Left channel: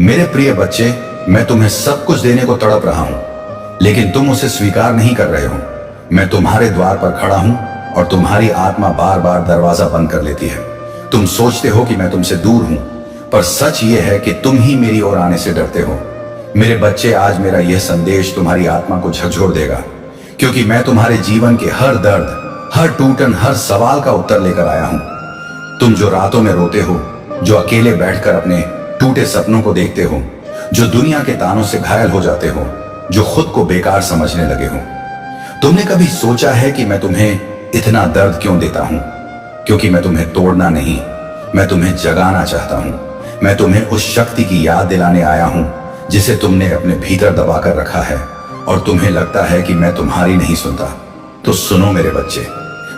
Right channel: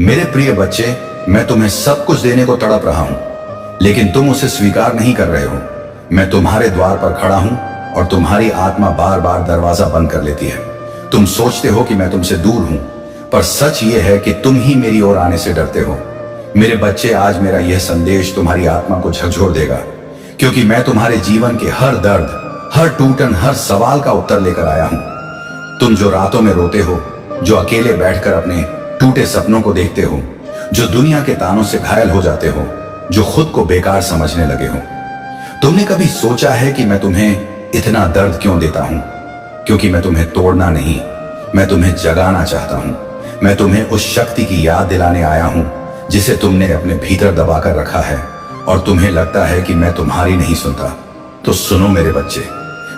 मेरे प्रिय बच्चे, मैं तुम्हें सब कुछ देने को तड़प रहा हूं, लेकिन तुम उसे स्वीकार नहीं कर रहे हो। मैं तुम्हारे द्वार पर खड़ा हूं और तुम्हारी आत्मा बार बार दरवाजा बंद कर लेती है। तुम सोचते हो कि मैं तुमसे दूर हूं, पर सच ये है कि तुम ही मेरी ओर आने से डरते हो। मेरे बच्चे, आज मेरा यह संदेश तुम्हारी आत्मा को झकझोर देगा, क्योंकि मैं तुम्हारे जीवन के हर दर्द, हर टूटन, हर सवाल का उत्तर लेकर आया हूं। तुम जो रातों में रोते हो, जो अकेले बैठकर अपने टूटे सपनों को देखते हो, जो दुनिया के तानों से घायल हो जाते हो, जो खुद को बेकार समझने लगे हो, तुमने कभी सोचा है कि मैं तुम्हें इतना दर्द क्यों देता हूं? क्योंकि मैं तुम्हें तोड़ना नहीं, मैं तुम्हें जगाना चाहता हूं। मैं तुम्हें उस शक्ति की याद दिलाने आया हूं जिसे तुमने अपने भीतर दबा कर रखा है, और तुम्हें लगता है कि मैं तुम्हारी नहीं सुनता। तो सुनो मेरे बच्चे,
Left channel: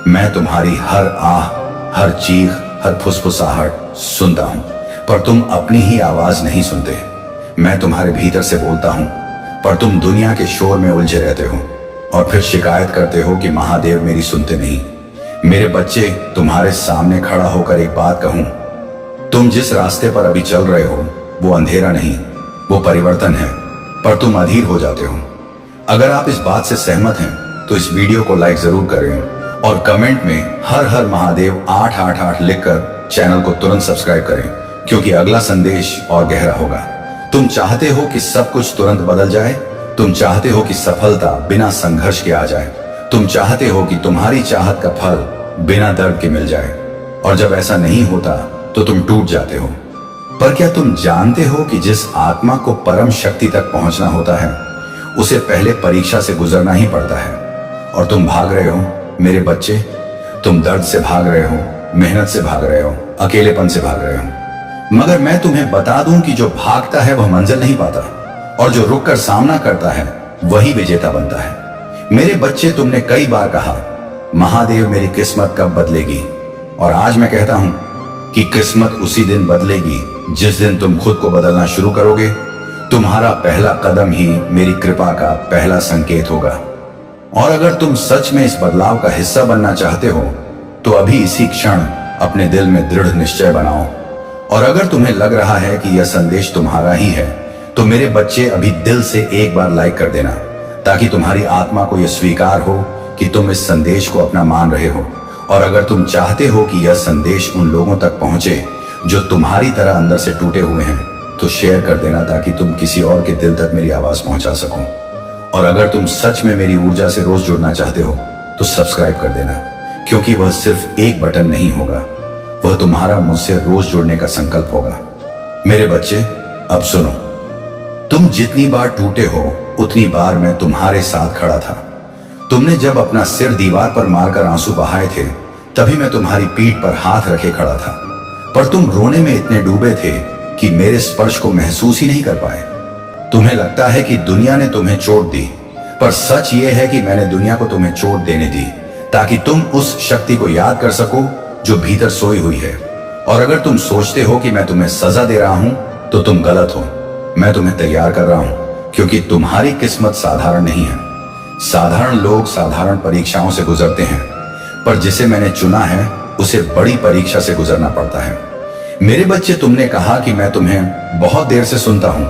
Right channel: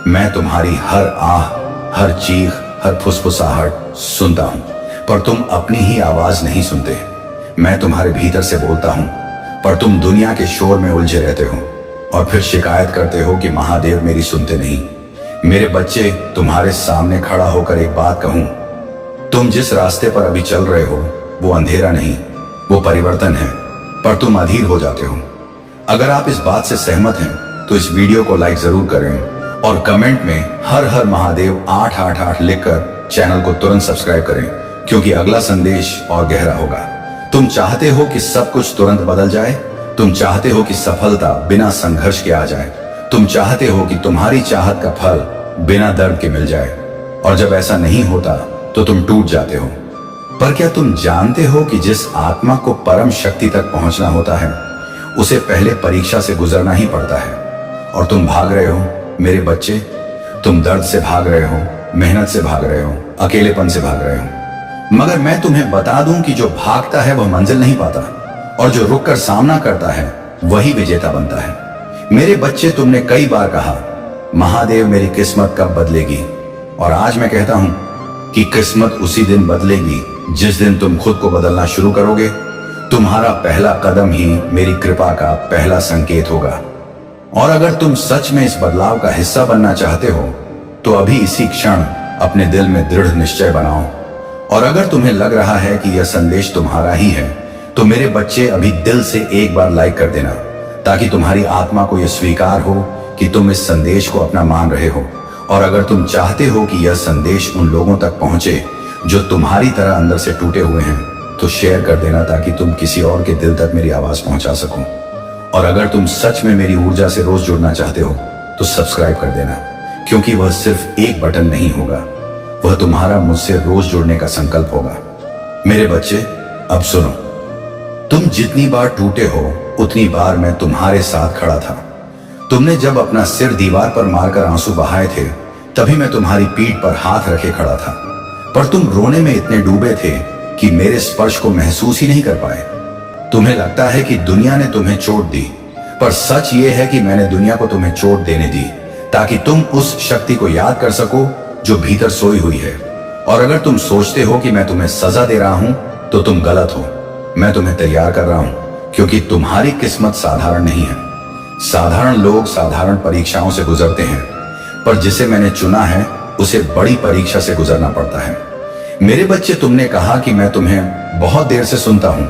मैं तुम्हारी हर आह, हर चीख, हर फुसफुसाहट सुनता हूं, पर तुम अपनी ही आवाज नहीं सुनते। मैं तुम्हारे भीतर से बोलता हूं, पर तुम दुनिया के शोर में उलझे रहते हो और फिर शिकायत करते हो कि महादेव मेरी सुनते नहीं। मेरे बच्चे, तुम्हारे सामने खड़ा होकर एक बात कहूं, तुम जिस रास्ते पर अभी चल रहे हो वो अंधेरा नहीं, वो परिवर्तन है, पर तुम अधीर हो जाते हो। अगर आप इस बात से सहमत हैं तो इस वीडियो को लाइक जरूर करें और कमेंट में हर हर महादेव 888 लिखकर चैनल को तुरंत सब्सक्राइब करें, क्योंकि अगला संदेश और गहरा होगा। तुम चाहते हो कि सब कुछ तुरंत बदल जाए, तुम चाहते हो कि सफलता बिना संघर्ष के आ जाए, तुम चाहते हो कि तुम्हारी चाहत का फल बिना दर्द के मिल जाए, और जब ऐसा नहीं होता तो तुम टूट जाते हो। पर क्या तुम जानते हो कि जिस आत्मा को परम शक्ति तक पहुंचना होता है उसे पहले परीक्षा से गुजरना ही पड़ता है? और तुम भाग रहे हो मेरे बच्चे, तुम दर्द से भाग रहे हो, मेहनत से भाग रहे हो, अकेलेपन से भाग रहे हो। मगर मैं तुम्हें बता दूं कि जो भागता है वह मंजिल नहीं पाता, और जो रुककर सामना करता है वही विजेता बनता है। मेरे बच्चे, तुमने कई बार कहा, महादेव मेरी किस्मत कब बदलेगी? और आज मैं कहता हूं कि किस्मत उसी दिन बदलेगी जिस दिन तुम खुद को बदलना शुरू करोगे। तुम्हारा पहला कदम ही मेरी कृपा का पहला संकेत होगा। और अगर तुम सच में इस बदलाव का हिस्सा बनना चाहते हो तो अभी इसी क्षण अपने दिल में दृढ़ निश्चय बनाओ। और अगर तुम्हें लग रहा है कि यह संदेश तुम्हारा ही है तो मेरे बच्चे, अभी दिल से एक बार लाइक कर देना, ताकि तुम्हारी आत्मा को यह स्वीकार हो कि तुम इस संदेश को अपना मान रहे हो। और अगर तुम चाहते हो कि यह संदेश उन लोगों तक पहुंचे जो तुम्हारी तरह अंदर से टूटे हुए हैं, तो शेयर कर देना, ताकि तुम किसी और के दिल तक मेरी आवाज पहुंचा सको। और अगर तुम सच में मेरी ऊर्जा से रोज जुड़ना चाहते हो तो सब्सक्राइब कर देना, क्योंकि वह सिर्फ एक बटन नहीं होगा, वह तुम्हारा मुझसे रोज जुड़ने का संकल्प होगा। मेरे बच्चे, अब सुनो, तुम जितनी बार टूटे हो उतनी बार मैं तुम्हारे साथ खड़ा था। तुमने जब अपना सिर दीवार पर मारकर आंसू बहाए थे, तभी मैं तुम्हारी पीठ पर हाथ रखे खड़ा था, पर तुम रोने में इतने डूबे थे कि मेरे स्पर्श को महसूस ही नहीं कर पाए। तुम्हें लगता है कि दुनिया ने तुम्हें चोट दी, पर सच ये है कि मैंने दुनिया को तुम्हें चोट देने दी, ताकि तुम उस शक्ति को याद कर सको जो भीतर सोई हुई है। और अगर तुम सोचते हो कि मैं तुम्हें सजा दे रहा हूं तो तुम गलत हो। मैं तुम्हें तैयार कर रहा हूं, क्योंकि तुम्हारी किस्मत साधारण नहीं है। साधारण लोग साधारण परीक्षाओं से गुजरते हैं, पर जिसे मैंने चुना है उसे बड़ी परीक्षा से गुजरना पड़ता है। मेरे बच्चे, तुमने कहा कि मैं तुम्हें बहुत देर से सुनता हूं,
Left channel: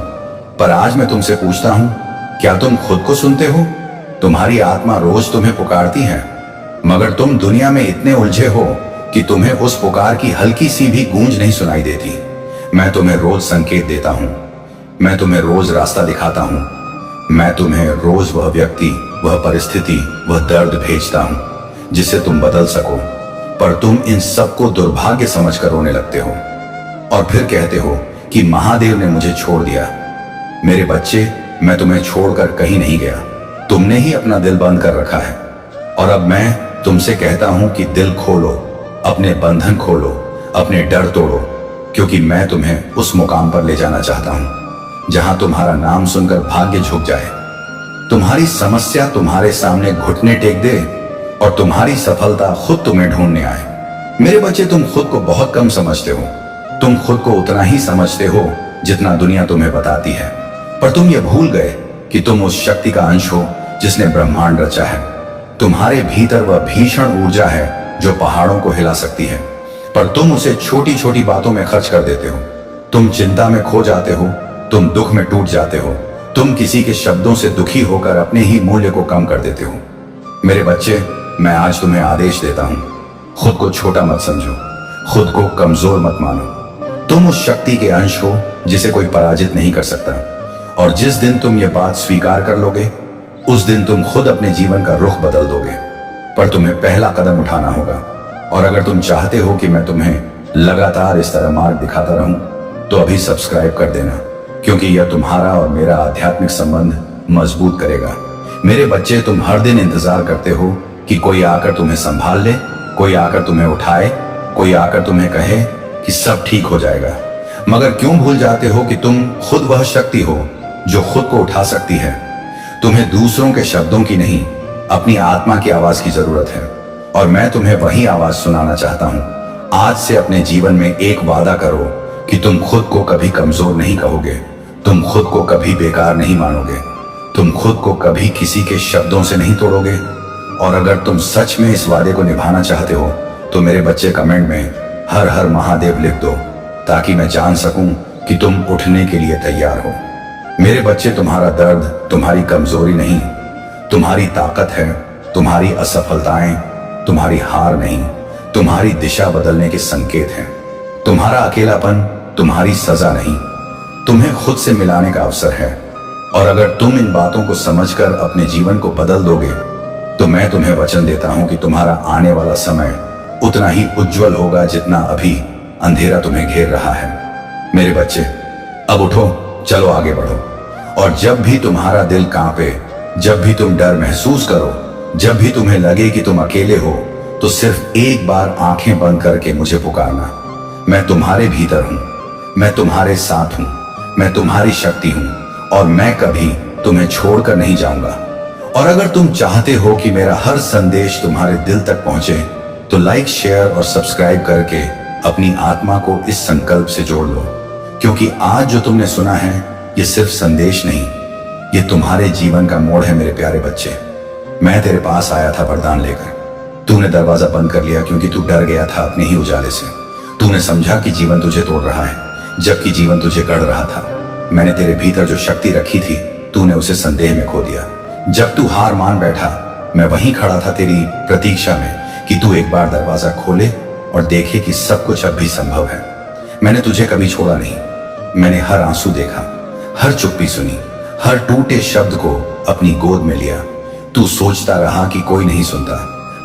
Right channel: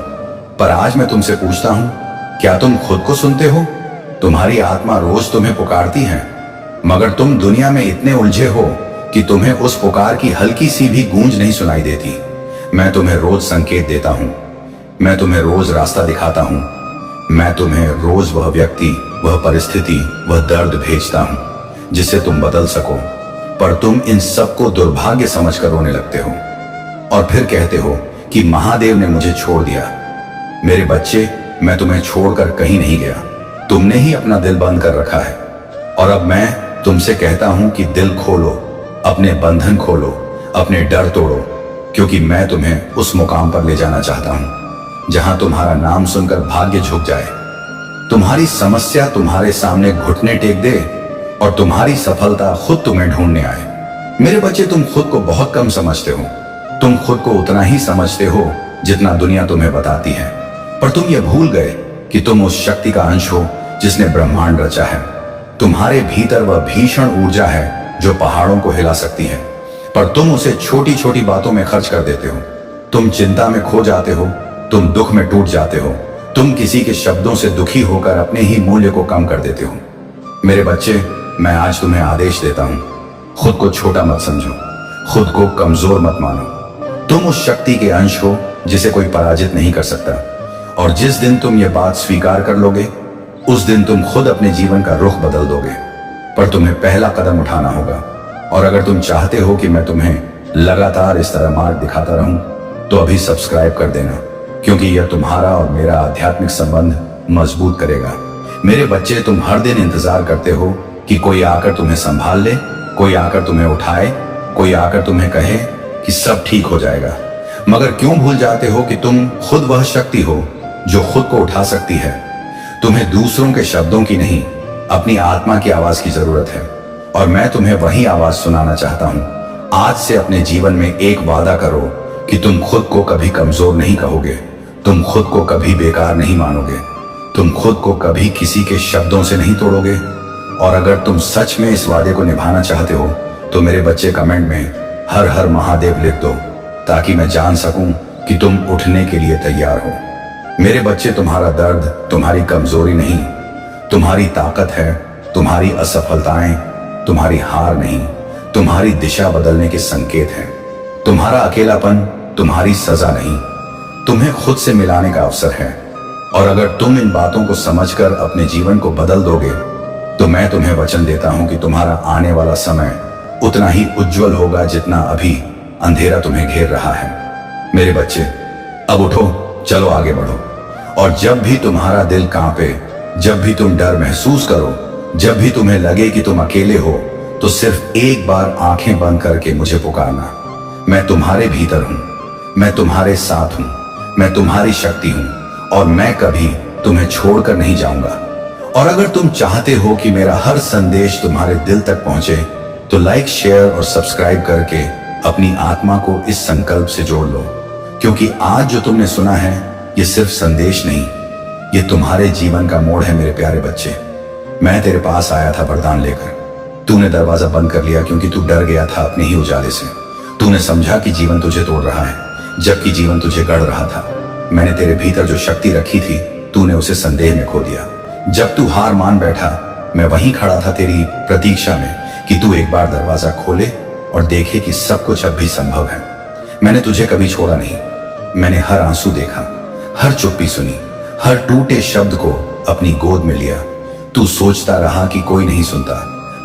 पर आज मैं तुमसे पूछता हूं, क्या तुम खुद को सुनते हो? तुम्हारी आत्मा रोज तुम्हें पुकारती है, मगर तुम दुनिया में इतने उलझे हो कि तुम्हें उस पुकार की हल्की सी भी गूंज नहीं सुनाई देती। मैं तुम्हें रोज संकेत देता हूं, मैं तुम्हें रोज रास्ता दिखाता हूं, मैं तुम्हें रोज वह व्यक्ति, वह परिस्थिति, वह दर्द भेजता हूं जिससे तुम बदल सको। पर तुम इन सबको दुर्भाग्य समझकर रोने लगते हो और फिर कहते हो कि महादेव ने मुझे छोड़ दिया। मेरे बच्चे, मैं तुम्हें छोड़कर कहीं नहीं गया, तुमने ही अपना दिल बंद कर रखा है। और अब मैं तुमसे कहता हूं कि दिल खोलो, अपने बंधन खोलो, अपने डर तोड़ो, क्योंकि मैं तुम्हें उस मुकाम पर ले जाना चाहता हूं जहां तुम्हारा नाम सुनकर भाग्य झुक जाए, तुम्हारी समस्या तुम्हारे सामने घुटने टेक दे और तुम्हारी सफलता खुद तुम्हें ढूंढने आए। मेरे बच्चे, तुम खुद को बहुत कम समझते हो। तुम खुद को उतना ही समझते हो जितना दुनिया तुम्हें बताती है, पर तुम ये भूल गए कि तुम उस शक्ति का अंश हो जिसने ब्रह्मांड रचा है। तुम्हारे भीतर वह भीषण ऊर्जा है जो पहाड़ों को हिला सकती है, पर तुम उसे छोटी छोटी बातों में खर्च कर देते हो। तुम चिंता में खो जाते हो तुम दुख में टूट जाते हो। तुम किसी के शब्दों से दुखी होकर अपने ही मूल्य को कम कर देते हो। मेरे बच्चे, मैं आज तुम्हें आदेश देता हूं, खुद को छोटा मत समझो, खुद को कमजोर मत मानो। तुम उस शक्ति के अंश हो जिसे कोई पराजित नहीं कर सकता। और जिस दिन तुम ये बात स्वीकार कर लोगे, उस दिन तुम खुद अपने जीवन का रुख बदल दोगे। पर तुम्हें पहला कदम उठाना होगा। और अगर तुम चाहते हो कि मैं तुम्हें लगातार इस तरह मार्ग दिखाता रहूं, तो अभी सब्सक्राइब कर देना, क्योंकि यह तुम्हारा और मेरा आध्यात्मिक संबंध मजबूत करेगा। मेरे बच्चे, तुम हर दिन इंतजार करते हो कि कोई आकर तुम्हें संभाल ले, कोई आकर तुम्हें उठाए, कोई आकर तुम्हें कहे कि सब ठीक हो जाएगा। मगर क्यों भूल जाते हो कि तुम खुद वह शक्ति हो जो खुद को उठा सकती है। तुम्हें दूसरों के शब्दों की नहीं, अपनी आत्मा की आवाज की जरूरत है। और मैं तुम्हें वही आवाज सुनाना चाहता हूं। आज से अपने जीवन में एक वादा करो कि तुम खुद को कभी कमजोर नहीं कहोगे, तुम खुद को कभी बेकार नहीं मानोगे, तुम खुद को कभी किसी के शब्दों से नहीं तोड़ोगे। और अगर तुम सच में इस वादे को निभाना चाहते हो, तो मेरे बच्चे कमेंट में हर हर महादेव लिख दो, ताकि मैं जान सकूं कि तुम उठने के लिए तैयार हो। मेरे बच्चे, तुम्हारा दर्द तुम्हारी कमजोरी नहीं, तुम्हारी ताकत है। तुम्हारी असफलताएं तुम्हारी हार नहीं, तुम्हारी दिशा बदलने के संकेत हैं। तुम्हारा अकेलापन तुम्हारी सजा नहीं, तुम्हें खुद से मिलाने का अवसर है। और अगर तुम इन बातों को समझकर अपने जीवन को बदल दोगे, तो मैं तुम्हें वचन देता हूं कि तुम्हारा आने वाला समय उतना ही उज्जवल होगा जितना अभी अंधेरा तुम्हें घेर रहा है। मेरे बच्चे, अब उठो, चलो आगे बढ़ो। और जब भी तुम्हारा दिल कांपे, जब भी तुम डर महसूस करो, जब भी तुम्हें लगे कि तुम अकेले हो, तो सिर्फ एक बार आंखें बंद करके मुझे पुकारना। मैं तुम्हारे भीतर हूं, मैं तुम्हारे साथ हूं, मैं तुम्हारी शक्ति हूं, और मैं कभी तुम्हें छोड़कर नहीं जाऊंगा। और अगर तुम चाहते हो कि मेरा हर संदेश तुम्हारे दिल तक पहुंचे, तो लाइक, शेयर और सब्सक्राइब करके अपनी आत्मा को इस संकल्प से जोड़ लो। क्योंकि आज जो तुमने सुना है, ये सिर्फ संदेश नहीं, ये तुम्हारे जीवन का मोड़ है। मेरे प्यारे बच्चे, मैं तेरे पास आया था वरदान लेकर। तूने दरवाजा बंद कर लिया क्योंकि तू डर गया था अपने ही उजाले से। तूने समझा कि जीवन तुझे तोड़ रहा है, जबकि जीवन तुझे गढ़ रहा था। मैंने तेरे भीतर जो शक्ति रखी थी, तूने उसे संदेह में खो दिया। जब तू हार मान बैठा, मैं वहीं खड़ा था तेरी प्रतीक्षा में कि तू एक बार दरवाजा खोले और देखे कि सब कुछ अब भी संभव है। मैंने तुझे कभी छोड़ा नहीं। मैंने हर आंसू देखा, हर चुप्पी सुनी, हर टूटे शब्द को अपनी गोद में लिया। तू सोचता रहा कि कोई नहीं सुनता,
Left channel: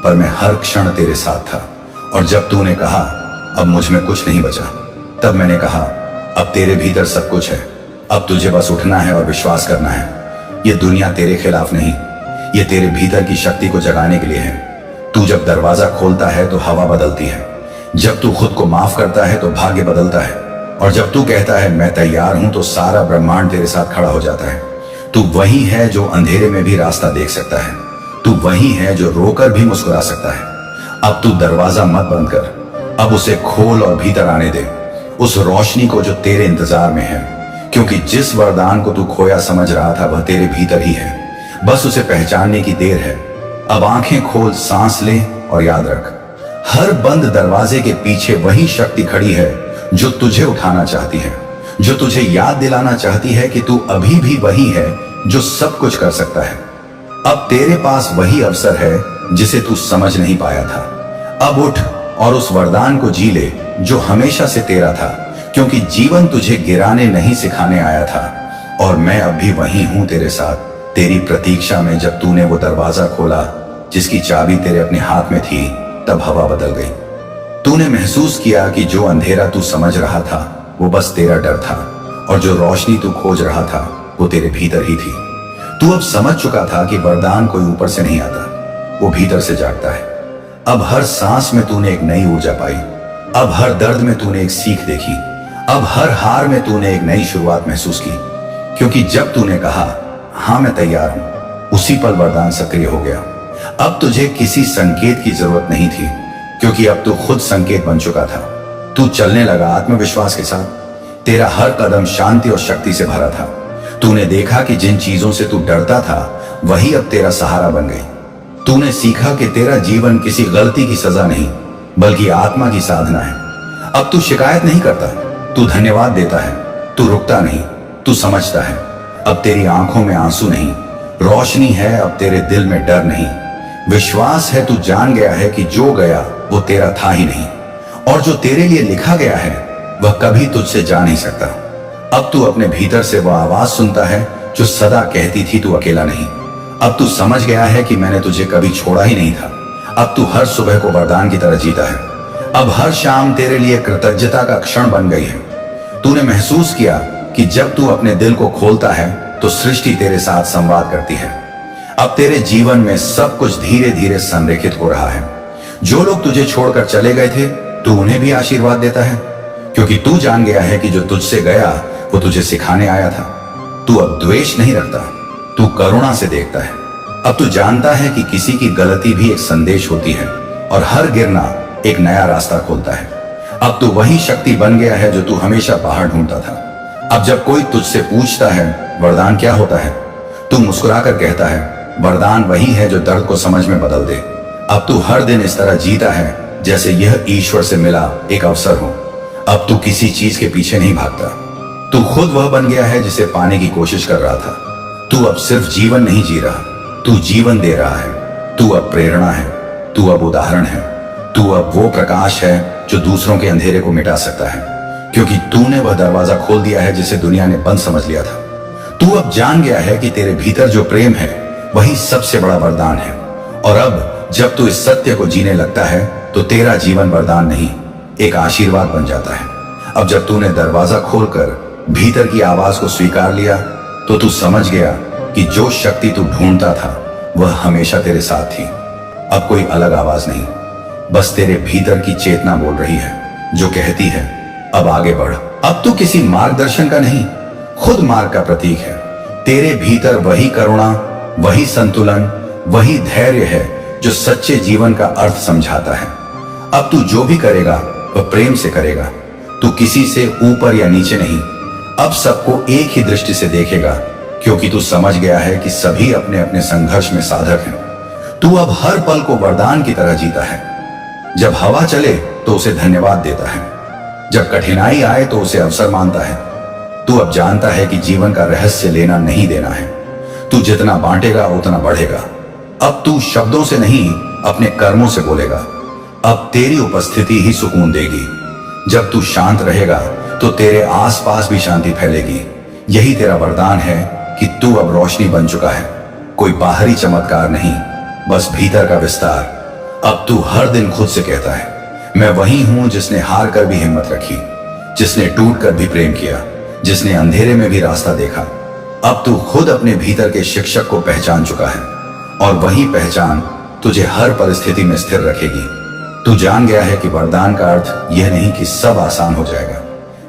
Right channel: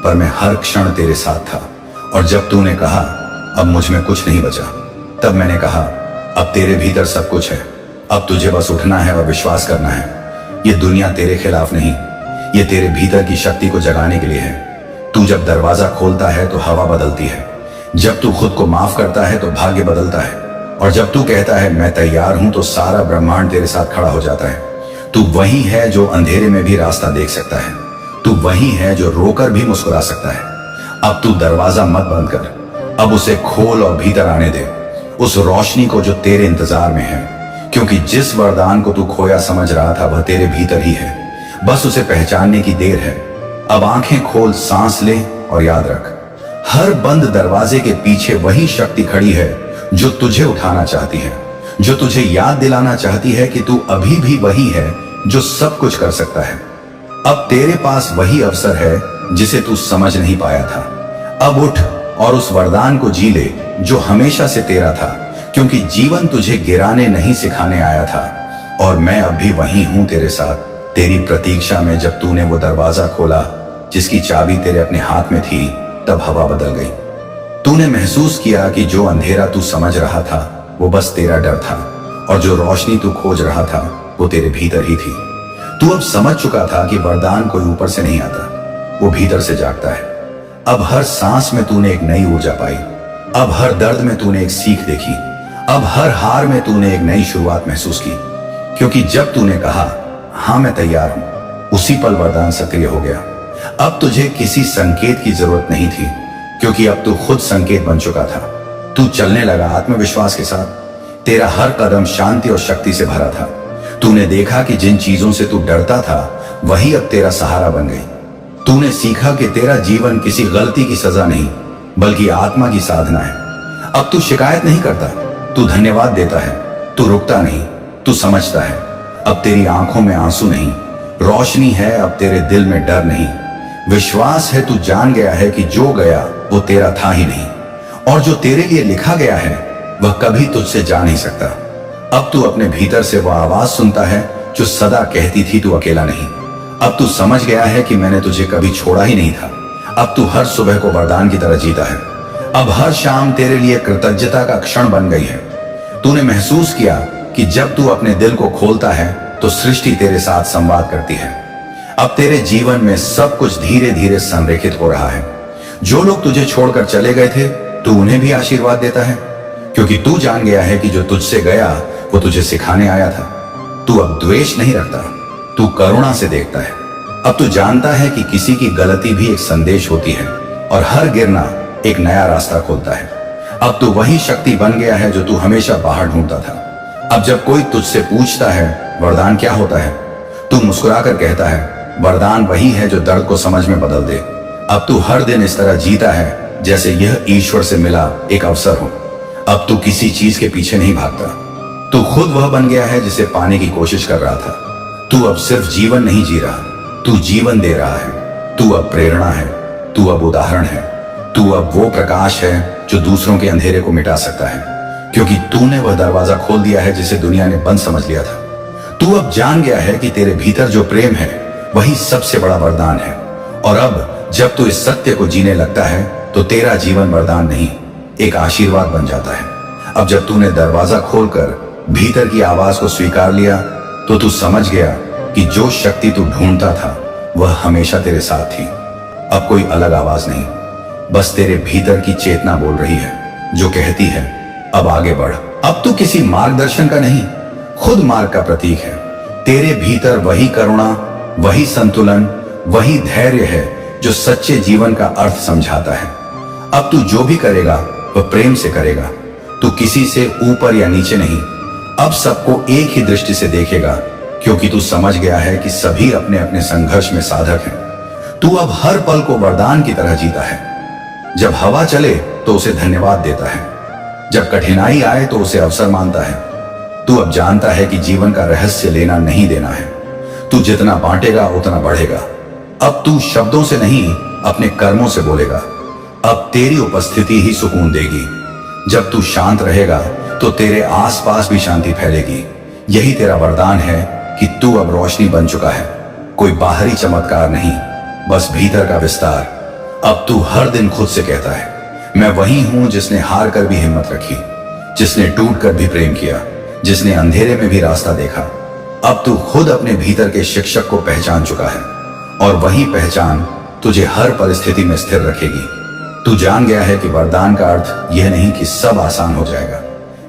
पर मैं हर क्षण तेरे साथ था। और जब तूने कहा अब मुझ में कुछ नहीं बचा, तब मैंने कहा अब तेरे भीतर सब कुछ है, अब तुझे बस उठना है और विश्वास करना है। ये दुनिया तेरे खिलाफ नहीं, ये तेरे भीतर की शक्ति को जगाने के लिए है। तू जब दरवाजा खोलता है तो हवा बदलती है, जब तू खुद को माफ करता है तो भाग्य बदलता है, और जब तू कहता है मैं तैयार हूं, तो सारा ब्रह्मांड तेरे साथ खड़ा हो जाता है। तू वही है जो अंधेरे में भी रास्ता देख सकता है, तू वही है जो रोकर भी मुस्कुरा सकता है। अब तू दरवाजा मत बंद कर, अब उसे खोल और भीतर आने दे, उस रोशनी को जो तेरे इंतजार में है। क्योंकि जिस वरदान को तू खोया समझ रहा था, वह तेरे भीतर ही है, बस उसे पहचानने की देर है। अब आंखें खोल, सांस ले और याद रख, हर बंद दरवाजे के पीछे वही शक्ति खड़ी है जो तुझे उठाना चाहती है, जो तुझे याद दिलाना चाहती है कि तू अभी भी वही है जो सब कुछ कर सकता है। अब तेरे पास वही अवसर है जिसे तू समझ नहीं पाया था। अब उठ और उस वरदान को जी ले जो हमेशा से तेरा था, क्योंकि जीवन तुझे गिराने नहीं सिखाने आया था। और मैं अब भी वही हूं तेरे साथ, तेरी प्रतीक्षा में। जब तूने वो दरवाजा खोला जिसकी चाबी तेरे अपने हाथ में थी, तब हवा बदल गई। तूने महसूस किया कि जो अंधेरा तू समझ रहा था वो बस तेरा डर था, और जो रोशनी तू खोज रहा था वो तेरे भीतर ही थी। तू अब समझ चुका था कि वरदान कोई ऊपर से नहीं आता, वो भीतर से जागता है। अब हर सांस में तूने एक नई ऊर्जा पाई, अब हर दर्द में तूने एक सीख देखी, अब हर हार में तूने एक नई शुरुआत महसूस की। क्योंकि जब तूने कहा हाँ मैं तैयार हूं, उसी पल वरदान सक्रिय हो गया। अब तुझे किसी संकेत की जरूरत नहीं थी, क्योंकि अब तू खुद संकेत बन चुका था। तू चलने लगा आत्मविश्वास के साथ, तेरा हर कदम शांति और शक्ति से भरा था। तूने देखा कि जिन चीजों से तू डरता था वही अब तेरा सहारा बन गई। तूने सीखा कि तेरा जीवन किसी गलती की सजा नहीं, बल्कि आत्मा की साधना है। अब तू शिकायत नहीं करता, तू धन्यवाद देता है, तू रुकता नहीं, तू समझता है, अब तेरी आंखों में आंसू नहीं, रोशनी है अब तेरे दिल में डर नहीं। विश्वास है, तू जान गया है कि जो गया वो तेरा था ही नहीं, और जो तेरे लिए लिखा गया है वह कभी तुझसे जा नहीं सकता। अब तू अपने भीतर से वह आवाज सुनता है जो सदा कहती थी तू अकेला नहीं। अब तू समझ गया है कि मैंने तुझे कभी छोड़ा ही नहीं था। अब तू हर सुबह को वरदान की तरह जीता है। अब हर शाम तेरे लिए कृतज्ञता का क्षण बन गई है। तूने महसूस किया कि जब तू अपने दिल को खोलता है तो सृष्टि तेरे साथ संवाद करती है। अब तेरे जीवन में सब कुछ धीरे धीरे संरेखित हो रहा है। जो लोग तुझे छोड़कर चले गए थे, तू उन्हें भी आशीर्वाद देता है, क्योंकि तू जान गया है कि जो तुझसे गया वो तुझे सिखाने आया था। तू अब द्वेष नहीं रखता, तू करुणा से देखता है। अब तू जानता है कि किसी की गलती भी एक संदेश होती है और हर गिरना एक नया रास्ता खोलता है। अब तू वही शक्ति बन गया है जो तू हमेशा बाहर ढूंढता था। अब जब कोई तुझसे पूछता है वरदान क्या होता है, तू मुस्कुराकर कहता है वरदान वही है जो दर्द को समझ में बदल दे। अब तू हर दिन इस तरह जीता है जैसे यह ईश्वर से मिला एक अवसर हो। अब तू किसी चीज के पीछे नहीं भागता, तू खुद वह बन गया है जिसे पाने की कोशिश कर रहा था। तू अब सिर्फ जीवन नहीं जी रहा, तू जीवन दे रहा है। तू अब प्रेरणा है, तू अब उदाहरण है, तू अब वो प्रकाश है जो दूसरों के अंधेरे को मिटा सकता है, क्योंकि तूने वह दरवाजा खोल दिया है जिसे दुनिया ने बंद समझ लिया था। तू अब जान गया है कि तेरे भीतर जो प्रेम है वही सबसे बड़ा वरदान है। और अब जब तू इस सत्य को जीने लगता है तो तेरा जीवन वरदान नहीं, एक आशीर्वाद बन जाता है। अब जब तूने दरवाजा खोलकर भीतर की आवाज को स्वीकार लिया तो तू समझ गया कि जो शक्ति तू ढूंढता था वह हमेशा तेरे साथ थी। अब कोई अलग आवाज नहीं, बस तेरे भीतर की चेतना बोल रही है जो कहती है अब आगे बढ़। अब तू किसी मार्गदर्शन का नहीं, खुद मार्ग का प्रतीक है। तेरे भीतर वही करुणा, वही संतुलन, वही धैर्य है जो सच्चे जीवन का अर्थ समझाता है। अब तू जो भी करेगा वह प्रेम से करेगा। तू किसी से ऊपर या नीचे नहीं, अब सबको एक ही दृष्टि से देखेगा, क्योंकि तू समझ गया है कि सभी अपने अपने संघर्ष में साधक हैं। तू अब हर पल को वरदान की तरह जीता है। जब हवा चले तो उसे धन्यवाद देता है, जब कठिनाई आए तो उसे अवसर मानता है। तू अब जानता है कि जीवन का रहस्य लेना नहीं देना है। तू जितना बांटेगा उतना बढ़ेगा। अब तू शब्दों से नहीं अपने कर्मों से बोलेगा। अब तेरी उपस्थिति ही सुकून देगी। जब तू शांत रहेगा तो तेरे आसपास भी शांति फैलेगी। यही तेरा वरदान है कि तू अब रोशनी बन चुका है। कोई बाहरी चमत्कार नहीं, बस भीतर का विस्तार। अब तू हर दिन खुद से कहता है मैं वही हूं जिसने हार कर भी हिम्मत रखी, जिसने टूट कर भी प्रेम किया, जिसने अंधेरे में भी रास्ता देखा। अब तू खुद अपने भीतर के शिक्षक को पहचान चुका है, और वही पहचान तुझे हर परिस्थिति में स्थिर रखेगी। तू जान गया है कि वरदान का अर्थ यह नहीं कि सब आसान हो जाएगा।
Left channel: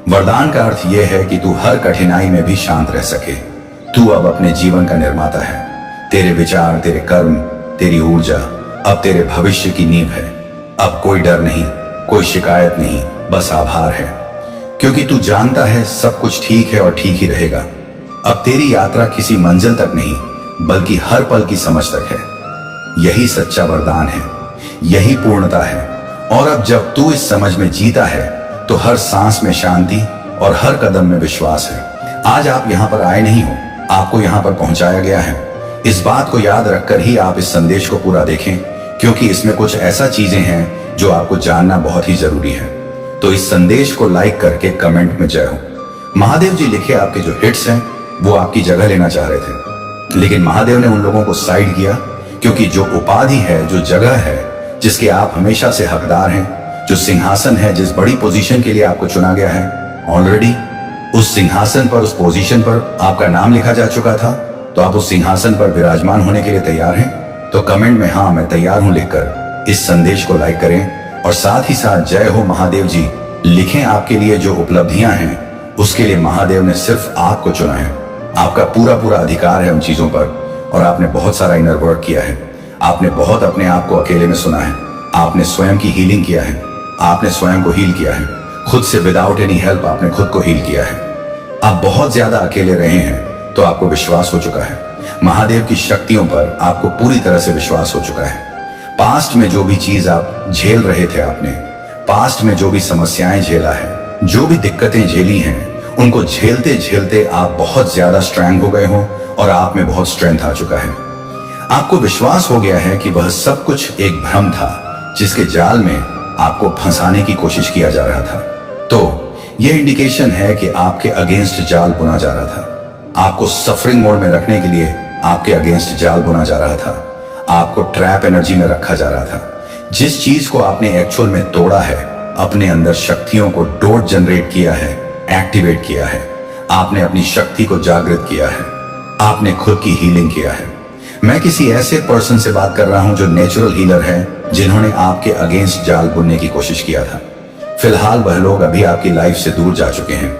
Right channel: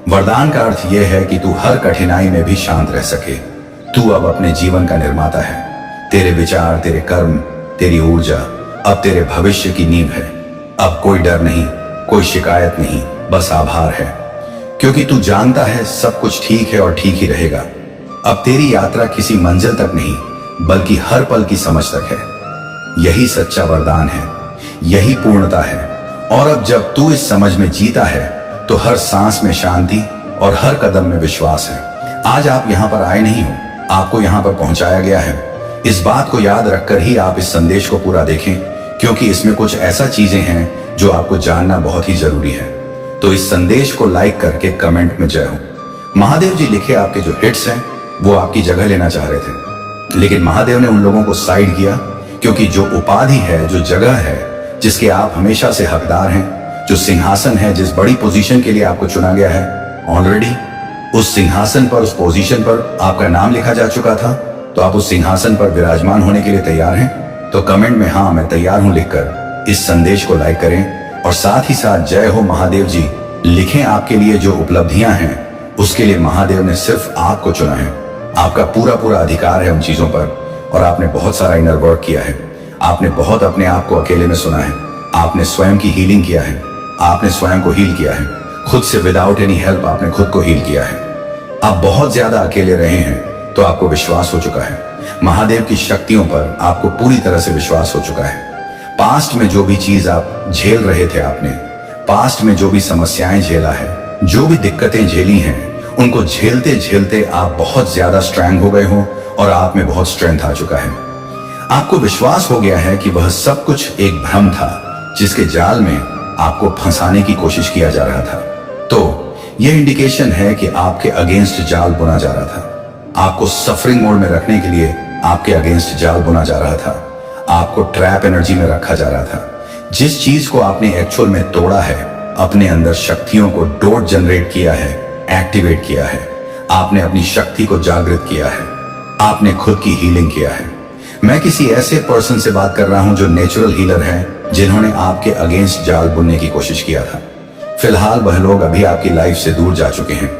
वरदान का अर्थ यह है कि तू हर कठिनाई में भी शांत रह सके। तू अब अपने जीवन का निर्माता है। तेरे विचार, तेरे कर्म, तेरी ऊर्जा अब तेरे भविष्य की नींव है। अब कोई डर नहीं, कोई शिकायत नहीं, बस आभार है, क्योंकि तू जानता है सब कुछ ठीक है और ठीक ही रहेगा। अब तेरी यात्रा किसी मंजिल तक नहीं, बल्कि हर पल की समझ तक है। यही सच्चा वरदान है, यही पूर्णता है। और अब जब तू इस समझ में जीता है तो हर सांस में शांति और हर कदम में विश्वास है। आज आप यहाँ पर आए नहीं हो, आपको यहाँ पर पहुंचाया गया है। इस बात को याद रखकर ही आप इस संदेश को पूरा देखें, क्योंकि इसमें कुछ ऐसा चीजें हैं जो आपको जानना बहुत ही जरूरी है। तो इस संदेश को लाइक करके कमेंट में जय हो। महादेव जी लिखे आपके जो हिट्स हैं वो आपकी जगह लेना चाह रहे थे, लेकिन महादेव ने उन लोगों को साइड किया, क्योंकि जो उपाधि है, जो जगह है जिसके आप हमेशा से हकदार हैं, जो सिंहासन है जिस बड़ी पोजीशन के लिए आपको चुना गया है, ऑलरेडी उस सिंहासन पर, उस पोजीशन पर आपका नाम लिखा जा चुका था। तो आप उस सिंहासन पर विराजमान होने के लिए तैयार हैं? तो कमेंट में हाँ मैं तैयार हूं लिखकर इस संदेश को लाइक करें, और साथ ही साथ जय हो महादेव जी लिखें। आपके लिए जो उपलब्धियां हैं उसके लिए महादेव ने सिर्फ आपको चुना है। आपका पूरा पूरा अधिकार है उन चीजों पर, और आपने बहुत सारा इनर वर्क किया है। आपने बहुत अपने आप को अकेले में सुना है। आपने स्वयं की हीलिंग किया है, आपने स्वयं को हील किया है। खुद से विदाउट एनी हेल्प आपने खुद को हील किया है। आप बहुत ज्यादा अकेले रहे हैं, तो आपको विश्वास हो चुका है। महादेव की शक्तियों पर आपको पूरी तरह से विश्वास हो चुका है। पास्ट में जो भी चीज आप झेल रहे थे, आपने पास्ट में जो भी समस्याएं झेला है, जो भी दिक्कतें झेली हैं, उनको झेलते झेलते आप बहुत ज्यादा स्ट्रांग हो गए हो और आप में बहुत स्ट्रेंथ आ चुका है। आपको विश्वास हो गया है कि वह सब कुछ एक भ्रम था जिसके जाल में आपको फंसाने की कोशिश किया जा रहा था। तो यह इंडिकेशन है कि आपके अगेंस्ट जाल बुना जा रहा था। आपको सफरिंग मोड में रखने के लिए आपके अगेंस्ट जाल बुना जा रहा था। आपको ट्रैप एनर्जी में रखा जा रहा था। जिस चीज को आपने एक्चुअल में तोड़ा है, अपने अंदर शक्तियों को डोट जनरेट किया है, एक्टिवेट किया है, आपने अपनी शक्ति को जागृत किया है, आपने खुद की हीलिंग किया है। मैं किसी ऐसे पर्सन से बात कर रहा हूं जो नेचुरल हीलर है, जिन्होंने आपके अगेंस्ट जाल बुनने की कोशिश किया था। फिलहाल वह लोग अभी आपकी लाइफ से दूर जा चुके हैं।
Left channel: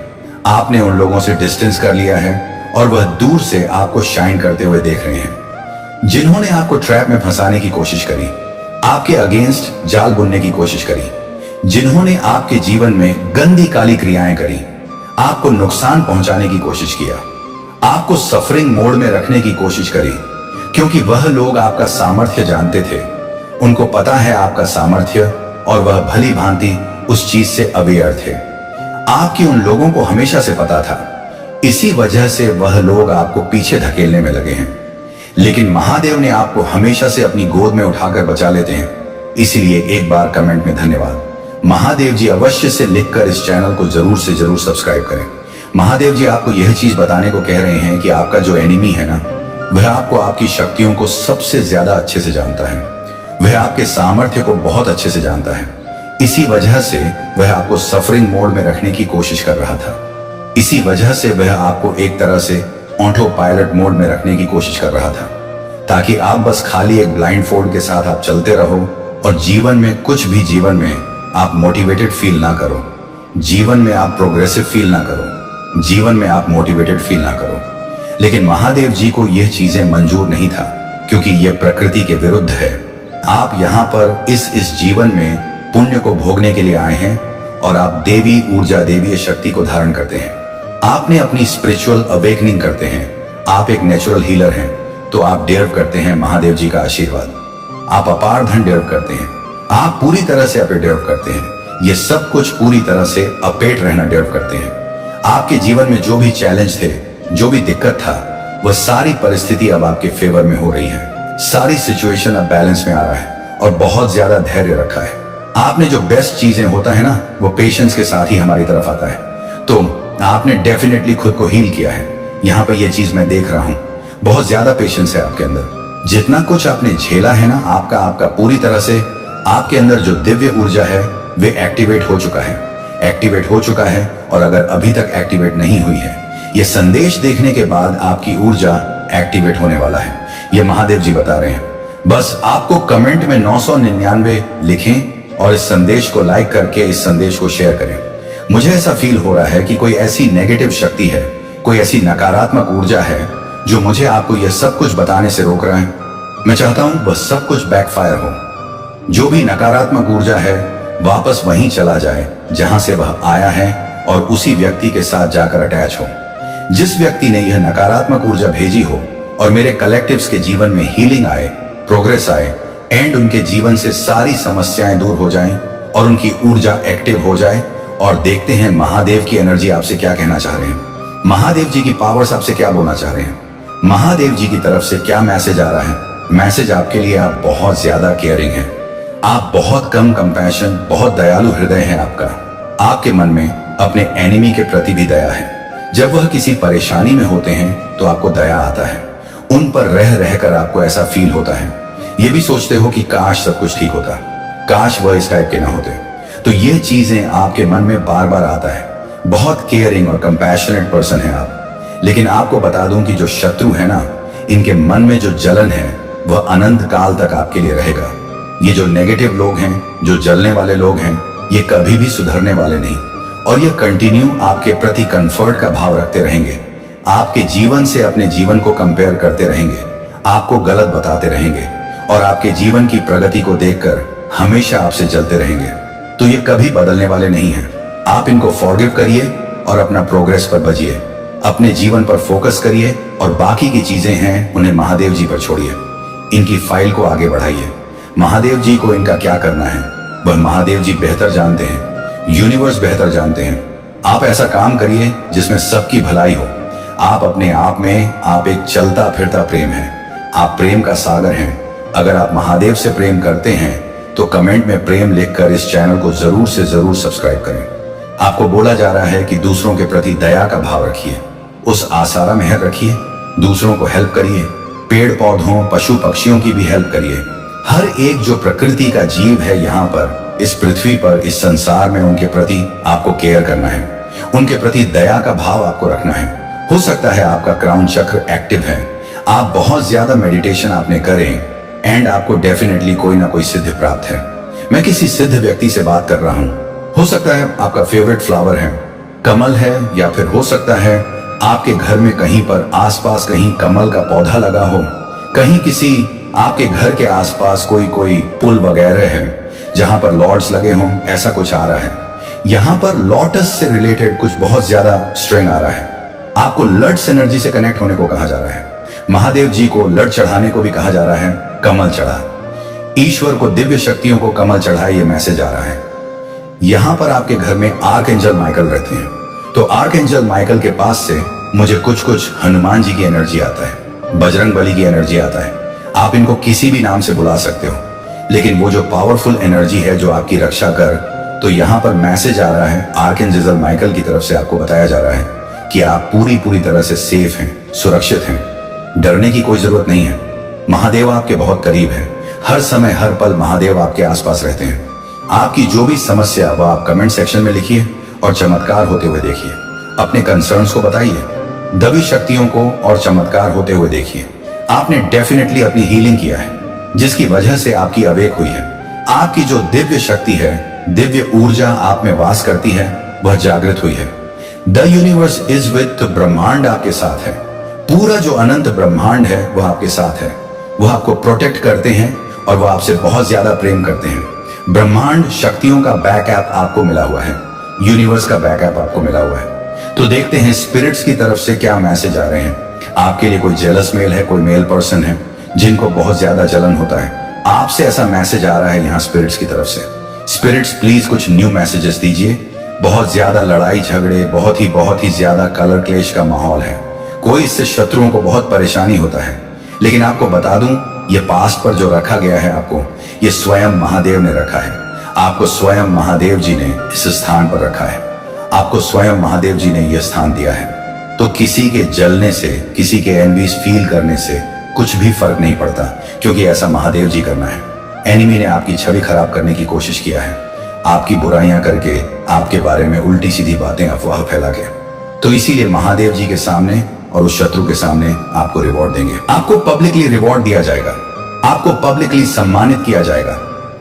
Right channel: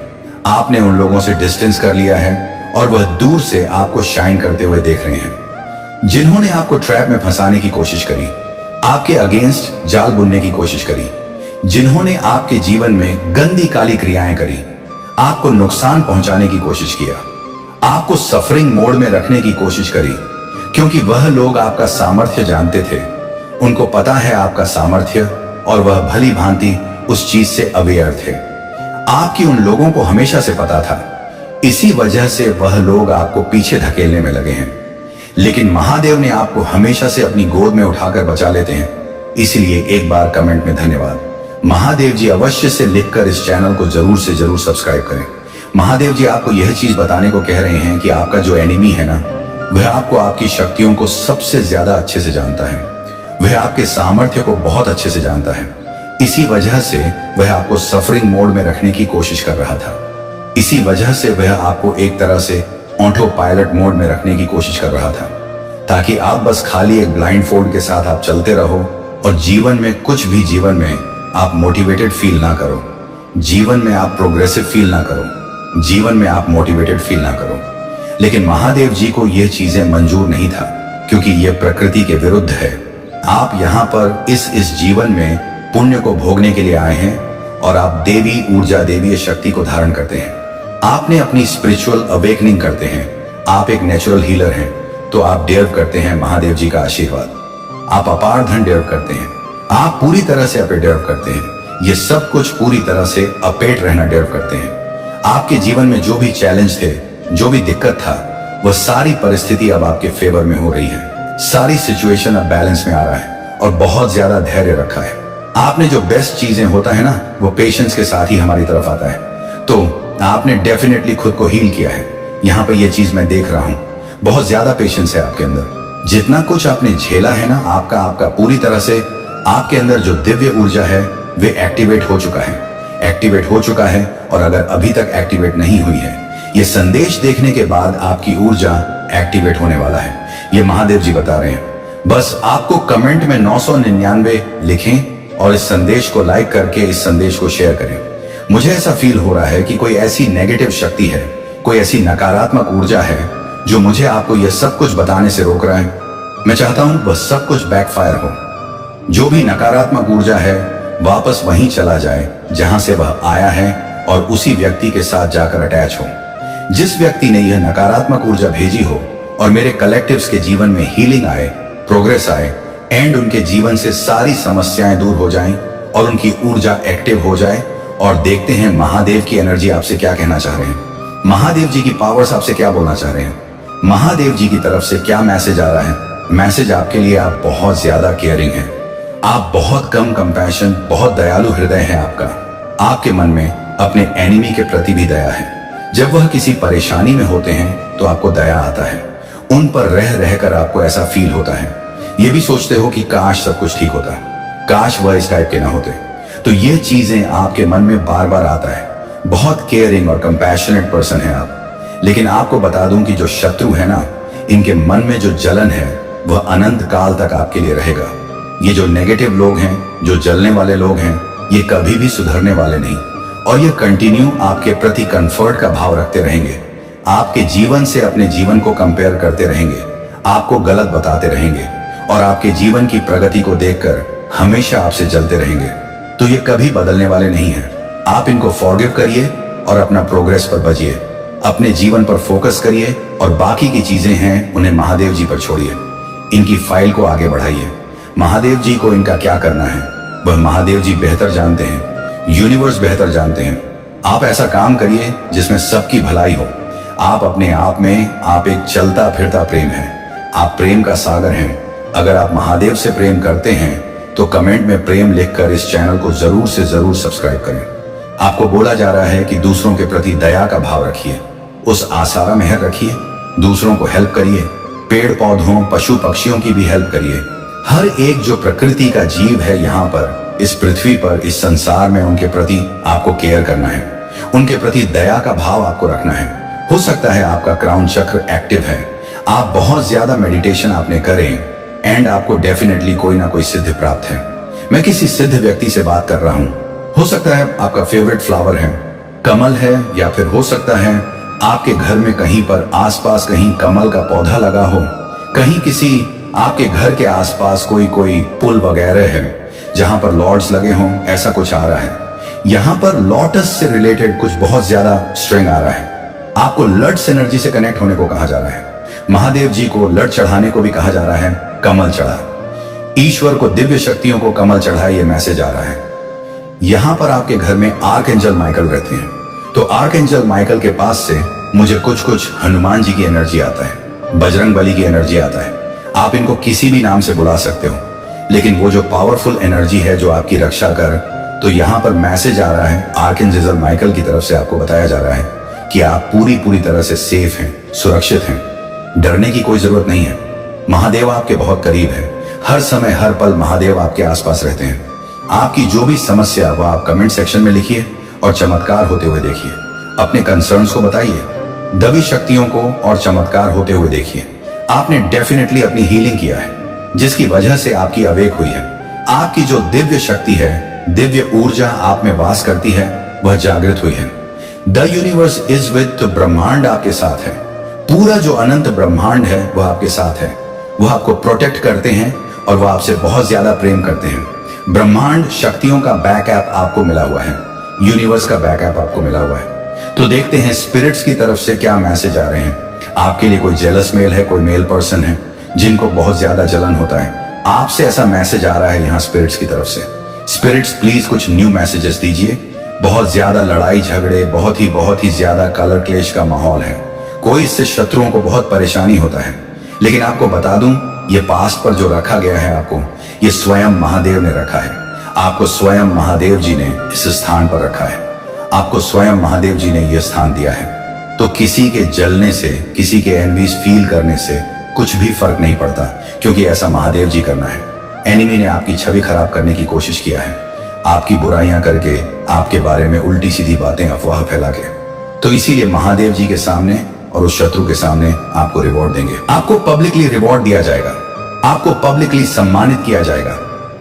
आपने उन लोगों से डिस्टेंस कर लिया है और वह दूर से आपको शाइन करते हुए देख रहे हैं। जिन्होंने आपको ट्रैप में फंसाने की कोशिश करी, आपके अगेंस्ट जाल बुनने की कोशिश करी, जिन्होंने आपके जीवन में गंदी काली क्रियाएं करी, आपको नुकसान पहुंचाने की कोशिश किया, आपको सफरिंग मोड में रखने की कोशिश करी, क्योंकि वह लोग आपका सामर्थ्य जानते थे। उनको पता है आपका सामर्थ्य और वह भली भांति उस चीज से अवेयर थे। आपकी उन लोगों को हमेशा से पता था। इसी वजह से वह लोग आपको पीछे धकेलने में लगे हैं। लेकिन महादेव ने आपको हमेशा से अपनी गोद में उठाकर बचा लेते हैं। इसलिए एक बार कमेंट में धन्यवाद। महादेव जी अवश्य से लिखकर इस चैनल को जरूर से जरूर सब्सक्राइब करें। महादेव जी आपको यह चीज बताने को कह रहे हैं कि आपका जो एनिमी है ना, वह आपको आपकी शक्तियों को सबसे ज्यादा अच्छे से जानता है। वह आपके सामर्थ्य को बहुत अच्छे से जानता है। इसी वजह से वह आपको सफरिंग मोड में रखने की कोशिश कर रहा था। इसी वजह से वह आपको एक तरह से ऑटो पायलट मोड में रखने की कोशिश कर रहा था, ताकि आप बस खाली एक ब्लाइंड फोल्ड के साथ आप चलते रहो और जीवन में कुछ भी जीवन में आप मोटिवेटेड फील ना करो, जीवन में आप प्रोग्रेसिव फील ना करो, जीवन में आप मोटिवेटेड फील ना करो। लेकिन महादेव जी को यह चीजें मंजूर नहीं था, क्योंकि यह प्रकृति के विरुद्ध है। आप यहाँ पर इस जीवन में पुण्य को भोगने के लिए आए हैं और आप देवी ऊर्जा, देवीय शक्ति को धारण करते हैं। आपने अपनी स्पिरिचुअल अवेकनिंग करते हैं। आप एक नेचुरल हीलर हैं, तो आप डिजर्व करते हैं महादेव जी का आशीर्वाद। आप अपार धन डिजर्व करते हैं। आप पूरी तरह से अपे डिजर्व करते हैं। ये सब कुछ पूरी तरह से अपेट रहना डिजर्व करते हैं। आपके जीवन में जो भी चैलेंज थे, जो भी दिक्कत था, वह सारी परिस्थिति अब आपके फेवर में हो रही है। सारी सिचुएशन अब बैलेंस में आ रहा है और बहुत ज्यादा धैर्य रखा है। आपने जो बेस्ट चीजें होता है ना, वो पेशेंस के साथ ही हमारी तरफ आता है। तो आपने डेफिनेटली खुद को हील किया है। यहाँ पे ये चीज मैं देख रहा हूँ, बहुत ज्यादा पेशेंस है आपके अंदर। जितना कुछ आपने झेला है ना, आपका पूरी तरह से आपके अंदर जो दिव्य ऊर्जा है वे एक्टिवेट हो चुका है, एक्टिवेट हो चुका है। और अगर अभी तक एक्टिवेट नहीं हुई है, ये संदेश देखने के बाद आपकी ऊर्जा एक्टिवेट होने वाला है। ये महादेव जी बता रहे हैं। बस आपको कमेंट में 999 लिखें और इस संदेश को लाइक करके इस संदेश को शेयर करें। मुझे ऐसा फील हो रहा है कि कोई ऐसी नेगेटिव शक्ति है, कोई ऐसी नकारात्मक ऊर्जा है जो मुझे आपको यह सब कुछ बताने से रोक रहा है। मैं चाहता हूं वह सब कुछ बैकफायर हो। जो भी नकारात्मक ऊर्जा है वापस वहीं चला जाए जहां से वह आया है और उसी व्यक्ति के साथ जाकर अटैच हो। जिस व्यक्ति ने यह नकारात्मक ऊर्जा भेजी हो और मेरे कलेक्टिव्स के जीवन में हीलिंग आए, प्रोग्रेस आए एंड उनके जीवन से सारी समस्याएं दूर हो जाएं और उनकी ऊर्जा एक्टिव हो जाए। और देखते हैं महादेव की एनर्जी आपसे क्या कहना चाह रहे हैं, महादेव जी की पावर्स आपसे क्या बोलना चाह रहे हैं, महादेव जी की तरफ से क्या मैसेज आ रहा है। मैसेज आपके लिए, आप बहुत ज्यादा केयरिंग हैं, आप बहुत कम कंपैशन, बहुत दयालु हृदय है आपका। आपके मन में अपने एनिमी के प्रति भी दया है। जब वह किसी परेशानी में होते हैं तो आपको दया आता है। उन पर रह रहकर आपको ऐसा फील होता है, ये भी सोचते हो कि काश सब कुछ ठीक होता, काश वह इस टाइप के ना होते। तो ये चीजें आपके मन में बार बार आता है। बहुत केयरिंग और कंपैशनेट पर्सन है आप। लेकिन आपको बता दूं कि जो शत्रु है ना, इनके मन में जो जलन है वह अनंत काल तक आपके लिए रहेगा। ये जो नेगेटिव लोग हैं, जो जलने वाले लोग हैं, ये कभी भी सुधरने वाले नहीं और ये कंटिन्यू आपके प्रति कंफर्ट का भाव रखते रहेंगे। आपके जीवन से अपने जीवन को कंपेयर करते रहेंगे, आपको गलत बताते रहेंगे और आपके जीवन की प्रगति को देखकर हमेशा आपसे जलते रहेंगे। तो ये कभी बदलने वाले नहीं हैं। आप इनको फॉरगिव करिए और अपना प्रोग्रेस पर बजिए, अपने जीवन पर फोकस करिए और बाकी की चीजें हैं उन्हें महादेव जी पर छोड़िए। इनकी फाइल को आगे बढ़ाइए। महादेव जी को इनका क्या करना है वह महादेव जी बेहतर जानते हैं, यूनिवर्स बेहतर जानते हैं। आप ऐसा काम करिए जिसमें सबकी भलाई हो। आप अपने आप में आप एक चलता फिरता प्रेम हैं। आप प्रेम का सागर हैं। अगर आप महादेव से प्रेम करते हैं तो कमेंट में प्रेम लिखकर इस चैनल को जरूर से जरूर सब्सक्राइब करें। आपको बोला जा रहा है कि दूसरों के प्रति दया का भाव रखिए, उस आसारा मेहर रखिए, दूसरों को हेल्प करिए, पेड़ पौधों पशु पक्षियों की भी हेल्प करिए। हर एक जो प्रकृति का जीव है यहाँ पर, इस पृथ्वी पर, इस संसार में, उनके प्रति आपको केयर करना है, उनके प्रति दया का भाव आपको रखना है। हो सकता है आपका क्राउन चक्र एक्टिव है, आप बहुत ज्यादा मेडिटेशन आपने करें एंड आपको डेफिनेटली कोई ना कोई सिद्धि प्राप्त है। मैं किसी सिद्ध व्यक्ति से बात कर रहा हूँ। हो सकता है आपका फेवरेट फ्लावर है कमल है, या फिर हो सकता है आपके घर में कहीं पर आसपास कहीं कमल का पौधा लगा हो, कहीं किसी आपके घर के आसपास कोई पुल वगैरह है जहां पर लॉर्ड्स लगे हों, ऐसा कुछ आ रहा है। यहां पर लॉटस से रिलेटेड कुछ बहुत ज्यादा स्ट्रेंग आ रहा है। आपको लड्स एनर्जी से कनेक्ट होने को कहा जा रहा है। महादेव जी को लड चढ़ाने को भी कहा जा रहा है, कमल चढ़ा। ईश्वर को दिव्य शक्तियों को कमल चढ़ाए, ये मैसेज आ रहा है। यहां पर आपके घर में आर्कएंजल माइकल रहते हैं, तो आर्कएंजल माइकल के पास से मुझे कुछ हनुमान जी की एनर्जी आता है, बजरंग बली की एनर्जी आता है। आप इनको किसी भी नाम से बुला सकते हो, लेकिन वो जो पावरफुल एनर्जी है जो आपकी रक्षा कर, तो यहाँ पर मैसेज आ रहा है आर्कएंजल माइकल की तरफ से आपको बताया जा रहा है कि आप पूरी तरह से सेफ हैं, सुरक्षित हैं। डरने की कोई जरूरत नहीं है। महादेव आपके बहुत करीब है। हर समय हर पल महादेव आपके आसपास रहते हैं। आपकी जो भी समस्या वह आप कमेंट सेक्शन में लिखिए और चमत्कार होते हुए देखिए। अपने कंसर्न्स को बताइए, दबी शक्तियों को और चमत्कार होते हुए देखिए। आपने डेफिनेटली अपनी हीलिंग किया है, जिसकी वजह से आपकी अवेक हुई है। आपकी जो दिव्य शक्ति है, दिव्य ऊर्जा आप में वास करती है, वह जागृत हुई है। द यूनिवर्स इज विथ ब्रह्मांड आपके साथ है। पूरा जो अनंत ब्रह्मांड है वह आपके साथ है। वह आपको प्रोटेक्ट करते हैं और वह आपसे बहुत ज्यादा प्रेम करते हैं। ब्रह्मांड शक्तियों का बैकअप आपको मिला हुआ है, यूनिवर्स का बैकअप आपको मिला हुआ है। तो देखते हैं स्पिरिट्स की तरफ से क्या मैसेज आ रहे हैं। आपके लिए कोई जेलस मेल है, कोई मेल पर्सन है जिनको बहुत ज्यादा जलन होता है, आपसे ऐसा मैसेज आ रहा है यहाँ स्पिरिट्स की तरफ से। स्पिरिट्स प्लीज कुछ न्यू मैसेजेस दीजिए। बहुत ज्यादा लड़ाई झगड़े, बहुत ही ज्यादा कलर क्लेश का माहौल है। कोई इससे शत्रुओं को बहुत परेशानी होता है, लेकिन आपको बता दूं, ये पास्ट पर जो रखा गया है आपको, ये स्वयं महादेव ने रखा है। आपको स्वयं महादेव जी ने इस स्थान पर रखा है। आपको स्वयं महादेव जी ने यह स्थान दिया है। तो किसी के जलने से, किसी के एनवीज फील करने से कुछ भी फर्क नहीं पड़ता, क्योंकि ऐसा महादेव जी करना है। एनिमी ने आपकी छवि खराब करने की कोशिश किया है, आपकी बुराइयां करके, आपके बारे में उल्टी सीधी बातें, अफवाह फैला के। तो इसीलिए महादेव जी के सामने और उस शत्रु के सामने आपको रिवॉर्ड देंगे। आपको पब्लिकली रिवॉर्ड दिया जाएगा, आपको पब्लिकली सम्मानित किया जाएगा।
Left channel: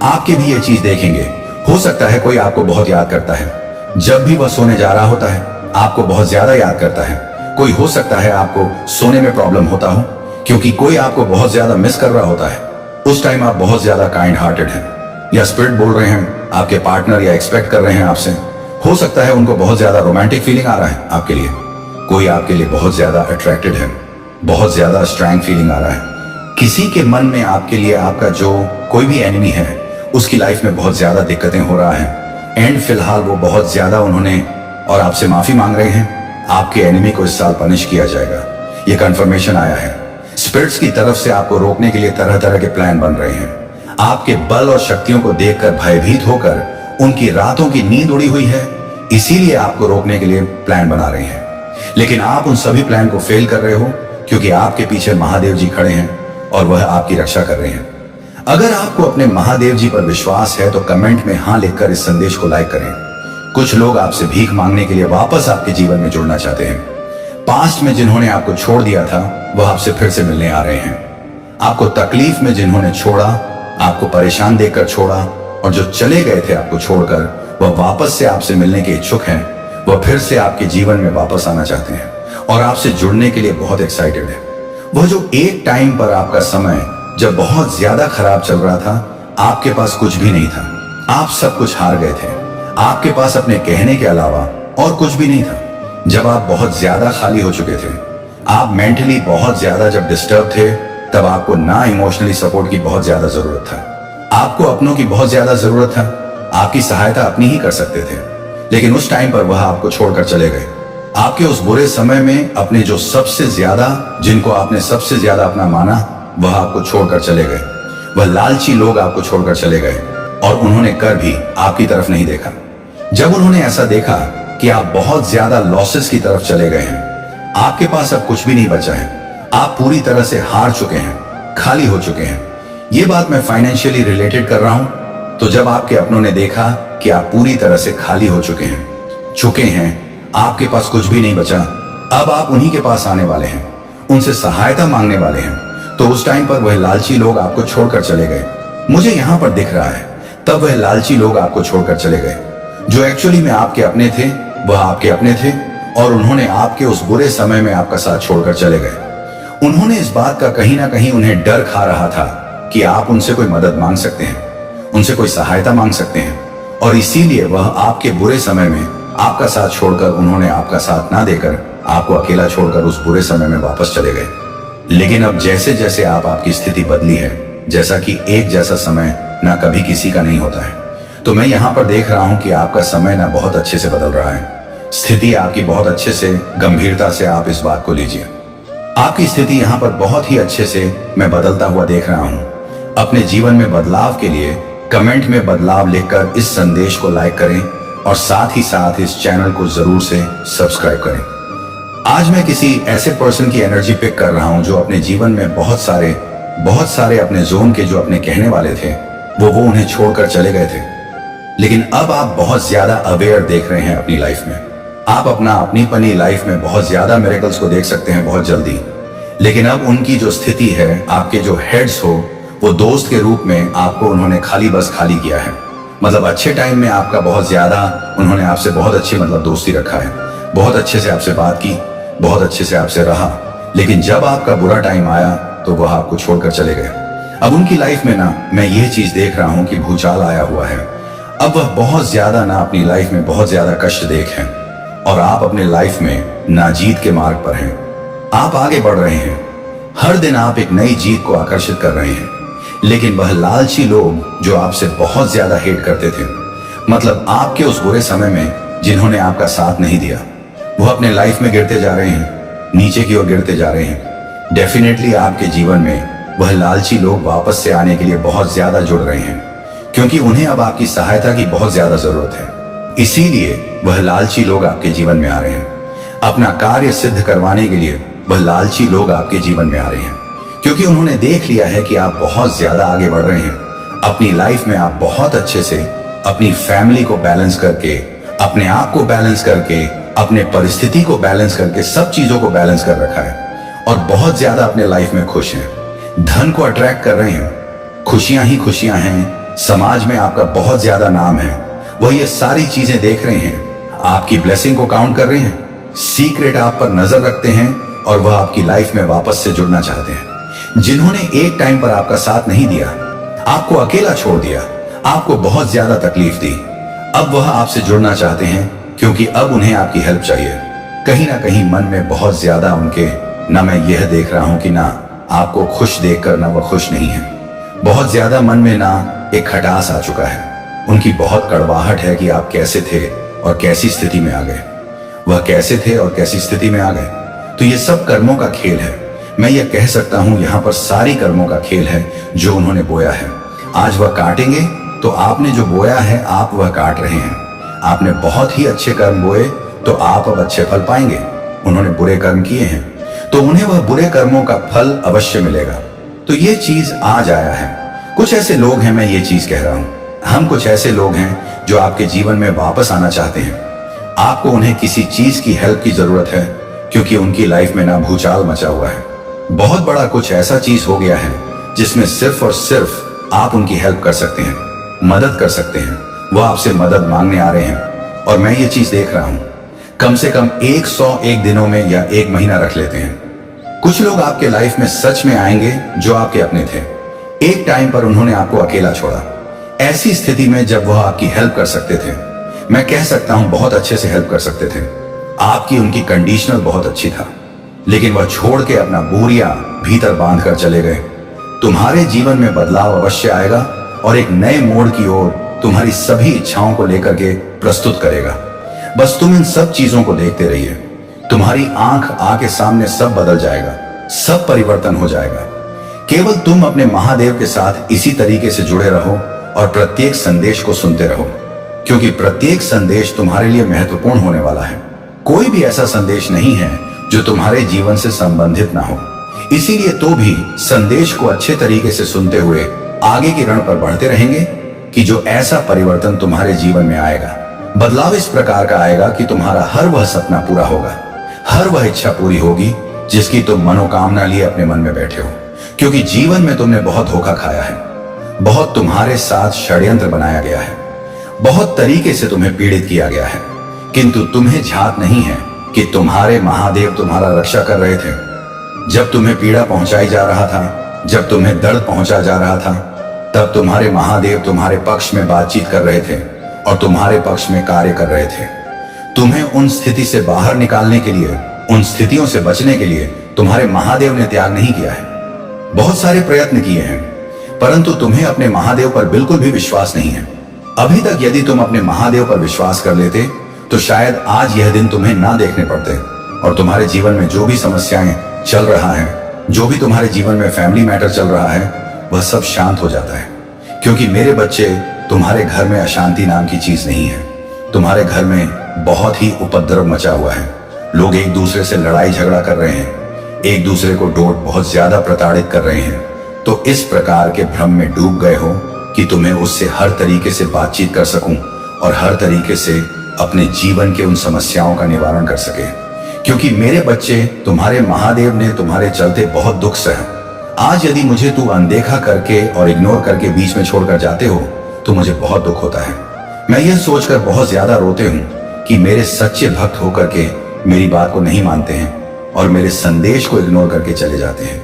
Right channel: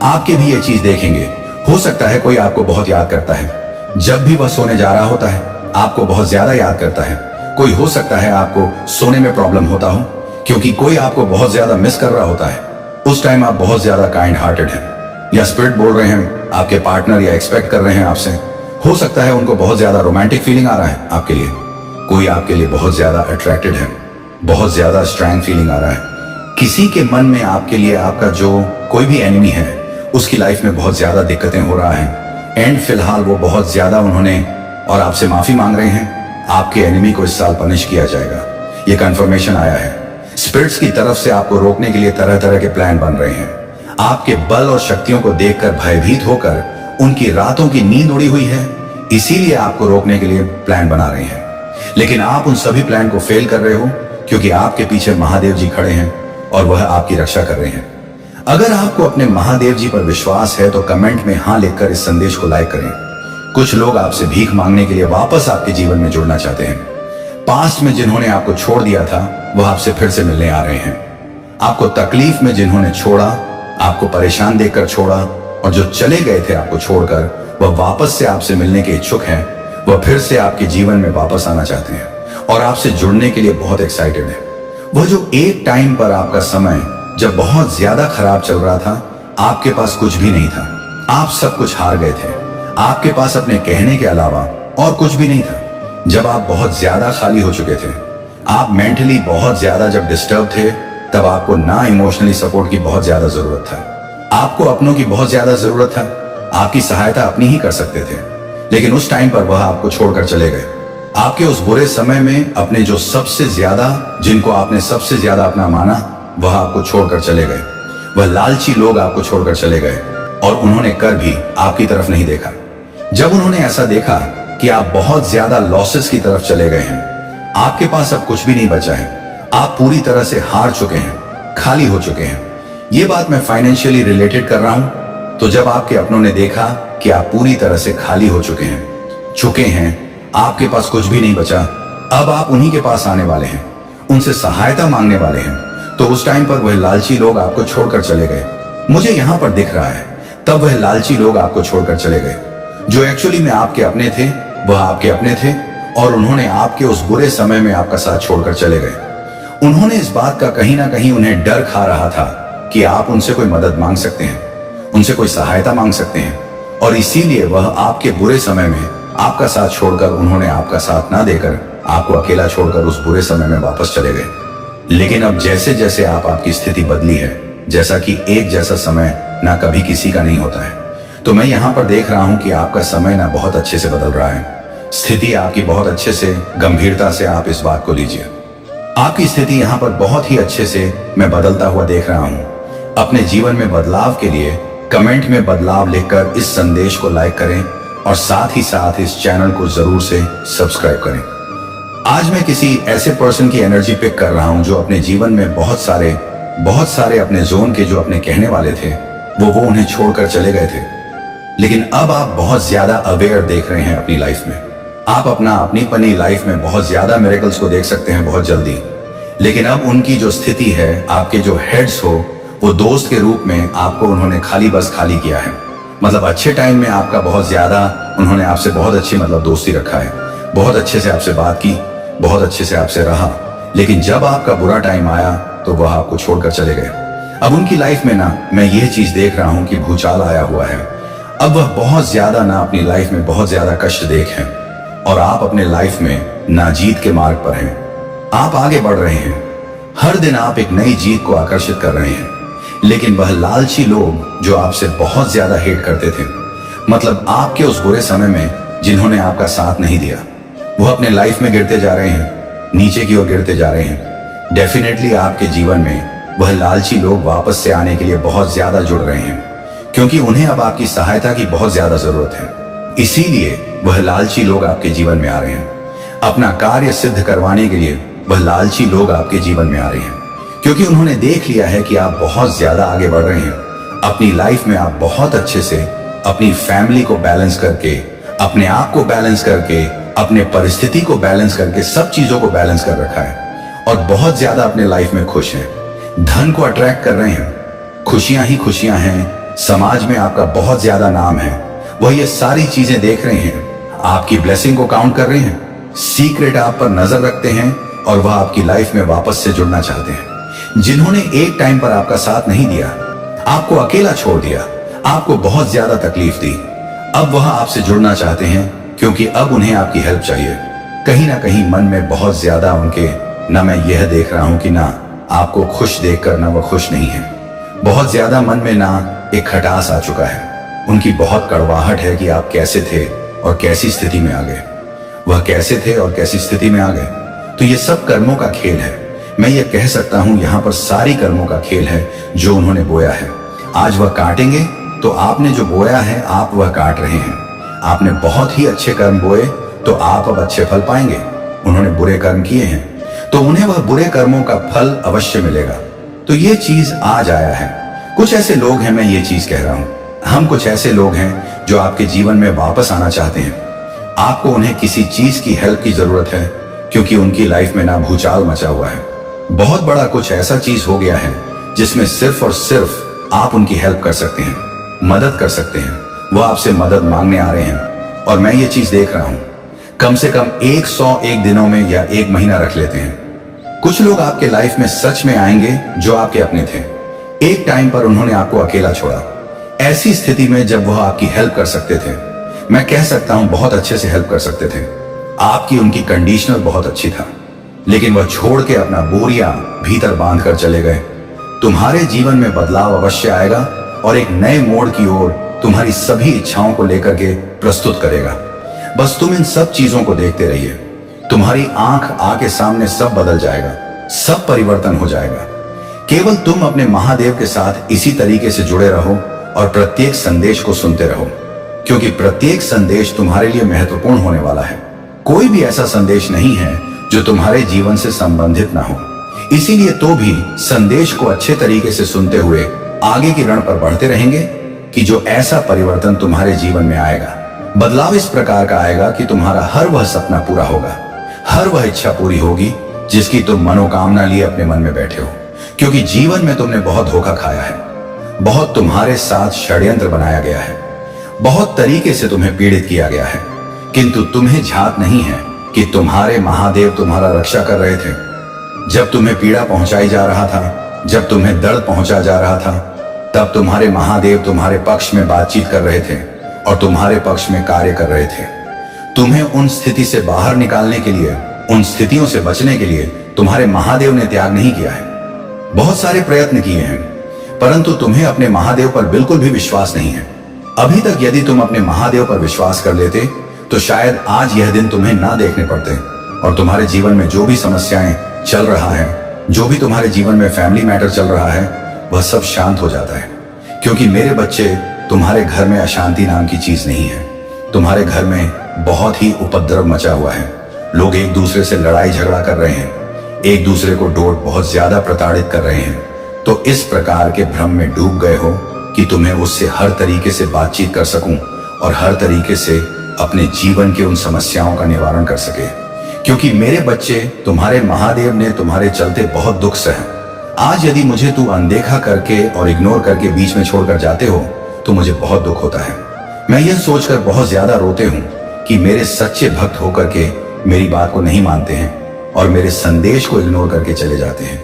आपके भी ये चीज देखेंगे। हो सकता है कोई आपको बहुत याद करता है, जब भी वह सोने जा रहा होता है आपको बहुत ज्यादा याद करता है। कोई हो सकता है आपको सोने में प्रॉब्लम होता हो, क्योंकि कोई आपको बहुत ज्यादा मिस कर रहा होता है। उस टाइम आप बहुत ज्यादा काइंड हार्टेड हैं, या स्पिरिट बोल रहे हैं आपके पार्टनर या एक्सपेक्ट कर रहे हैं आपसे। हो सकता है उनको बहुत ज्यादा रोमांटिक फीलिंग आ रहा है आपके लिए। कोई आपके लिए बहुत ज्यादा अट्रैक्टेड है, बहुत ज्यादा स्ट्रॉन्ग फीलिंग आ रहा है। किसी के मन में आपके लिए आपका जो कोई भी एनिमी है, उसकी लाइफ में बहुत ज्यादा दिक्कतें हो रहा है एंड फिलहाल वो बहुत ज्यादा उन्होंने और आपसे माफी मांग रहे हैं। आपके एनिमी को इस साल पनिश किया जाएगा, ये कंफर्मेशन आया है। स्पिरिट्स की तरफ से आपको रोकने के लिए तरह तरह के प्लान बन रहे हैं। आपके बल और शक्तियों को देखकर भयभीत होकर उनकी रातों की नींद उड़ी हुई है, इसीलिए आपको रोकने के लिए प्लान बना रहे हैं। लेकिन आप उन सभी प्लान को फेल कर रहे हो, क्योंकि आपके पीछे महादेव जी खड़े हैं और वह आपकी रक्षा कर रहे हैं। अगर आपको अपने महादेव जी पर विश्वास है तो कमेंट में हाँ लिखकर इस संदेश को लाइक करें। कुछ लोग आपसे भीख मांगने के लिए वापस आपके जीवन में जुड़ना चाहते हैं। पास्ट में जिन्होंने आपको छोड़ दिया था वह आपसे फिर से मिलने आ रहे हैं। आपको तकलीफ में जिन्होंने छोड़ा, आपको परेशान देखकर छोड़ा, और जो चले गए थे आपको छोड़कर, वह वापस से आपसे मिलने के इच्छुक हैं। वह फिर से आपके जीवन में वापस आना चाहते हैं और आपसे जुड़ने के लिए बहुत एक्साइटेड है। वह जो एक टाइम पर आपका समय जब बहुत ज्यादा खराब चल रहा था, आपके पास कुछ भी नहीं था, आप सब कुछ हार गए थे, आपके पास अपने कहने के अलावा और कुछ भी नहीं था। जब आप बहुत ज्यादा खाली हो चुके थे, आप मेंटली बहुत ज्यादा जब डिस्टर्ब थे, तब आपको ना इमोशनली सपोर्ट की बहुत ज्यादा जरूरत था, आपको अपनों की बहुत ज्यादा जरूरत था। आपकी सहायता अपनी ही कर सकते थे। लेकिन उस टाइम पर वह आपको छोड़कर चले गए। आपके उस बुरे समय में अपने जो सबसे ज्यादा, जिनको आपने सबसे ज्यादा अपना माना, वह आपको छोड़कर चले गए। वह लालची लोग आपको छोड़कर चले गए और उन्होंने कर भी आपकी तरफ नहीं देखा। जब उन्होंने ऐसा देखा कि आप बहुत ज्यादा लॉसेस की तरफ चले गए हैं, आपके पास अब कुछ भी नहीं बचा है, आप पूरी तरह से हार चुके हैं, खाली हो चुके हैं। ये बात मैं फाइनेंशियली रिलेटेड कर रहा हूं। तो जब आपके अपनों ने देखा कि आप पूरी तरह से खाली हो चुके हैं, आपके पास कुछ भी नहीं बचा, अब आप उन्हीं के पास आने वाले हैं, उनसे सहायता मांगने वाले हैं, तो उस टाइम पर वह लालची लोग आपको छोड़कर चले गए। मुझे यहां पर दिख रहा है, तब वह लालची लोग आपको छोड़कर चले गए। जो एक्चुअली में आपके अपने थे, वह आपके अपने थे और उन्होंने आपके उस बुरे समय में आपका साथ छोड़कर चले गए। उन्होंने इस बात का कहीं ना कहीं उन्हें डर खा रहा था कि आप उनसे कोई मदद मांग सकते हैं, उनसे कोई सहायता मांग सकते हैं, और इसीलिए वह आपके बुरे समय में आपका साथ छोड़कर, उन्होंने आपका साथ ना देकर आपको अकेला छोड़कर उस बुरे समय में वापस चले गए। लेकिन अब जैसे जैसे आपकी स्थिति बदली है, जैसा कि एक जैसा समय ना कभी किसी का नहीं होता है, तो मैं यहाँ पर देख रहा हूँ कि आपका समय ना बहुत अच्छे से बदल रहा है। स्थिति आपकी बहुत अच्छे से, गंभीरता से आप इस बात को लीजिए। आपकी स्थिति यहाँ पर बहुत ही अच्छे से मैं बदलता हुआ देख रहा हूँ। अपने जीवन में बदलाव के लिए कमेंट में बदलाव लिखकर इस संदेश को लाइक करें और साथ ही साथ इस चैनल को जरूर से सब्सक्राइब करें। आज मैं किसी ऐसे पर्सन की एनर्जी पिक कर रहा हूं जो अपने जीवन में बहुत सारे अपने जोन के जो अपने कहने वाले थे, वो उन्हें छोड़कर चले गए थे। लेकिन अब आप बहुत ज्यादा अवेयर देख रहे हैं अपनी लाइफ में। आप अपनी लाइफ में बहुत ज्यादा मिरेकल्स को देख सकते हैं बहुत जल्दी। लेकिन अब उनकी जो स्थिति है, आपके जो हेड्स हो, वो दोस्त के रूप में आपको उन्होंने खाली किया है। मतलब अच्छे टाइम में आपका बहुत ज्यादा उन्होंने आपसे बहुत अच्छी दोस्ती रखा है, बहुत अच्छे से आपसे बात की, बहुत अच्छे से आपसे रहा। लेकिन जब आपका बुरा टाइम आया तो वह आपको छोड़कर चले गए। अब उनकी लाइफ में ना मैं यह चीज देख रहा हूं कि भूचाल आया हुआ है। अब वह बहुत ज्यादा ना अपनी लाइफ में बहुत ज्यादा कष्ट देख हैं और आप अपने लाइफ में ना जीत के मार्ग पर हैं। आप आगे बढ़ रहे हैं, हर दिन आप एक नई जीत को आकर्षित कर रहे हैं। लेकिन वह लालची लोग जो आपसे बहुत ज्यादा हेट करते थे, मतलब आपके उस बुरे समय में जिन्होंने आपका साथ नहीं दिया, वो अपने लाइफ में गिरते जा रहे हैं, नीचे की ओर गिरते जा रहे हैं। डेफिनेटली आपके जीवन में वह लालची लोग वापस से आने के लिए बहुत ज्यादा जुड़ रहे हैं, क्योंकि उन्हें अब आपकी सहायता की बहुत ज्यादा जरूरत है। इसीलिए वह लालची लोग आपके जीवन में आ रहे हैं। अपना कार्य सिद्ध करवाने के लिए वह लालची लोग आपके जीवन में आ रहे हैं, क्योंकि उन्होंने देख लिया है कि आप बहुत ज्यादा आगे बढ़ रहे हैं। अपनी लाइफ में आप बहुत अच्छे से अपनी फैमिली को बैलेंस करके, अपने आप को बैलेंस करके, अपने परिस्थिति को बैलेंस करके, सब चीजों को बैलेंस कर रखा है और बहुत ज्यादा अपने लाइफ में खुश हैं। धन को अट्रैक्ट कर रहे हैं, खुशियां ही खुशियां हैं, समाज में आपका बहुत ज्यादा नाम है। वह ये सारी चीजें देख रहे हैं, आपकी ब्लेसिंग को काउंट कर रहे हैं, सीक्रेट आप पर नजर रखते हैं और वह आपकी लाइफ में वापस से जुड़ना चाहते हैं। जिन्होंने एक टाइम पर आपका साथ नहीं दिया, आपको अकेला छोड़ दिया, आपको बहुत ज्यादा तकलीफ दी, अब वह आपसे जुड़ना चाहते हैं, क्योंकि अब उन्हें आपकी हेल्प चाहिए। कहीं ना कहीं मन में बहुत ज्यादा उनके, ना मैं यह देख रहा हूं कि ना आपको खुश देखकर ना वह खुश नहीं है, बहुत ज्यादा मन में ना एक खटास आ चुका है। उनकी बहुत कड़वाहट है कि आप कैसे थे और कैसी स्थिति में आ गए, वह कैसे थे और कैसी स्थिति में आ गए। तो ये सब कर्मों का खेल है। मैं ये कह सकता हूं यहाँ पर सारी कर्मों का खेल है जो उन्होंने बोया है। आज वह काटेंगे, तो आपने जो बोया है आप वह काट रहे हैं। आपने बहुत ही अच्छे कर्म बोए तो आप अब अच्छे फल पाएंगे। उन्होंने बुरे कर्म किए हैं तो उन्हें वह बुरे कर्मों का फल अवश्य मिलेगा। तो ये चीज आज आया है। कुछ ऐसे लोग हैं, मैं ये चीज कह रहा हूं, हम कुछ ऐसे लोग हैं जो आपके जीवन में वापस आना चाहते हैं। आपको उन्हें किसी चीज की हेल्प की जरूरत है, क्योंकि उनकी लाइफ में ना भूचाल मचा हुआ है। बहुत बड़ा कुछ ऐसा चीज हो गया है जिसमें सिर्फ और सिर्फ आप उनकी हेल्प कर सकते हैं, मदद कर सकते हैं। वह आपसे मदद मांगने आ रहे हैं और मैं ये चीज देख रहा हूं, कम से कम 101 दिनों में या 1 महीना रख लेते हैं। कुछ लोग आपके लाइफ में सच में आएंगे जो आपके अपने थे। एक टाइम पर उन्होंने आपको अकेला छोड़ा, ऐसी स्थिति में जब वह आपकी हेल्प कर सकते थे, मैं कह सकता हूं बहुत अच्छे से हेल्प कर सकते थे। आपकी उनकी कंडीशनल बहुत अच्छी था, लेकिन वह छोड़ के अपना बोरिया भीतर बांध कर चले गए। तुम्हारे जीवन में बदलाव अवश्य आएगा और एक नए मोड़ की ओर तुम्हारी सभी इच्छाओं को लेकर के प्रस्तुत करेगा। बस तुम इन सब चीजों को देखते रहिए। तुम्हारी आंख आके सामने सब बदल जाएगा, सब परिवर्तन हो जाएगा। केवल तुम अपने महादेव के साथ इसी तरीके से जुड़े रहो और प्रत्येक संदेश को सुनते रहो, क्योंकि प्रत्येक संदेश तुम्हारे लिए महत्वपूर्ण होने वाला है। कोई भी ऐसा संदेश नहीं है जो तुम्हारे जीवन से संबंधित ना हो। इसीलिए तो भी संदेश को अच्छे तरीके से सुनते हुए आगे की रण पर बढ़ते रहेंगे कि जो ऐसा परिवर्तन तुम्हारे जीवन में आएगा, बदलाव इस प्रकार का आएगा कि तुम्हारा हर वह सपना पूरा होगा, हर वह इच्छा पूरी होगी जिसकी तुम मनोकामना लिए अपने मन में बैठे हो। क्योंकि जीवन में तुमने बहुत धोखा खाया है, बहुत तुम्हारे साथ षड्यंत्र बनाया गया है, बहुत तरीके से तुम्हें पीड़ित किया गया है, किंतु तुम्हें झात नहीं है कि तुम्हारे महादेव तुम्हारा रक्षा कर रहे थे। जब तुम्हें पीड़ा पहुंचाई जा रहा था, जब तुम्हें दर्द पहुंचा जा रहा था, तब तुम्हारे महादेव तुम्हारे पक्ष में बातचीत कर रहे थे और तुम्हारे पक्ष में कार्य कर रहे थे। तुम्हें उन स्थिति से बाहर निकालने के लिए, उन स्थितियों से बचने के लिए तुम्हारे महादेव ने त्याग नहीं किया है। बहुत सारे प्रयत्न किए हैं, परंतु तुम्हें अपने महादेव पर बिल्कुल भी विश्वास नहीं है। अभी तक यदि तुम अपने महादेव पर विश्वास कर लेते तो शायद आज यह दिन तुम्हें ना देखने पड़ते और तुम्हारे जीवन में जो भी समस्याएं चल रहा है, जो भी तुम्हारे जीवन में फैमिली मैटर चल रहा है, वह सब शांत हो जाता है। क्योंकि मेरे बच्चे, तुम्हारे घर में अशांति नाम की चीज नहीं है। तुम्हारे घर में बहुत ही उपद्रव मचा हुआ है। लोग एक दूसरे से लड़ाई झगड़ा कर रहे हैं, एक दूसरे को डोट बहुत ज्यादा प्रताड़ित कर रहे हैं। तो इस प्रकार के भ्रम में डूब गए हो कि तुम्हें उससे हर तरीके से बातचीत कर सकूं और हर तरीके से अपने जीवन के उन समस्याओं का निवारण कर सके। क्योंकि मेरे बच्चे, तुम्हारे महादेव ने तुम्हारे चलते बहुत दुख सहा। आज यदि मुझे तू अनदेखा करके और इग्नोर करके बीच में छोड़कर जाते हो तो मुझे बहुत दुख होता है। मैं यह सोचकर बहुत ज्यादा रोते हूं कि मेरे सच्चे भक्त होकर के मेरी बात को नहीं मानते हैं और मेरे संदेश को इग्नोर करके चले जाते हैं।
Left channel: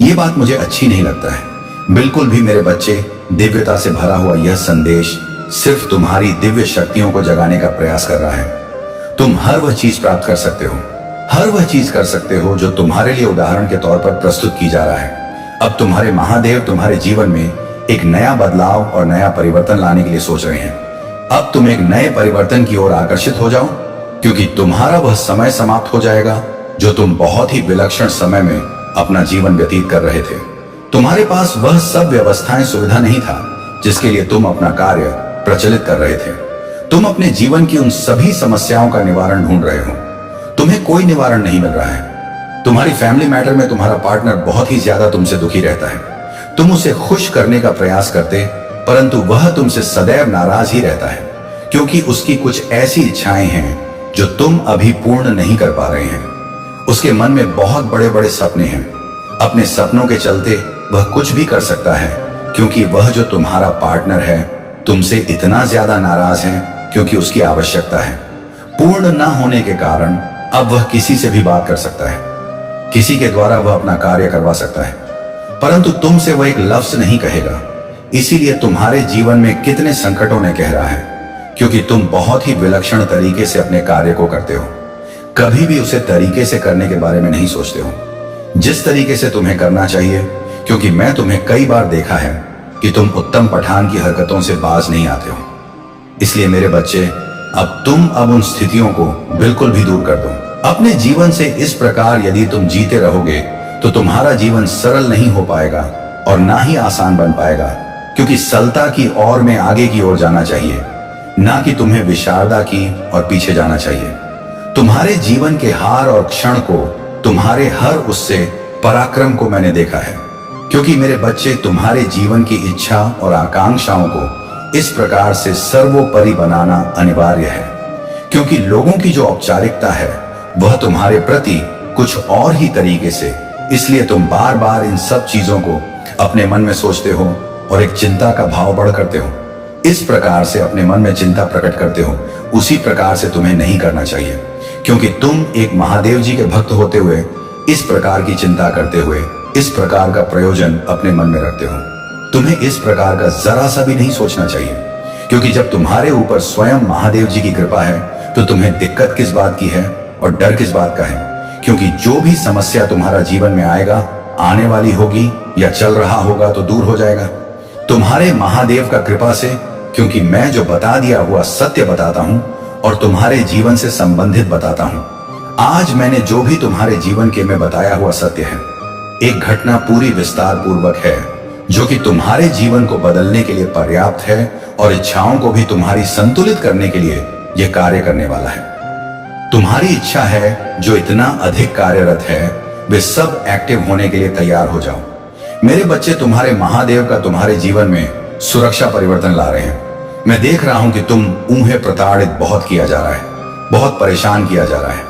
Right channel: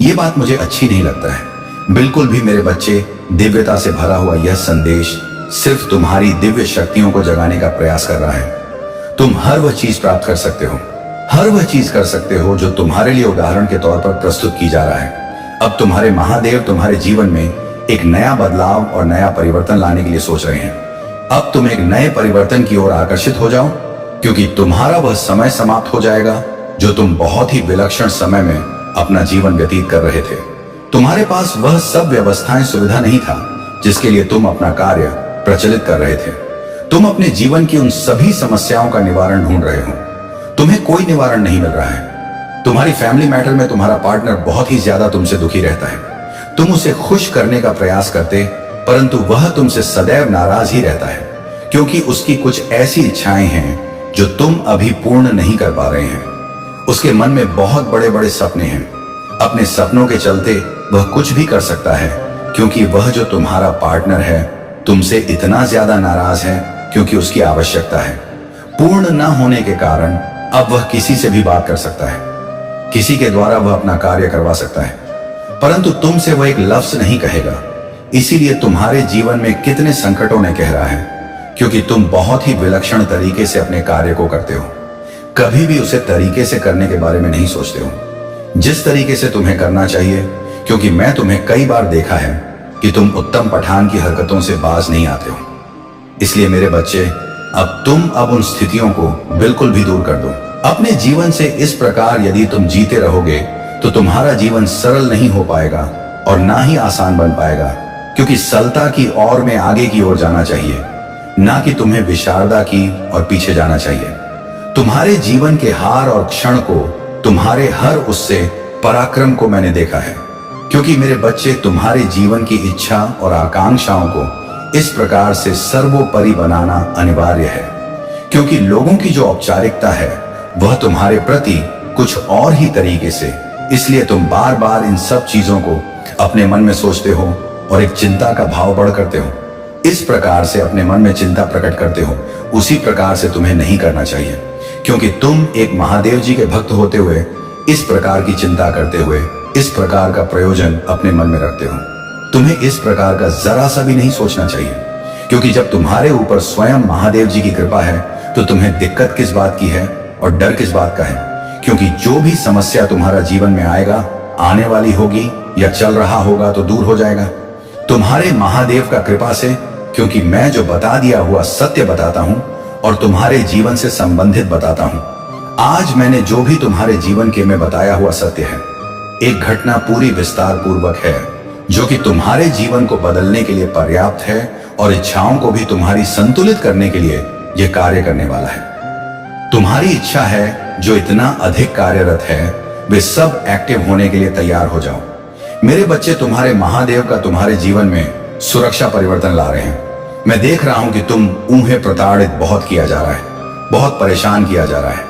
ये बात मुझे अच्छी नहीं लगता है बिल्कुल भी। मेरे बच्चे, दिव्यता से भरा हुआ यह संदेश सिर्फ तुम्हारी दिव्य शक्तियों को जगाने का प्रयास कर रहा है। तुम हर वह चीज प्राप्त कर सकते हो, हर वह चीज कर सकते हो जो तुम्हारे लिए उदाहरण के तौर पर प्रस्तुत की जा रहा है। अब तुम्हारे महादेव तुम्हारे जीवन में एक नया बदलाव और नया परिवर्तन लाने के लिए सोच रहे हैं। अब तुम एक नए परिवर्तन की ओर आकर्षित हो जाओ, क्योंकि तुम्हारा वह समय समाप्त हो जाएगा जो तुम बहुत ही विलक्षण समय में अपना जीवन व्यतीत कर रहे थे। तुम्हारे पास वह सब व्यवस्थाएं, सुविधा नहीं था जिसके लिए तुम अपना कार्य प्रचलित कर रहे थे। तुम अपने जीवन की उन सभी समस्याओं का निवारण ढूंढ रहे हो, तुम्हें कोई निवारण नहीं मिल रहा है। तुम्हारी फैमिली मैटर में तुम्हारा पार्टनर बहुत ही ज्यादा तुमसे दुखी रहता है। तुम उसे खुश करने का प्रयास करते, परंतु वह तुमसे सदैव नाराज ही रहता है, क्योंकि उसकी कुछ ऐसी इच्छाएं हैं जो तुम अभी पूर्ण नहीं कर पा रहे हैं। उसके मन में बहुत बड़े बड़े सपने हैं। अपने सपनों के चलते वह कुछ भी कर सकता है, क्योंकि वह जो तुम्हारा पार्टनर है तुमसे इतना ज्यादा नाराज है क्योंकि उसकी आवश्यकता है। पूर्ण न होने के कारण अब वह किसी से भी बात कर सकता है, किसी के द्वारा वह अपना कार्य करवा सकता है, परंतु तुमसे वह एक लफ्ज नहीं कहेगा। इसीलिए तुम्हारे जीवन में कितने संकटों ने कह रहा है, क्योंकि तुम बहुत ही विलक्षण तरीके से अपने कार्य को करते हो। कभी भी उसे तरीके से करने के बारे में नहीं सोचते हो, जिस तरीके से तुम्हें करना चाहिए। क्योंकि मैं तुम्हें कई बार देखा है कि तुम उत्तम पठान की हरकतों से बाज नहीं आते हो। इसलिए मेरे बच्चे, अब तुम उन स्थितियों को बिल्कुल भी दूर कर दो अपने जीवन से। इस प्रकार यदि तुम जीते रहोगे तो तुम्हारा जीवन सरल नहीं हो पाएगा और ना ही आसान बन पाएगा, क्योंकि सरलता की ओर में आगे की ओर जाना चाहिए, ना कि तुम्हें विशारदा की और पीछे जाना चाहिए। तुम्हारे जीवन के हार और क्षण को, तुम्हारे हर उससे पराक्रम को मैंने देखा है। क्योंकि मेरे बच्चे, तुम्हारे जीवन की इच्छा और आकांक्षाओं को इस प्रकार से सर्वोपरि बनाना अनिवार्य है, क्योंकि लोगों की जो औपचारिकता है वह तुम्हारे प्रति कुछ और ही तरीके से। इसलिए तुम बार बार इन सब चीजों को अपने मन में सोचते हो और एक चिंता का भाव बढ़ करते हो। इस प्रकार से अपने मन में चिंता प्रकट करते हो, उसी प्रकार से तुम्हें नहीं करना चाहिए, क्योंकि तुम एक महादेव जी के भक्त होते हुए इस प्रकार की चिंता करते हुए इस प्रकार का प्रयोजन अपने मन में रखते हो। तुम्हें इस प्रकार का जरा सा भी नहीं सोचना चाहिए, क्योंकि जब तुम्हारे ऊपर स्वयं महादेव जी की कृपा है तो तुम्हें दिक्कत किस बात की है और डर किस बात का है। क्योंकि जो भी समस्या तुम्हारा जीवन में आएगा, आने वाली होगी या चल रहा होगा तो दूर हो जाएगा तुम्हारे महादेव का कृपा से। क्योंकि मैं जो बता दिया हुआ सत्य बताता हूं और तुम्हारे जीवन से संबंधित बताता हूं। आज मैंने जो भी तुम्हारे जीवन के में बताया हुआ सत्य है, एक घटना पूरी विस्तार पूर्वक है जो कि तुम्हारे जीवन को बदलने के लिए पर्याप्त है और इच्छाओं को भी तुम्हारी संतुलित करने के लिए यह कार्य करने वाला है। तुम्हारी इच्छा है जो इतना अधिक कार्यरत है, वे सब एक्टिव होने के लिए तैयार हो जाओ। मेरे बच्चे, तुम्हारे महादेव का तुम्हारे जीवन में सुरक्षा परिवर्तन ला रहे हैं। मैं देख रहा हूं कि तुम ऊहे प्रताड़ित बहुत किया जा रहा है, बहुत परेशान किया जा रहा है।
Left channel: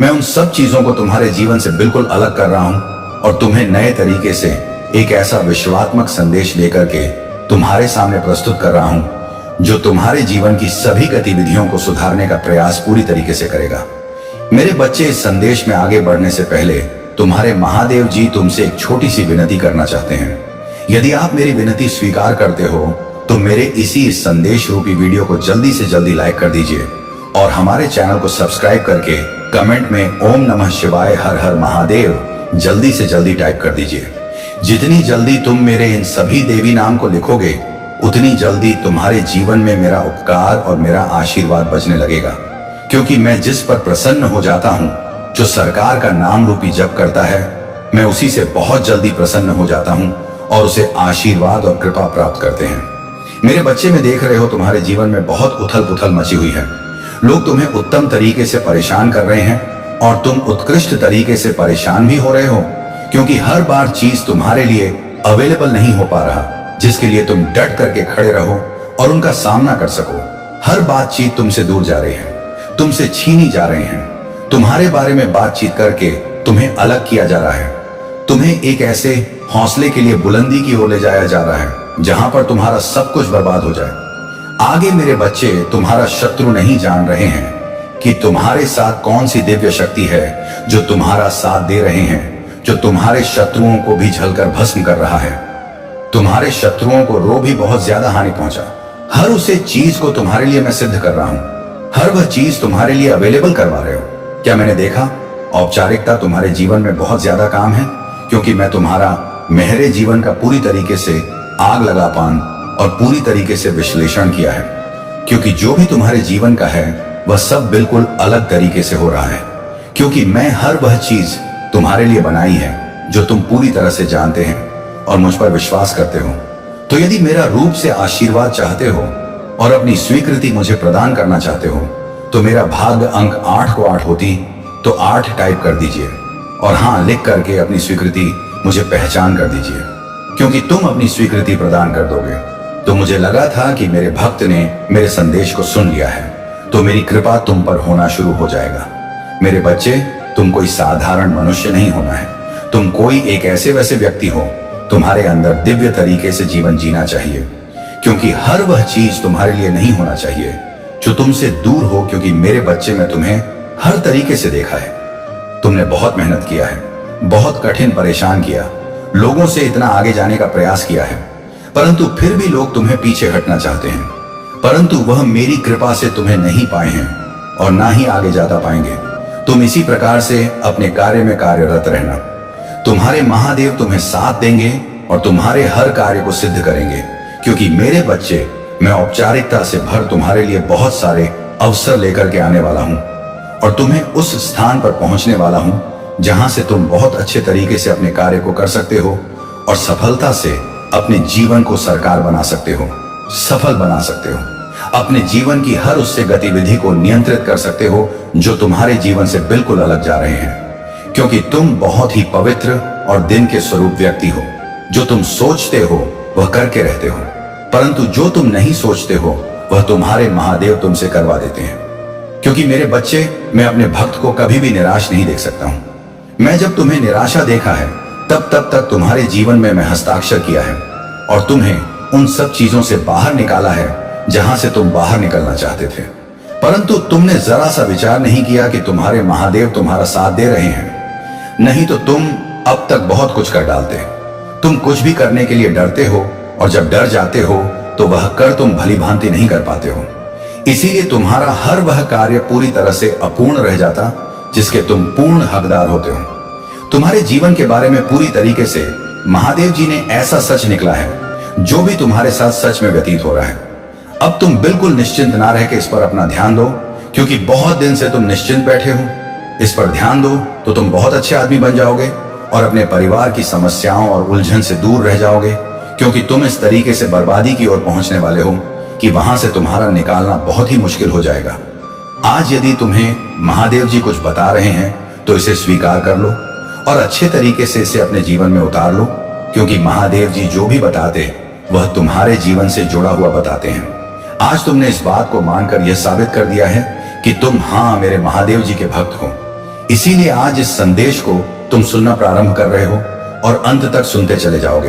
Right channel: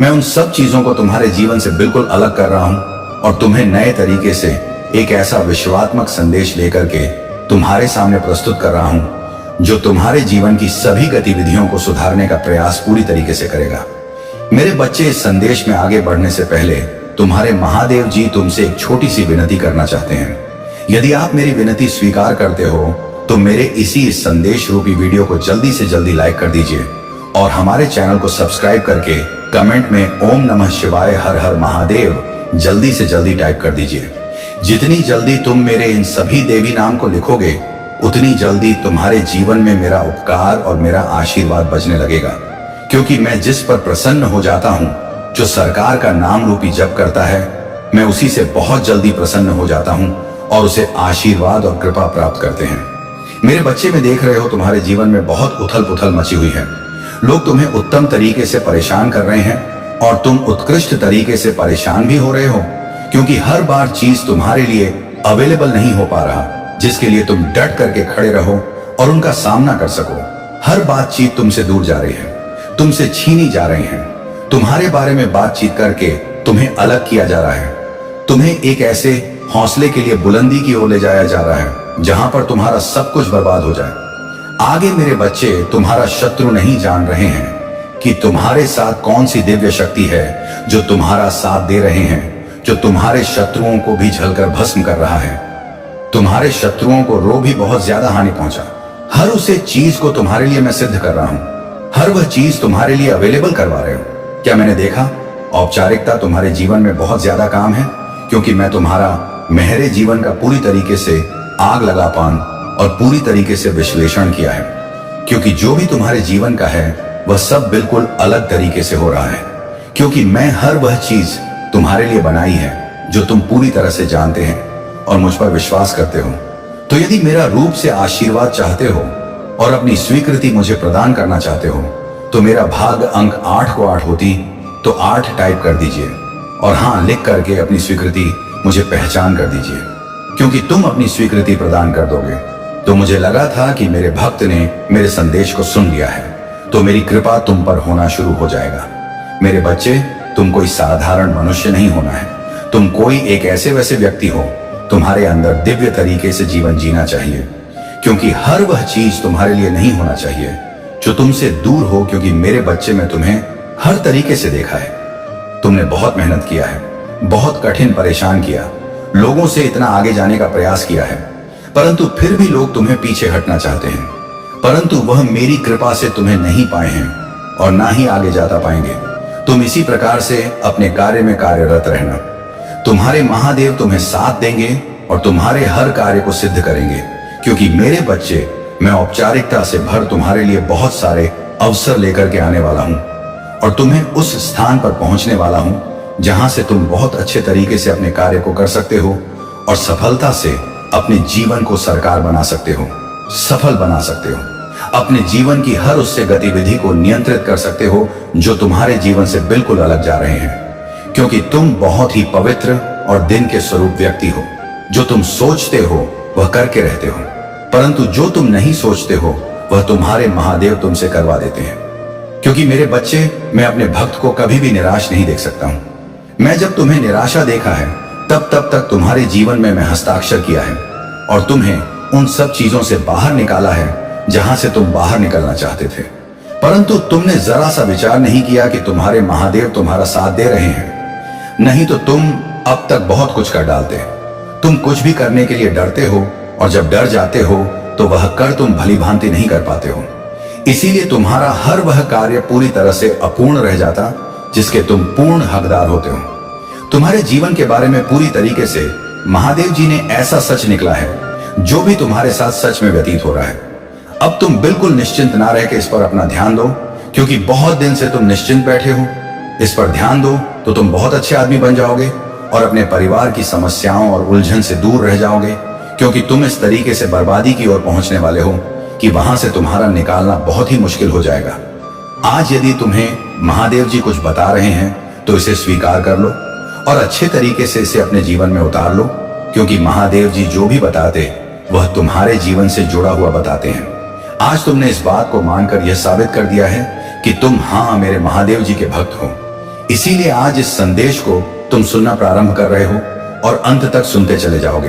मैं उन सब चीजों को तुम्हारे जीवन से बिल्कुल अलग कर रहा हूं और तुम्हें नए तरीके से एक ऐसा विश्वात्मक संदेश लेकर के तुम्हारे सामने प्रस्तुत कर रहा हूं जो तुम्हारे जीवन की सभी गतिविधियों को सुधारने का प्रयास पूरी तरीके से करेगा। मेरे बच्चे, इस संदेश में आगे बढ़ने से पहले तुम्हारे महादेव जी तुमसे एक छोटी सी विनती करना चाहते हैं। यदि आप मेरी विनती स्वीकार करते हो तो मेरे इसी संदेश रूपी वीडियो को जल्दी से जल्दी लाइक कर दीजिए और हमारे चैनल को सब्सक्राइब करके कमेंट में ओम नमः शिवाय हर हर महादेव जल्दी से जल्दी टाइप कर दीजिए। जितनी जल्दी तुम मेरे इन सभी देवी नाम को लिखोगे, उतनी जल्दी तुम्हारे जीवन में मेरा उपकार और मेरा आशीर्वाद बजने लगेगा। क्योंकि मैं जिस पर प्रसन्न हो जाता हूं, जो सरकार का नाम रूपी जप करता है, मैं उसी से बहुत जल्दी प्रसन्न हो जाता हूं और उसे आशीर्वाद और कृपा प्राप्त करते हैं। मेरे बच्चे, में देख रहे हो तुम्हारे जीवन में बहुत उथल पुथल मची हुई है। लोग तुम्हें उत्तम तरीके से परेशान कर रहे हैं और तुम उत्कृष्ट तरीके से परेशान भी हो रहे हो, क्योंकि हर बार चीज तुम्हारे लिए अवेलेबल नहीं हो पा रहा जिसके लिए तुम डट करके खड़े रहो और उनका सामना कर सको। हर बातचीत तुमसे दूर जा रही है, तुमसे छीनी जा रहे हैं। तुम्हारे बारे में बातचीत करके तुम्हें अलग किया जा रहा है। तुम्हें एक ऐसे हौसले के लिए बुलंदी की ओर ले जाया जा रहा है जहां पर तुम्हारा सब कुछ बर्बाद हो जाए। आगे मेरे बच्चे, तुम्हारा शत्रु नहीं जान रहे हैं कि तुम्हारे साथ कौन सी दिव्य शक्ति है जो तुम्हारा साथ दे रहे हैं, जो तुम्हारे शत्रुओं को भी झलकर भस्म कर रहा है। तुम्हारे शत्रुओं को रो भी बहुत ज्यादा हानि पहुंचा। हर उसे चीज को तुम्हारे लिए मैं सिद्ध कर रहा हूं। हर वह चीज तुम्हारे लिए अवेलेबल करवा रहे हो। क्या मैंने देखा? औपचारिकता तुम्हारे जीवन में बहुत ज्यादा काम है, क्योंकि मैं तुम्हारा मेहरे जीवन का पूरी तरीके से आग लगा पान और पूरी तरीके से विश्लेषण किया है। क्योंकि जो भी तुम्हारे जीवन का है वह सब बिल्कुल अलग तरीके से हो रहा है, क्योंकि मैं हर वह चीज तुम्हारे लिए बनाई है जो तुम पूरी तरह से जानते हैं और मुझ पर विश्वास करते हो। तो यदि मेरा रूप से आशीर्वाद चाहते हो और अपनी स्वीकृति मुझे प्रदान करना चाहते हो, तो मेरा भाग्य अंक 8 को 8 होती तो 8 टाइप कर दीजिए और हाँ लिख करके अपनी स्वीकृति मुझे पहचान कर दीजिए। क्योंकि तुम अपनी स्वीकृति प्रदान कर दोगे तो मुझे लगा था कि मेरे भक्त ने मेरे संदेश को सुन लिया है, तो मेरी कृपा तुम पर होना शुरू हो जाएगा। मेरे बच्चे, तुम कोई साधारण मनुष्य नहीं होना है। तुम कोई एक ऐसे वैसे व्यक्ति हो। तुम्हारे अंदर दिव्य तरीके से जीवन जीना चाहिए, क्योंकि हर वह चीज तुम्हारे लिए नहीं होना चाहिए जो तुमसे दूर हो। क्योंकि मेरे बच्चे, मैं तुम्हें हर तरीके से देखा है। तुमने बहुत मेहनत किया है, बहुत कठिन परेशान किया, लोगों से इतना आगे जाने का प्रयास किया है, परंतु फिर भी लोग तुम्हें पीछे हटना चाहते हैं। परंतु वह मेरी कृपा से तुम्हें नहीं पाए हैं और ना ही आगे जाता पाएंगे। तुम इसी प्रकार से अपने कार्य में कार्यरत रहना। तुम्हारे महादेव तुम्हें साथ देंगे और तुम्हारे हर कार्य को सिद्ध करेंगे, क्योंकि मेरे बच्चे, मैं औपचारिकता से भर तुम्हारे लिए बहुत सारे अवसर लेकर के आने वाला हूं और तुम्हें उस स्थान पर पहुंचने वाला हूं जहां से तुम बहुत अच्छे तरीके से अपने कार्य को कर सकते हो और सफलता से अपने जीवन को सरकार बना सकते हो, सफल बना सकते हो। अपने जीवन की हर उससे गतिविधि को नियंत्रित कर सकते हो जो तुम्हारे जीवन से बिल्कुल अलग जा रहे हैं, क्योंकि तुम बहुत ही पवित्र और दिन के स्वरूप व्यक्ति हो। जो तुम सोचते हो वह करके रहते हो, परंतु जो तुम नहीं सोचते हो वह तुम्हारे महादेव तुमसे करवा देते हैं। क्योंकि मेरे बच्चे, मैं अपने भक्त को कभी भी निराश नहीं देख सकता हूं। मैं जब तुम्हें निराशा देखा है तब तक तुम्हारे जीवन में मैं हस्ताक्षर किया है और तुम्हें उन सब चीजों से बाहर निकाला है जहां से तुम बाहर निकलना चाहते थे। परंतु तुमने जरा सा विचार नहीं किया कि तुम्हारे महादेव तुम्हारा साथ दे रहे हैं, नहीं तो तुम अब तक बहुत कुछ कर डालते। तुम कुछ भी करने के लिए डरते हो और जब डर जाते हो तो वह कर तुम भली भांति नहीं कर पाते हो। इसीलिए तुम्हारा हर वह कार्य पूरी तरह से अपूर्ण रह जाता जिसके तुम पूर्ण हकदार होते हो। तुम्हारे जीवन के बारे में पूरी तरीके से महादेव जी ने ऐसा सच निकला है जो भी तुम्हारे साथ सच में व्यतीत हो रहा है। अब तुम बिल्कुल निश्चिंत ना रह के इस पर अपना ध्यान दो, क्योंकि बहुत दिन से तुम निश्चिंत बैठे हो। इस पर ध्यान दो तो तुम बहुत अच्छे आदमी बन जाओगे और अपने परिवार की समस्याओं और उलझन से दूर रह जाओगे, क्योंकि तुम इस तरीके से बर्बादी की ओर पहुंचने वाले हो कि वहां से तुम्हारा निकालना बहुत ही मुश्किल हो जाएगा। आज यदि तुम्हें महादेव जी कुछ बता रहे हैं तो इसे स्वीकार कर लो और अच्छे तरीके से इसे अपने जीवन में उतार लो, क्योंकि महादेव जी जो भी बताते वह तुम्हारे जीवन से जुड़ा हुआ बताते हैं। आज तुमने इस बात को मानकर यह साबित कर दिया है कि तुम हाँ मेरे महादेव जी के भक्त हो। इसीलिए आज इस संदेश को तुम सुनना प्रारंभ कर रहे हो और अंत तक सुनते चले जाओगे,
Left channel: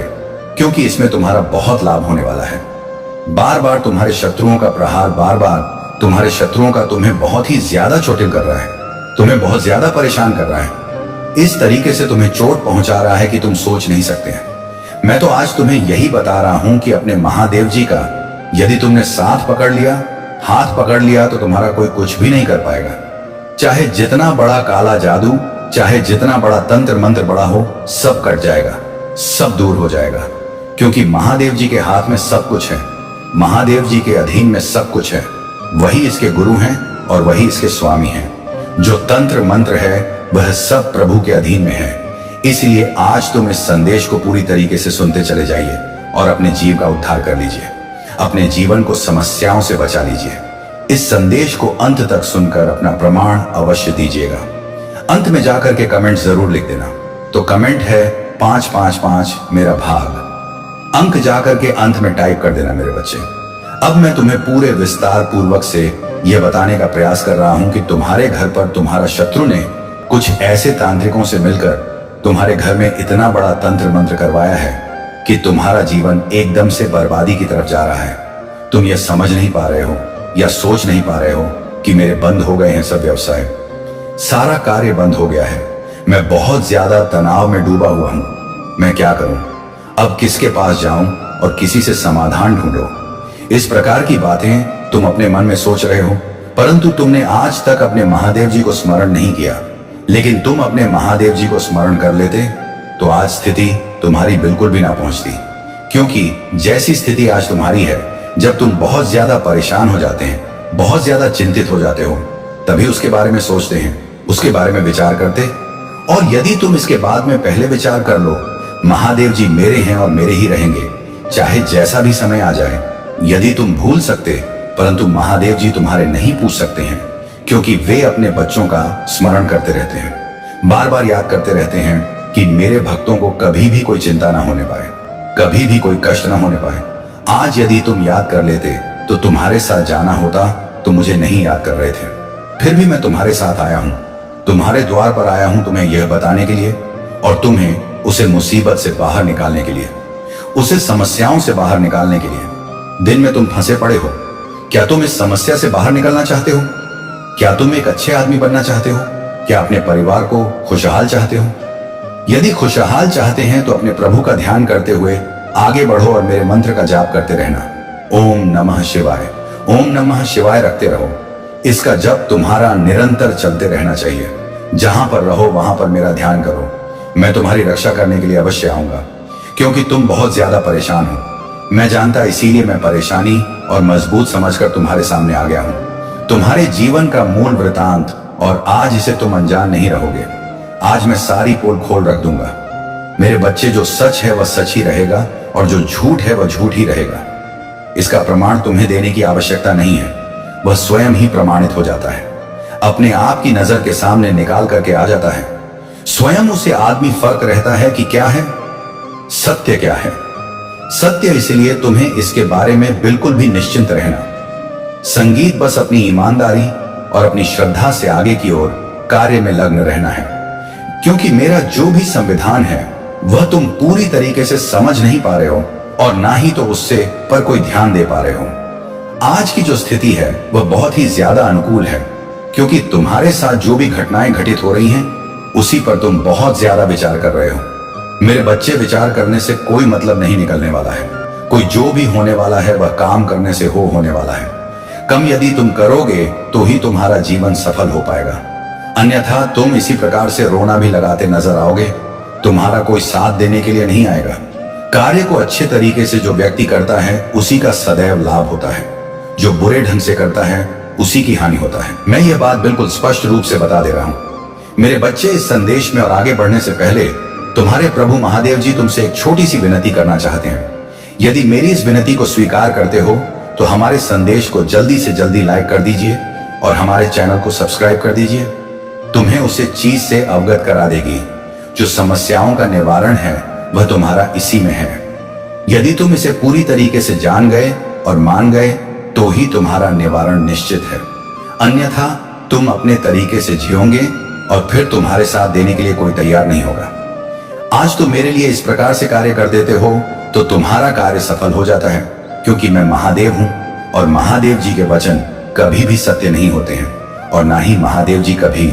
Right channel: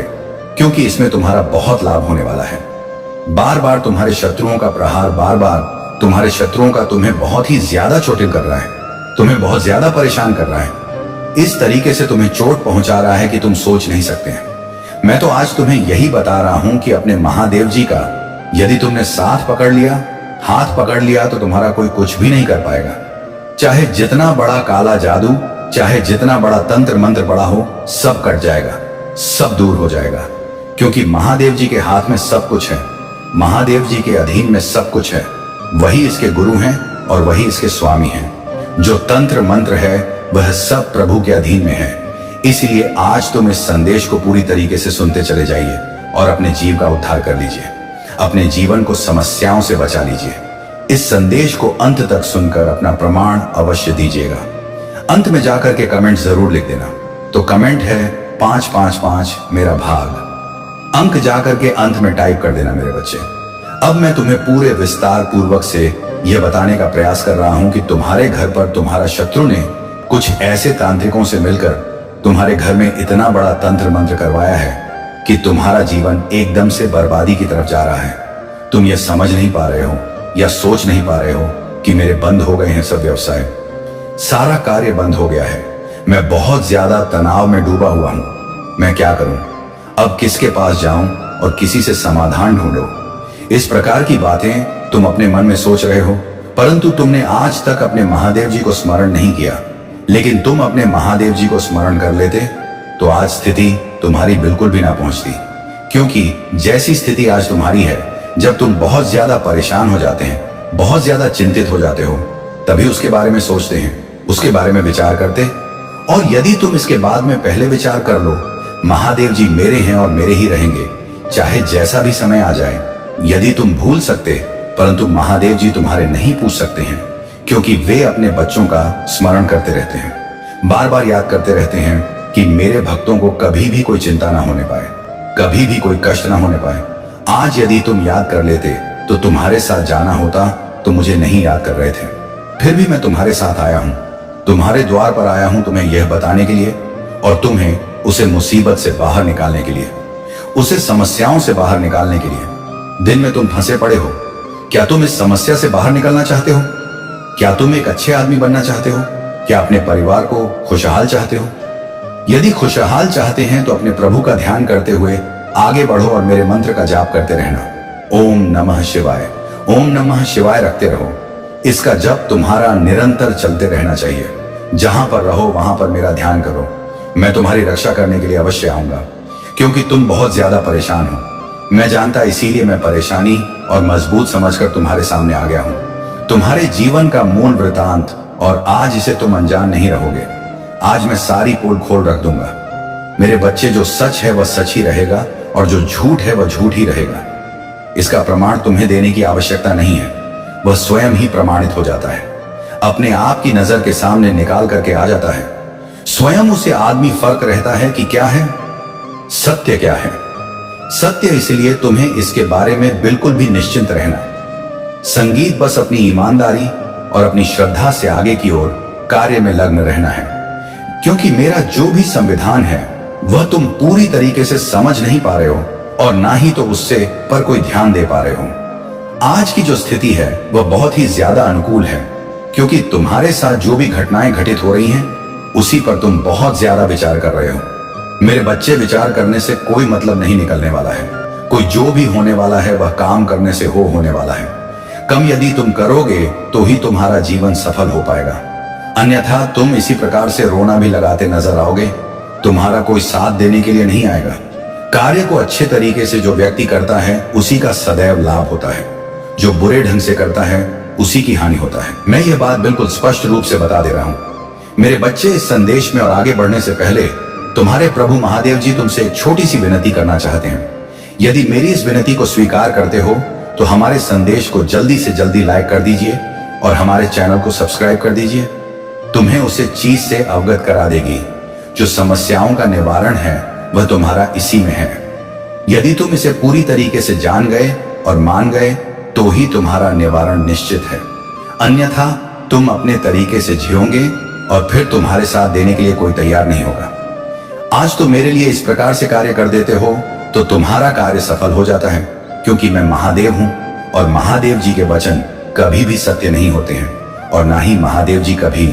क्योंकि इसमें तुम्हारा बहुत लाभ होने वाला है। बार बार तुम्हारे शत्रुओं का प्रहार, बार बार तुम्हारे शत्रुओं का तुम्हें बहुत ही ज्यादा चोटिल कर रहा है, तुम्हें बहुत ज्यादा परेशान कर रहा है, इस तरीके से तुम्हें चोट पहुंचा रहा है कि तुम सोच नहीं सकते हैं। मैं तो आज तुम्हें यही बता रहा हूं कि अपने महादेव जी का यदि तुमने साथ पकड़ लिया, हाथ पकड़ लिया, तो तुम्हारा कोई कुछ भी नहीं कर पाएगा। चाहे जितना बड़ा काला जादू, चाहे जितना बड़ा तंत्र मंत्र बड़ा हो, सब कट जाएगा, सब दूर हो जाएगा, क्योंकि महादेव जी के हाथ में सब कुछ है। महादेव जी के अधीन में सब कुछ है। वही इसके गुरु हैं और वही इसके स्वामी हैं। जो तंत्र मंत्र है वह सब प्रभु के अधीन में है। इसलिए आज तुम इस संदेश को पूरी तरीके से सुनते चले जाइए और अपने जीव का उद्धार कर लीजिए, अपने जीवन को समस्याओं से बचा लीजिए। इस संदेश को अंत तक सुनकर अपना प्रमाण अवश्य दीजिएगा। अंत में जाकर के कमेंट जरूर लिख देना। तो कमेंट है 555 मेरा भाग। अंक जाकर के अंत में टाइप कर देना मेरे बच्चे। अब मैं तुम्हें पूरे विस्तार पूर्वक से यह बताने का प्रयास कर रहा हूं कि तुम्हारे घर पर तुम्हारा शत्रु ने कुछ ऐसे तांत्रिकों से मिलकर तुम्हारे घर में इतना बड़ा तंत्र मंत्र करवाया है कि तुम्हारा जीवन एकदम से बर्बादी की तरफ जा रहा है। तुम यह समझ नहीं पा रहे हो या सोच नहीं पा रहे हो कि मेरे बंद हो गए हैं सब व्यवसाय, सारा कार्य बंद हो गया है। मैं बहुत ज्यादा तनाव में डूबा हुआ हूं। मैं क्या करूं? अब किसके पास जाऊं और किसी से समाधान ढूंढो? इस प्रकार की बातें तुम अपने मन में सोच रहे हो, परंतु तुमने आज तक अपने महादेव जी को स्मरण नहीं किया। लेकिन तुम अपने महादेव जी को स्मरण कर लेते तो आज स्थिति तुम्हारी बिल्कुल भी ना पहुंचती, क्योंकि जैसी स्थिति आज तुम्हारी है, जब तुम बहुत ज्यादा परेशान हो जाते हैं, बहुत ज्यादा चिंतित हो जाते हो, तभी उसके बारे में सोचते हैं, उसके बारे में विचार करते। और यदि तुम इसके बाद में पहले विचार कर लो, महादेव जी मेरे हैं और मेरे ही रहेंगे, चाहे जैसा भी समय आ जाए। यदि तुम भूल सकते, परंतु महादेव जी तुम्हारे नहीं पूछ सकते हैं, क्योंकि वे अपने बच्चों का स्मरण करते रहते हैं, बार बार याद करते रहते हैं कि मेरे भक्तों को कभी भी कोई चिंता ना होने पाए, कभी भी कोई कष्ट ना होने पाए। आज यदि तुम याद कर लेते तो तुम्हारे साथ जाना होता, तो मुझे नहीं याद कर रहे थे। फिर भी मैं तुम्हारे साथ आया हूं, तुम्हारे द्वार पर आया हूं तुम्हें यह बताने के लिए और तुम्हें उसे मुसीबत से बाहर निकालने के लिए, उसे समस्याओं से बाहर निकालने के लिए। दिन में तुम फंसे पड़े हो। क्या तुम इस समस्या से बाहर निकलना चाहते हो? क्या तुम एक अच्छे आदमी बनना चाहते हो? क्या अपने परिवार को खुशहाल चाहते हो? यदि खुशहाल चाहते हैं तो अपने प्रभु का ध्यान करते हुए आगे बढ़ो और मेरे मंत्र का जाप करते रहना। ओम नमः शिवाय, ओम नमः शिवाय रखते रहो। इसका जप तुम्हारा निरंतर चलते रहना चाहिए। जहां पर रहो वहां पर मेरा ध्यान करो। मैं तुम्हारी रक्षा करने के लिए अवश्य आऊंगा, क्योंकि तुम बहुत ज्यादा परेशान हो। मैं जानता, इसीलिए मैं परेशानी और मजबूत समझकर तुम्हारे सामने आ गया हूं। तुम्हारे जीवन का मूल वृतांत, और आज इसे तुम अनजान नहीं रहोगे। आज मैं सारी पोल खोल रख दूंगा। मेरे बच्चे, जो सच है वह सच ही रहेगा और जो झूठ है वह झूठ ही रहेगा। इसका प्रमाण तुम्हें देने की आवश्यकता नहीं है, वह स्वयं ही प्रमाणित हो जाता है, अपने आप की नजर के सामने निकाल करके आ जाता है। स्वयं उसे आदमी फर्क रहता है कि क्या है सत्य, क्या है सत्य। इसलिए तुम्हें इसके बारे में बिल्कुल भी निश्चिंत रहना। संगीत बस अपनी ईमानदारी और अपनी श्रद्धा से आगे की ओर कार्य में लग्न रहना है, क्योंकि मेरा जो भी संविधान है वह तुम पूरी तरीके से समझ नहीं पा रहे हो और ना ही तो उससे पर कोई ध्यान दे पा रहे हो। आज की जो स्थिति है वह बहुत ही ज्यादा अनुकूल है, क्योंकि तुम्हारे साथ जो भी घटनाएं घटित हो रही हैं उसी पर तुम बहुत ज्यादा विचार कर रहे हो। मेरे बच्चे, विचार करने से कोई मतलब नहीं निकलने वाला है। कोई जो भी होने वाला है वह काम करने से होने वाला है। कम यदि तुम करोगे तो ही तुम्हारा जीवन सफल हो पाएगा, अन्यथा तुम इसी प्रकार से रोना भी लगाते नजर आओगे। तुम्हारा कोई साथ देने के लिए नहीं आएगा। कार्य को अच्छे तरीके से जो व्यक्ति करता है उसी का सदैव लाभ होता है। जो बुरे ढंग से करता है उसी की हानि होता है। मैं यह बात बिल्कुल स्पष्ट रूप से बता दे रहा हूं। मेरे बच्चे, इस संदेश में और आगे बढ़ने से पहले तुम्हारे प्रभु महादेव जी तुमसे एक छोटी सी विनती करना चाहते हैं। यदि मेरी इस विनती को स्वीकार करते हो तो हमारे संदेश को जल्दी से जल्दी लाइक कर दीजिए और हमारे चैनल को सब्सक्राइब कर दीजिए। तुम्हें उसे चीज से अवगत करा देगी। जो समस्याओं का निवारण है वह तुम्हारा इसी में है। यदि तुम इसे पूरी तरीके से जान गए और मान गए तो ही तुम्हारा निवारण निश्चित है, अन्यथा तुम अपने तरीके से जियोगे और फिर तुम्हारे साथ देने के लिए कोई तैयार नहीं होगा। आज तुम मेरे लिए इस प्रकार से कार्य कर देते हो तो तुम्हारा कार्य सफल हो जाता है, क्योंकि मैं महादेव हूं और महादेव जी के वचन कभी भी सत्य नहीं होते हैं और ना ही महादेव जी कभी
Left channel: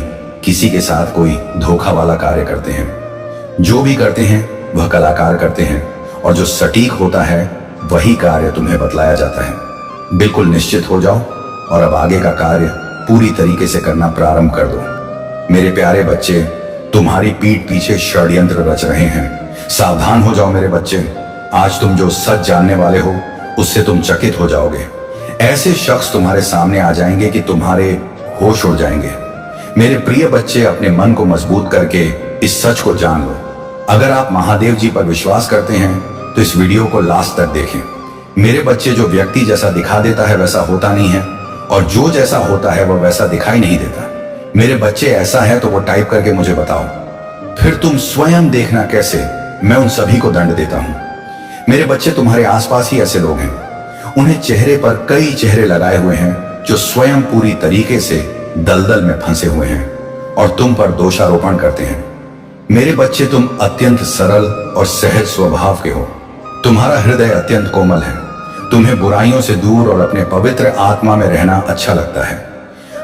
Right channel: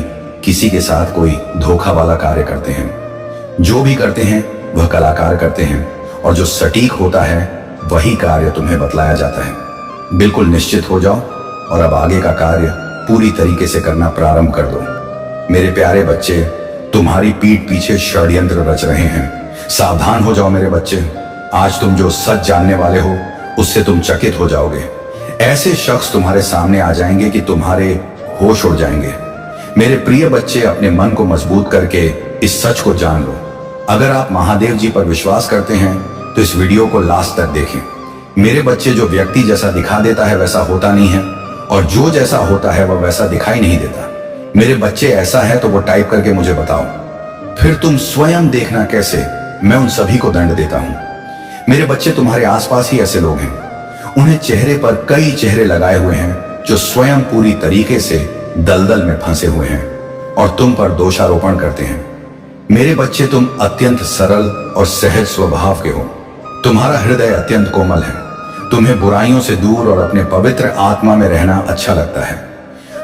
किसी के साथ कोई धोखा वाला कार्य करते हैं। जो भी करते हैं वह कलाकार करते हैं और जो सटीक होता है वही कार्य तुम्हें बतलाया जाता है। बिल्कुल निश्चित हो जाओ और अब आगे का कार्य पूरी तरीके से करना प्रारंभ कर दो। मेरे प्यारे बच्चे, तुम्हारी पीठ पीछे षड्यंत्र रच रहे हैं। सावधान हो जाओ मेरे बच्चे। आज तुम जो सच जानने वाले हो उससे तुम चकित हो जाओगे। ऐसे शख्स तुम्हारे सामने आ जाएंगे कि तुम्हारे होश उड़ जाएंगे। मेरे प्रिय बच्चे, अपने मन को मजबूत करके इस सच को जान लो। अगर आप महादेव जी पर विश्वास करते हैं तो इस वीडियो को लास्ट तक देखें। मेरे बच्चे, जो व्यक्ति जैसा दिखा देता है वैसा होता नहीं है और जो जैसा होता है वह वैसा दिखाई नहीं देता। मेरे बच्चे, ऐसा है तो वो टाइप करके मुझे बताओ, फिर तुम स्वयं देखना कैसे मैं उन सभी को दंड देता हूं। मेरे बच्चे, तुम्हारे आसपास ही ऐसे लोग हैं। उन्हें चेहरे पर कई चेहरे लगाए हुए हैं जो स्वयं पूरी तरीके से दलदल में फंसे हुए हैं और तुम पर दोषारोपण करते हैं। मेरे बच्चे, तुम अत्यंत सरल और सहज स्वभाव के हो। तुम्हारा हृदय अत्यंत कोमल है। तुम्हें बुराइयों से दूर और अपने पवित्र आत्मा में रहना अच्छा लगता है।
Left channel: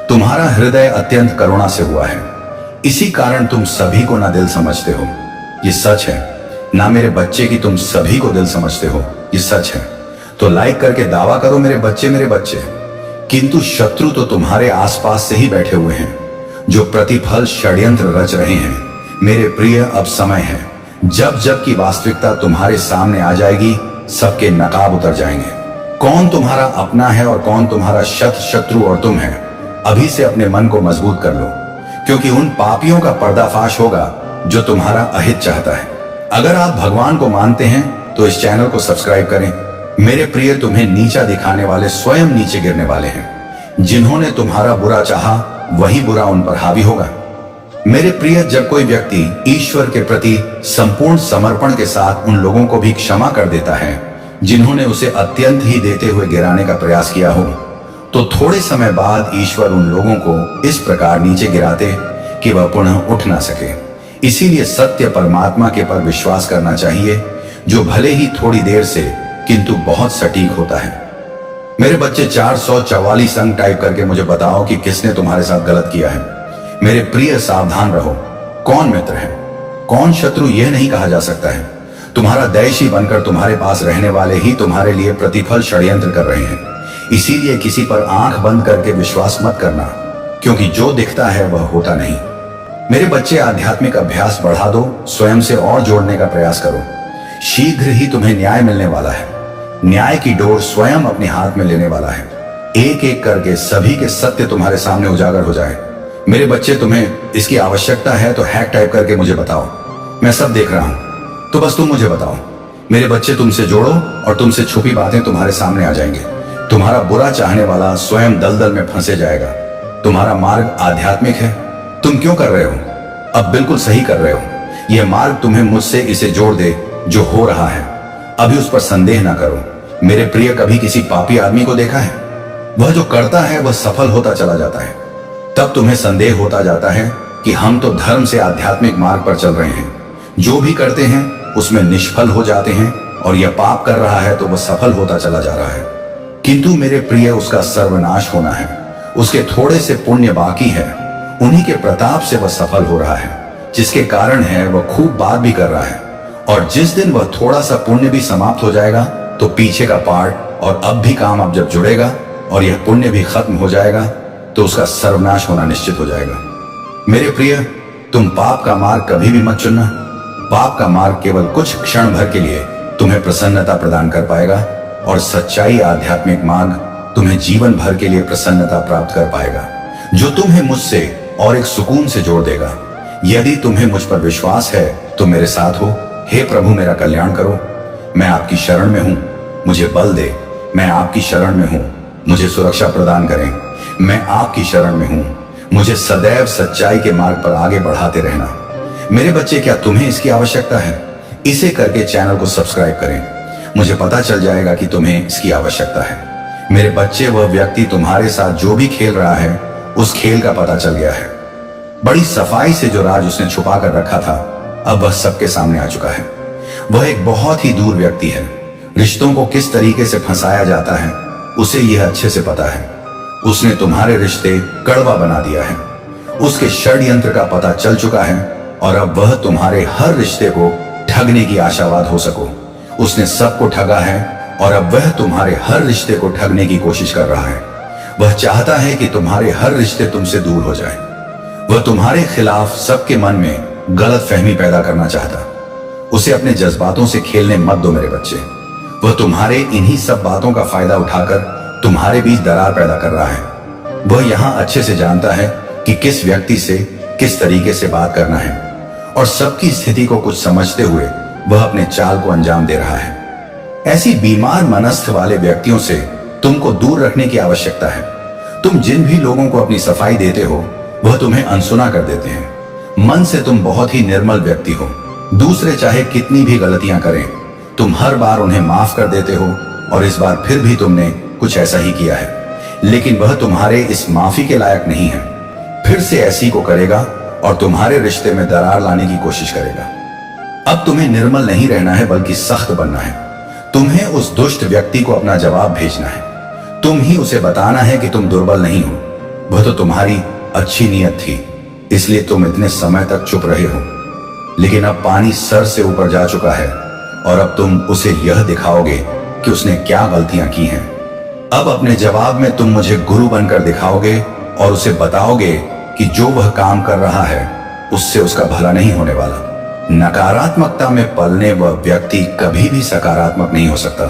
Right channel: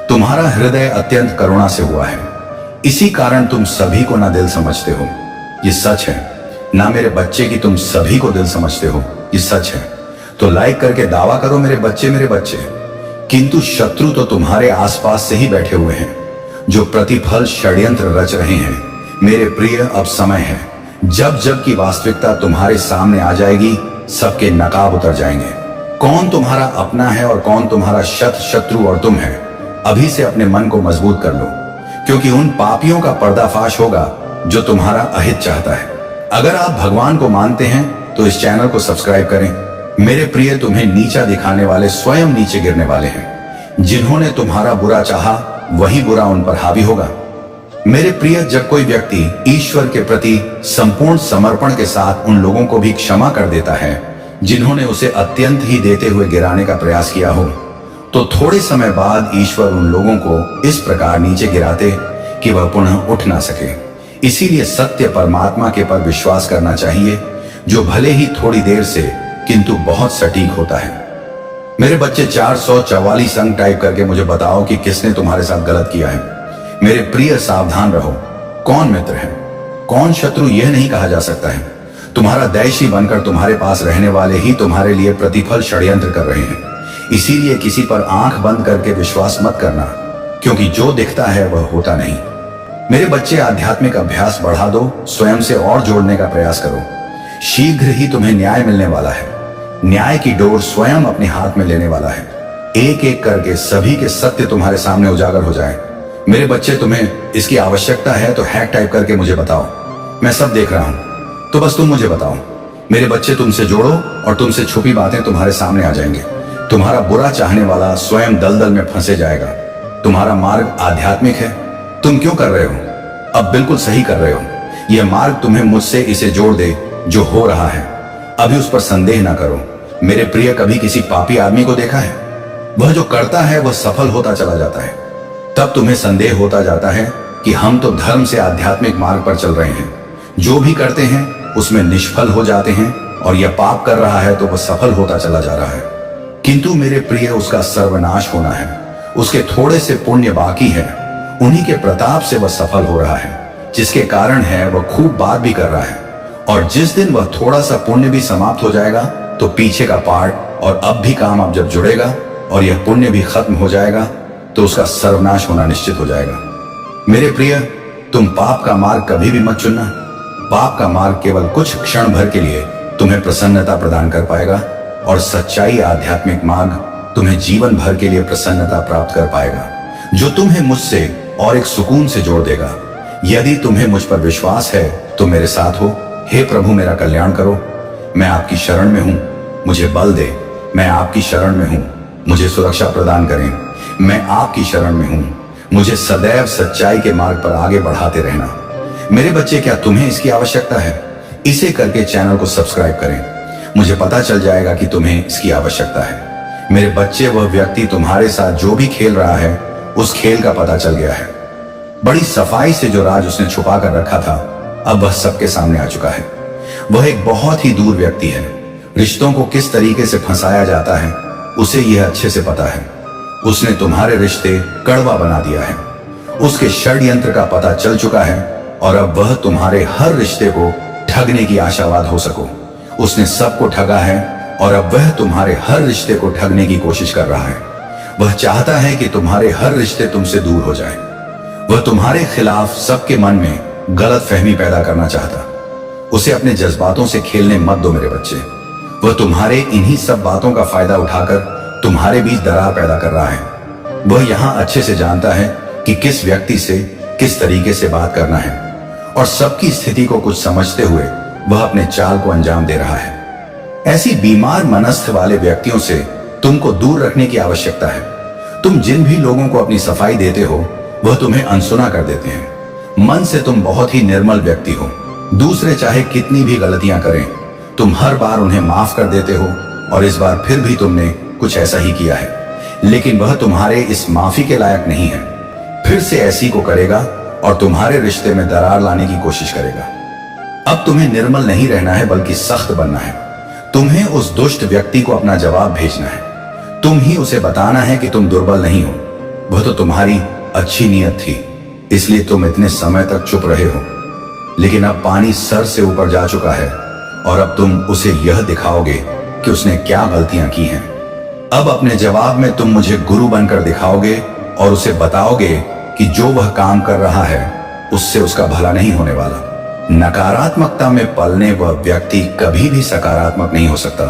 तुम्हारा हृदय अत्यंत करुणा से हुआ है। इसी कारण तुम सभी को ना दिल समझते हो, ये सच है। ना मेरे बच्चे की तुम सभी को दिल समझते हो, ये सच है। तो लाइक करके दावा करो मेरे बच्चे, मेरे बच्चे। किंतु शत्रु तो तुम्हारे आसपास से ही बैठे हुए हैं जो प्रतिफल षड्यंत्र रच रहे हैं। मेरे प्रिय, अब समय है जब जब की वास्तविकता तुम्हारे सामने आ जाएगी, सबके नकाब उतर जाएंगे। कौन तुम्हारा अपना है और कौन तुम्हारा शत्रु और तुम है, अभी से अपने मन को मजबूत कर लो, क्योंकि उन पापियों का पर्दाफाश होगा जो तुम्हारा अहित चाहता है। अगर आप भगवान को मानते हैं तो इस चैनल को सब्सक्राइब करें। मेरे प्रिय, तुम्हें नीचा दिखाने वाले स्वयं नीचे गिरने वाले हैं। जिन्होंने तुम्हारा बुरा चाहा वही बुरा उन पर हावी होगा। मेरे प्रिय, जब कोई व्यक्ति ईश्वर के प्रति संपूर्ण समर्पण के साथ उन लोगों को भी क्षमा कर देता है जिन्होंने उसे अत्यंत ही देते हुए गिराने का प्रयास किया हो, तो थोड़े समय बाद ईश्वर उन लोगों को इस प्रकार नीचे गिराते कि वह पुनः उठ ना सके। इसीलिए सत्य परमात्मा के पर विश्वास करना चाहिए, जो भले ही थोड़ी देर से किंतु बहुत सटीक होता है। मेरे बच्चे, 444 अंक टाइप करके मुझे बताओ कि किसने तुम्हारे साथ गलत किया है। मेरे प्रिय, सावधान रहो। कौन मित्र है, कौन शत्रु, यह नहीं कहा जा सकता है। तुम्हारा दैशी बनकर तुम्हारे पास रहने वाले ही तुम्हारे लिए प्रतिफल षड्यंत्र कर रहे हैं। इसीलिए किसी पर आंख बंद करके विश्वास मत करना, क्योंकि जो दिखता है वह होता नहीं। मेरे बच्चे, आध्यात्मिक अभ्यास बढ़ा दो, स्वयं से और जोड़ने का प्रयास करो। शीघ्र ही तुम्हें न्याय मिलने वाला है। न्याय की डोर स्वयं अपने हाथ में लेने वाला है। एक एक करके सभी के सत्य तुम्हारे सामने उजागर हो जाए। मेरे बच्चे, तुम्हें इसकी आवश्यकता है तो हैक टाइप करके मुझे बताओ। मैं सब देख रहा हूं, तो बस तुम मुझे बताओ। मेरे बच्चे, तुमसे जोड़ो और तुमसे छुपी बातें तुम्हारे सामने आ जाएंगे। तुम्हारा बुरा चाहने वाला स्वयं दलदल में फंसे जाएगा। तुम्हारा मार्ग आध्यात्मिक है। तुम क्यों कर रहे हो? अब बिल्कुल सही कर रहे हो। यह मार्ग तुम्हें मुझसे इसे जोड़ दे जो हो रहा है। अभी उस पर संदेह ना करो। मेरे प्रिय, कभी किसी पापी आदमी को देखा है? वह जो करता है वह सफल होता चला जाता है। तब तुम्हें संदेह होता जाता है कि हम तो धर्म से आध्यात्मिक मार्ग पर चल रहे हैं। जो भी करते हैं उसमें निष्फल हो जाते हैं और यह पाप कर रहा है तो वह सफल होता चला जा रहा है। किंतु मेरे प्रिय, उसका सर्वनाश होना है। उसके थोड़े से पुण्य बाकी है, उन्हीं के प्रताप से वह सफल हो रहा है, जिसके कारण है वह खूब बात भी कर रहा है। और जिस दिन वह थोड़ा सा पुण्य भी समाप्त हो जाएगा तो पीछे का पार्ट और अब भी काम अब जब जुड़ेगा और यह पुण्य भी खत्म हो जाएगा तो उसका सर्वनाश होना निश्चित हो जाएगा। मेरे प्रिय, तुम पाप का मार्ग कभी भी मत चुनना। पाप का मार्ग केवल कुछ क्षण भर के लिए तुम्हें प्रसन्नता प्रदान कर पाएगा और सच्चाई आध्यात्मिक मार्ग तुम्हें जीवन भर के लिए प्रसन्नता प्राप्त कर पाएगा, जो तुम्हें मुझसे और एक सुकून से जोड़ देगा। यदि तुम्हें मुझ पर विश्वास है तो मेरे साथ हो। हे प्रभु, मेरा कल्याण करो। मैं आपकी शरण में हूं, मुझे बल दे। मैं आपकी शरण में हूं, मुझे सुरक्षा प्रदान करें। मैं आपकी शरण में हूं, मुझे सदैव सच्चाई के मार्ग पर आगे बढ़ाते रहना। मेरे बच्चे, क्या तुम्हें इसकी आवश्यकता है? इसे करके चैनल को सब्सक्राइब करें। मुझे पता चल जाएगा कि तुम्हें इसकी आवश्यकता है। मेरे बच्चे, वह व्यक्ति तुम्हारे साथ जो भी खेल रहा है, उस खेल का पता चल गया है। बड़ी सफाई से जो राज उसने छुपा कर रखा था, अब वह सबके सामने आ चुका है। वह एक बहुत ही दूर व्यक्ति है। रिश्तों को किस तरीके से फंसाया जाता है, उसे यह अच्छे से पता है। उसने तुम्हारे रिश्ते कड़वा बना दिया है। उसके षड्यंत्र का पता चल चुका है और अब वह तुम्हारे हर रिश्ते को ठगने की आशावाद हो सको। उसने सबको ठगा है और अब वह तुम्हारे हर रिश्ते को ठगने की कोशिश कर रहा है। वह चाहता है कि तुम्हारे हर रिश्ते तुमसे दूर हो जाए। वह तुम्हारे खिलाफ सबके मन में गलत फहमी पैदा करना चाहता। उसे अपने जज्बातों से खेलने मत दो मेरे बच्चे। वह तुम्हारे इन्हीं सब बातों का फायदा उठाकर तुम्हारे बीच दरार पैदा कर रहा है। वह यहां अच्छे से जानता है कि किस व्यक्ति से किस तरीके से बात करना है और सबकी स्थिति को कुछ समझते हुए वह अपने चाल को अंजाम दे रहा है। ऐसी बीमार मनस्थ वाले व्यक्तियों से तुमको दूर रखने की आवश्यकता है। तुम जिन भी लोगों को अपनी सफाई देते हो, वह तुम्हें अनसुना कर देते हैं। मन से तुम बहुत ही निर्मल व्यक्ति हो। दूसरे चाहे कितनी भी गलतियां करें, तुम हर बार उन्हें माफ कर देते हो और इस बार फिर भी तुमने कुछ ऐसा ही किया है। लेकिन वह तुम्हारे इस माफी के लायक नहीं है। फिर से ऐसी को करेगा और तुम्हारे रिश्ते में दरार लाने की कोशिश करेगा। अब तुम्हें निर्मल नहीं रहना है, बल्कि सख्त बनना है। तुम्हें उस दुष्ट व्यक्ति को अपना जवाब भेजना है। तुम ही उसे बताना है कि तुम दुर्बल नहीं हो। वह तो तुम्हारी अच्छी नीयत थी, इसलिए तुम इतने समय तक चुप रहे हो। लेकिन अब पानी सर से ऊपर जा चुका है और अब तुम उसे यह दिखाओगे कि उसने क्या गलतियां की हैं। अब अपने जवाब में तुम मुझे गुरु बनकर दिखाओगे और उसे बताओगे कि जो वह काम कर रहा है उससे उसका भला नहीं होने वाला। नकारात्मकता में पलने वह व्यक्ति कभी भी सकारात्मक नहीं हो सकता।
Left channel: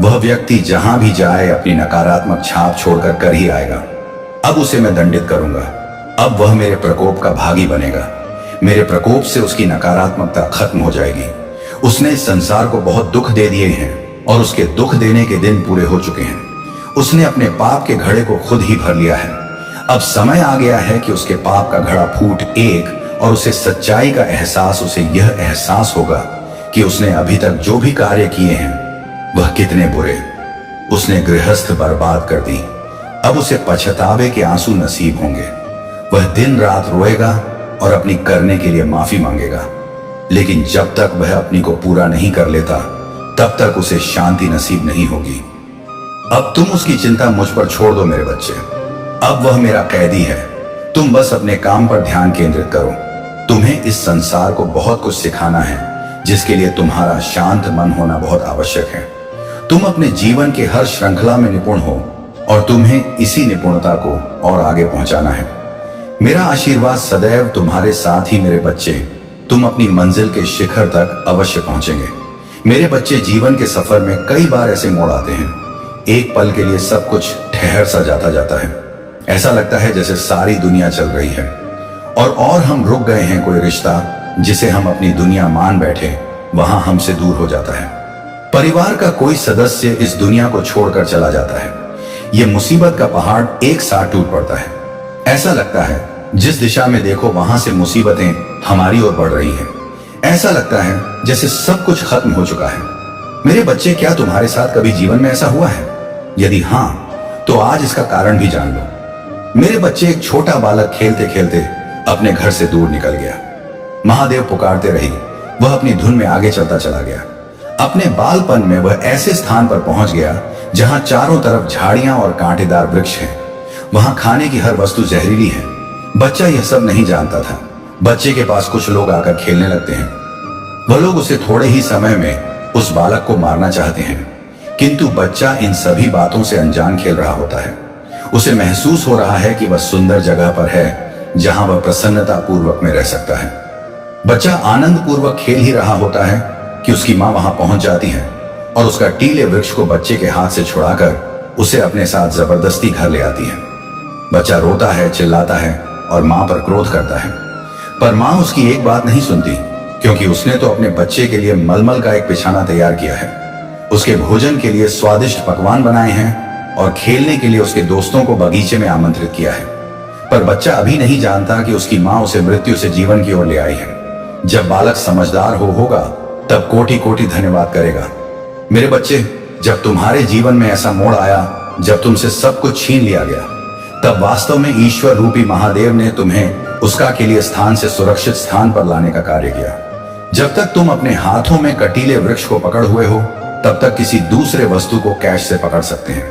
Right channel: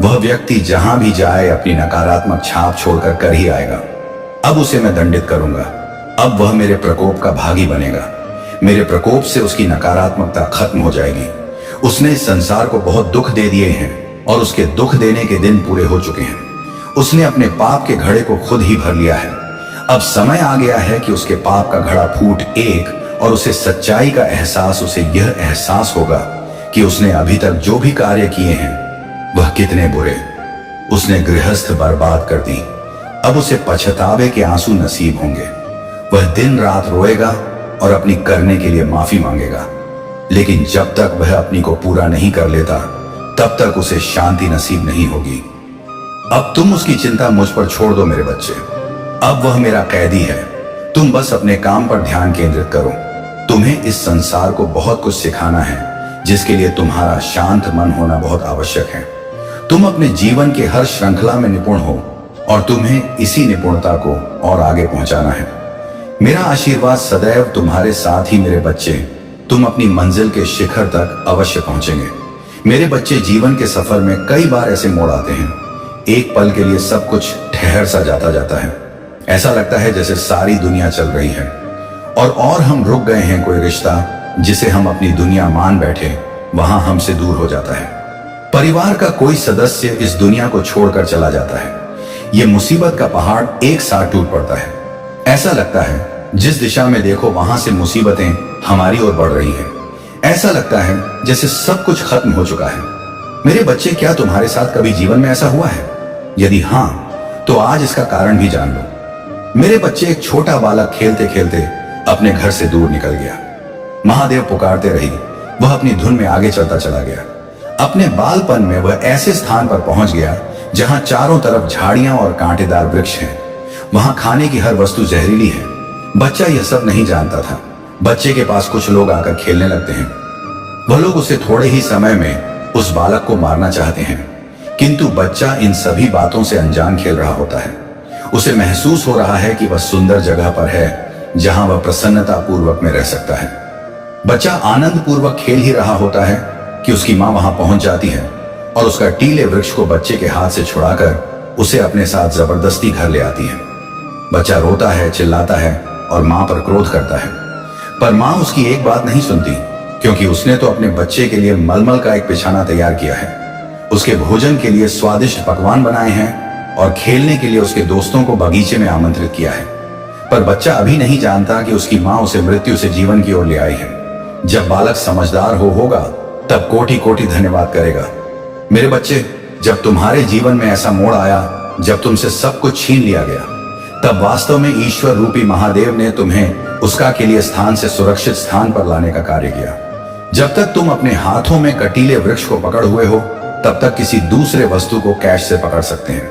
वह व्यक्ति जहां भी जाए अपनी नकारात्मक छाप छोड़कर कर ही आएगा। अब उसे मैं दंडित करूंगा। अब वह मेरे प्रकोप का भागी बनेगा। मेरे प्रकोप से उसकी नकारात्मकता खत्म हो जाएगी। उसने इस संसार को बहुत दुख दे दिए हैं और उसके दुख देने के दिन पूरे हो चुके हैं। उसने अपने पाप के घड़े को खुद ही भर लिया है। अब समय आ गया है कि उसके पाप का घड़ा फूट एक और उसे सच्चाई का एहसास, उसे यह एहसास होगा कि उसने अभी तक जो भी कार्य किए हैं वह कितने बुरे। उसने गृहस्थ बर्बाद कर दी। अब उसे पछतावे के आंसू नसीब होंगे। वह दिन रात रोएगा और अपनी करने के लिए माफी मांगेगा। लेकिन जब तक वह अपनी को पूरा नहीं कर लेता, तब तक उसे शांति नसीब नहीं होगी। अब तुम उसकी चिंता मुझ पर छोड़ दो मेरे बच्चे। अब वह मेरा कैदी है। तुम बस अपने काम पर ध्यान केंद्रित करो। तुम्हें इस संसार को बहुत कुछ सिखाना है, जिसके लिए तुम्हारा शांत मन होना बहुत आवश्यक है। तुम अपने जीवन के हर श्रृंखला में निपुण हो और तुम्हें इसी निपुणता को और आगे पहुंचाना है। मेरा आशीर्वाद सदैव तुम्हारे साथ ही मेरे बच्चे। तुम अपनी मंजिल के शिखर तक अवश्य पहुंचेंगे। मेरे बच्चे, जीवन के सफर में कई बार ऐसे मोड़ आते हैं। एक पल के लिए सब कुछ ठहर सा जाता है। ऐसा लगता है जैसे सारी दुनिया चल रही है और हम रुक गए हैं। कोई रिश्ता जिसे हम अपनी दुनिया मान बैठे, वहां हमसे दूर हो जाता है। परिवार का कोई सदस्य इस दुनिया को छोड़कर चला जाता है। यह मुसीबत का पहाड़ एक साथ टूट पड़ता है। ऐसा लगता है जिस दिशा में देखो वहां से मुसीबतें हमारी ओर बढ़ रही हैं। ऐसा लगता है जैसे सब कुछ खत्म हो चुका है। मेरे बच्चे, क्या तुम्हारे साथ कभी जीवन में ऐसा हुआ है? यदि हां, तो आज इसका कारण भी जान लो। मेरे बच्चे, एक छोटा बालक खेलते खेलते अपने घर से दूर निकल गया। महादेव पुकारते रही। वह अपनी धुन में आगे चलता चला गया। अपने बालपन में वह ऐसे स्थान पर पहुंच गया जहां चारों तरफ झाड़ियां और कांटेदार वृक्ष हैं। वहां खाने की हर वस्तु जहरीली है। बच्चा यह सब नहीं जानता था। बच्चे के पास कुछ लोग आकर खेलने लगते हैं। वह लोग उसे थोड़े ही समय में उस बालक को मारना चाहते हैं, किंतु बच्चा इन सभी बातों से अनजान खेल रहा होता है। उसे महसूस हो रहा है कि वह सुंदर जगह पर है जहां वह प्रसन्नता पूर्वक में रह सकता है। बच्चा आनंद पूर्वक खेल ही रहा होता है कि उसकी मां वहां पहुंच जाती है और उसका टीले वृक्ष को बच्चे के हाथ से छुड़ाकर उसे अपने साथ जबरदस्ती घर ले आती है। बच्चा रोता है, चिल्लाता है और मां पर क्रोध करता है, पर मां उसकी एक बात नहीं सुनती, क्योंकि उसने तो अपने बच्चे के लिए मलमल का एक बिछाना तैयार किया है, उसके भोजन के लिए स्वादिष्ट पकवान बनाए हैं और खेलने के लिए उसके दोस्तों को बगीचे में आमंत्रित किया है। पर बच्चा अभी नहीं जानता कि उसकी मां उसे मृत्यु से जीवन की ओर ले आई है। जब बालक समझदार होगा तब कोटि कोटि धन्यवाद करेगा। मेरे बच्चे, जब तुम्हारे जीवन में ऐसा मोड़ आया जब तुमसे सब कुछ छीन लिया गया, तब वास्तव में ईश्वर रूपी महादेव ने तुम्हें उसका के लिए स्थान से सुरक्षित स्थान पर लाने का कार्य किया। जब तक तुम अपने हाथों में कटीले वृक्ष को पकड़ हुए हो, तब तक किसी दूसरे वस्तु को कैश से पकड़ सकते हैं।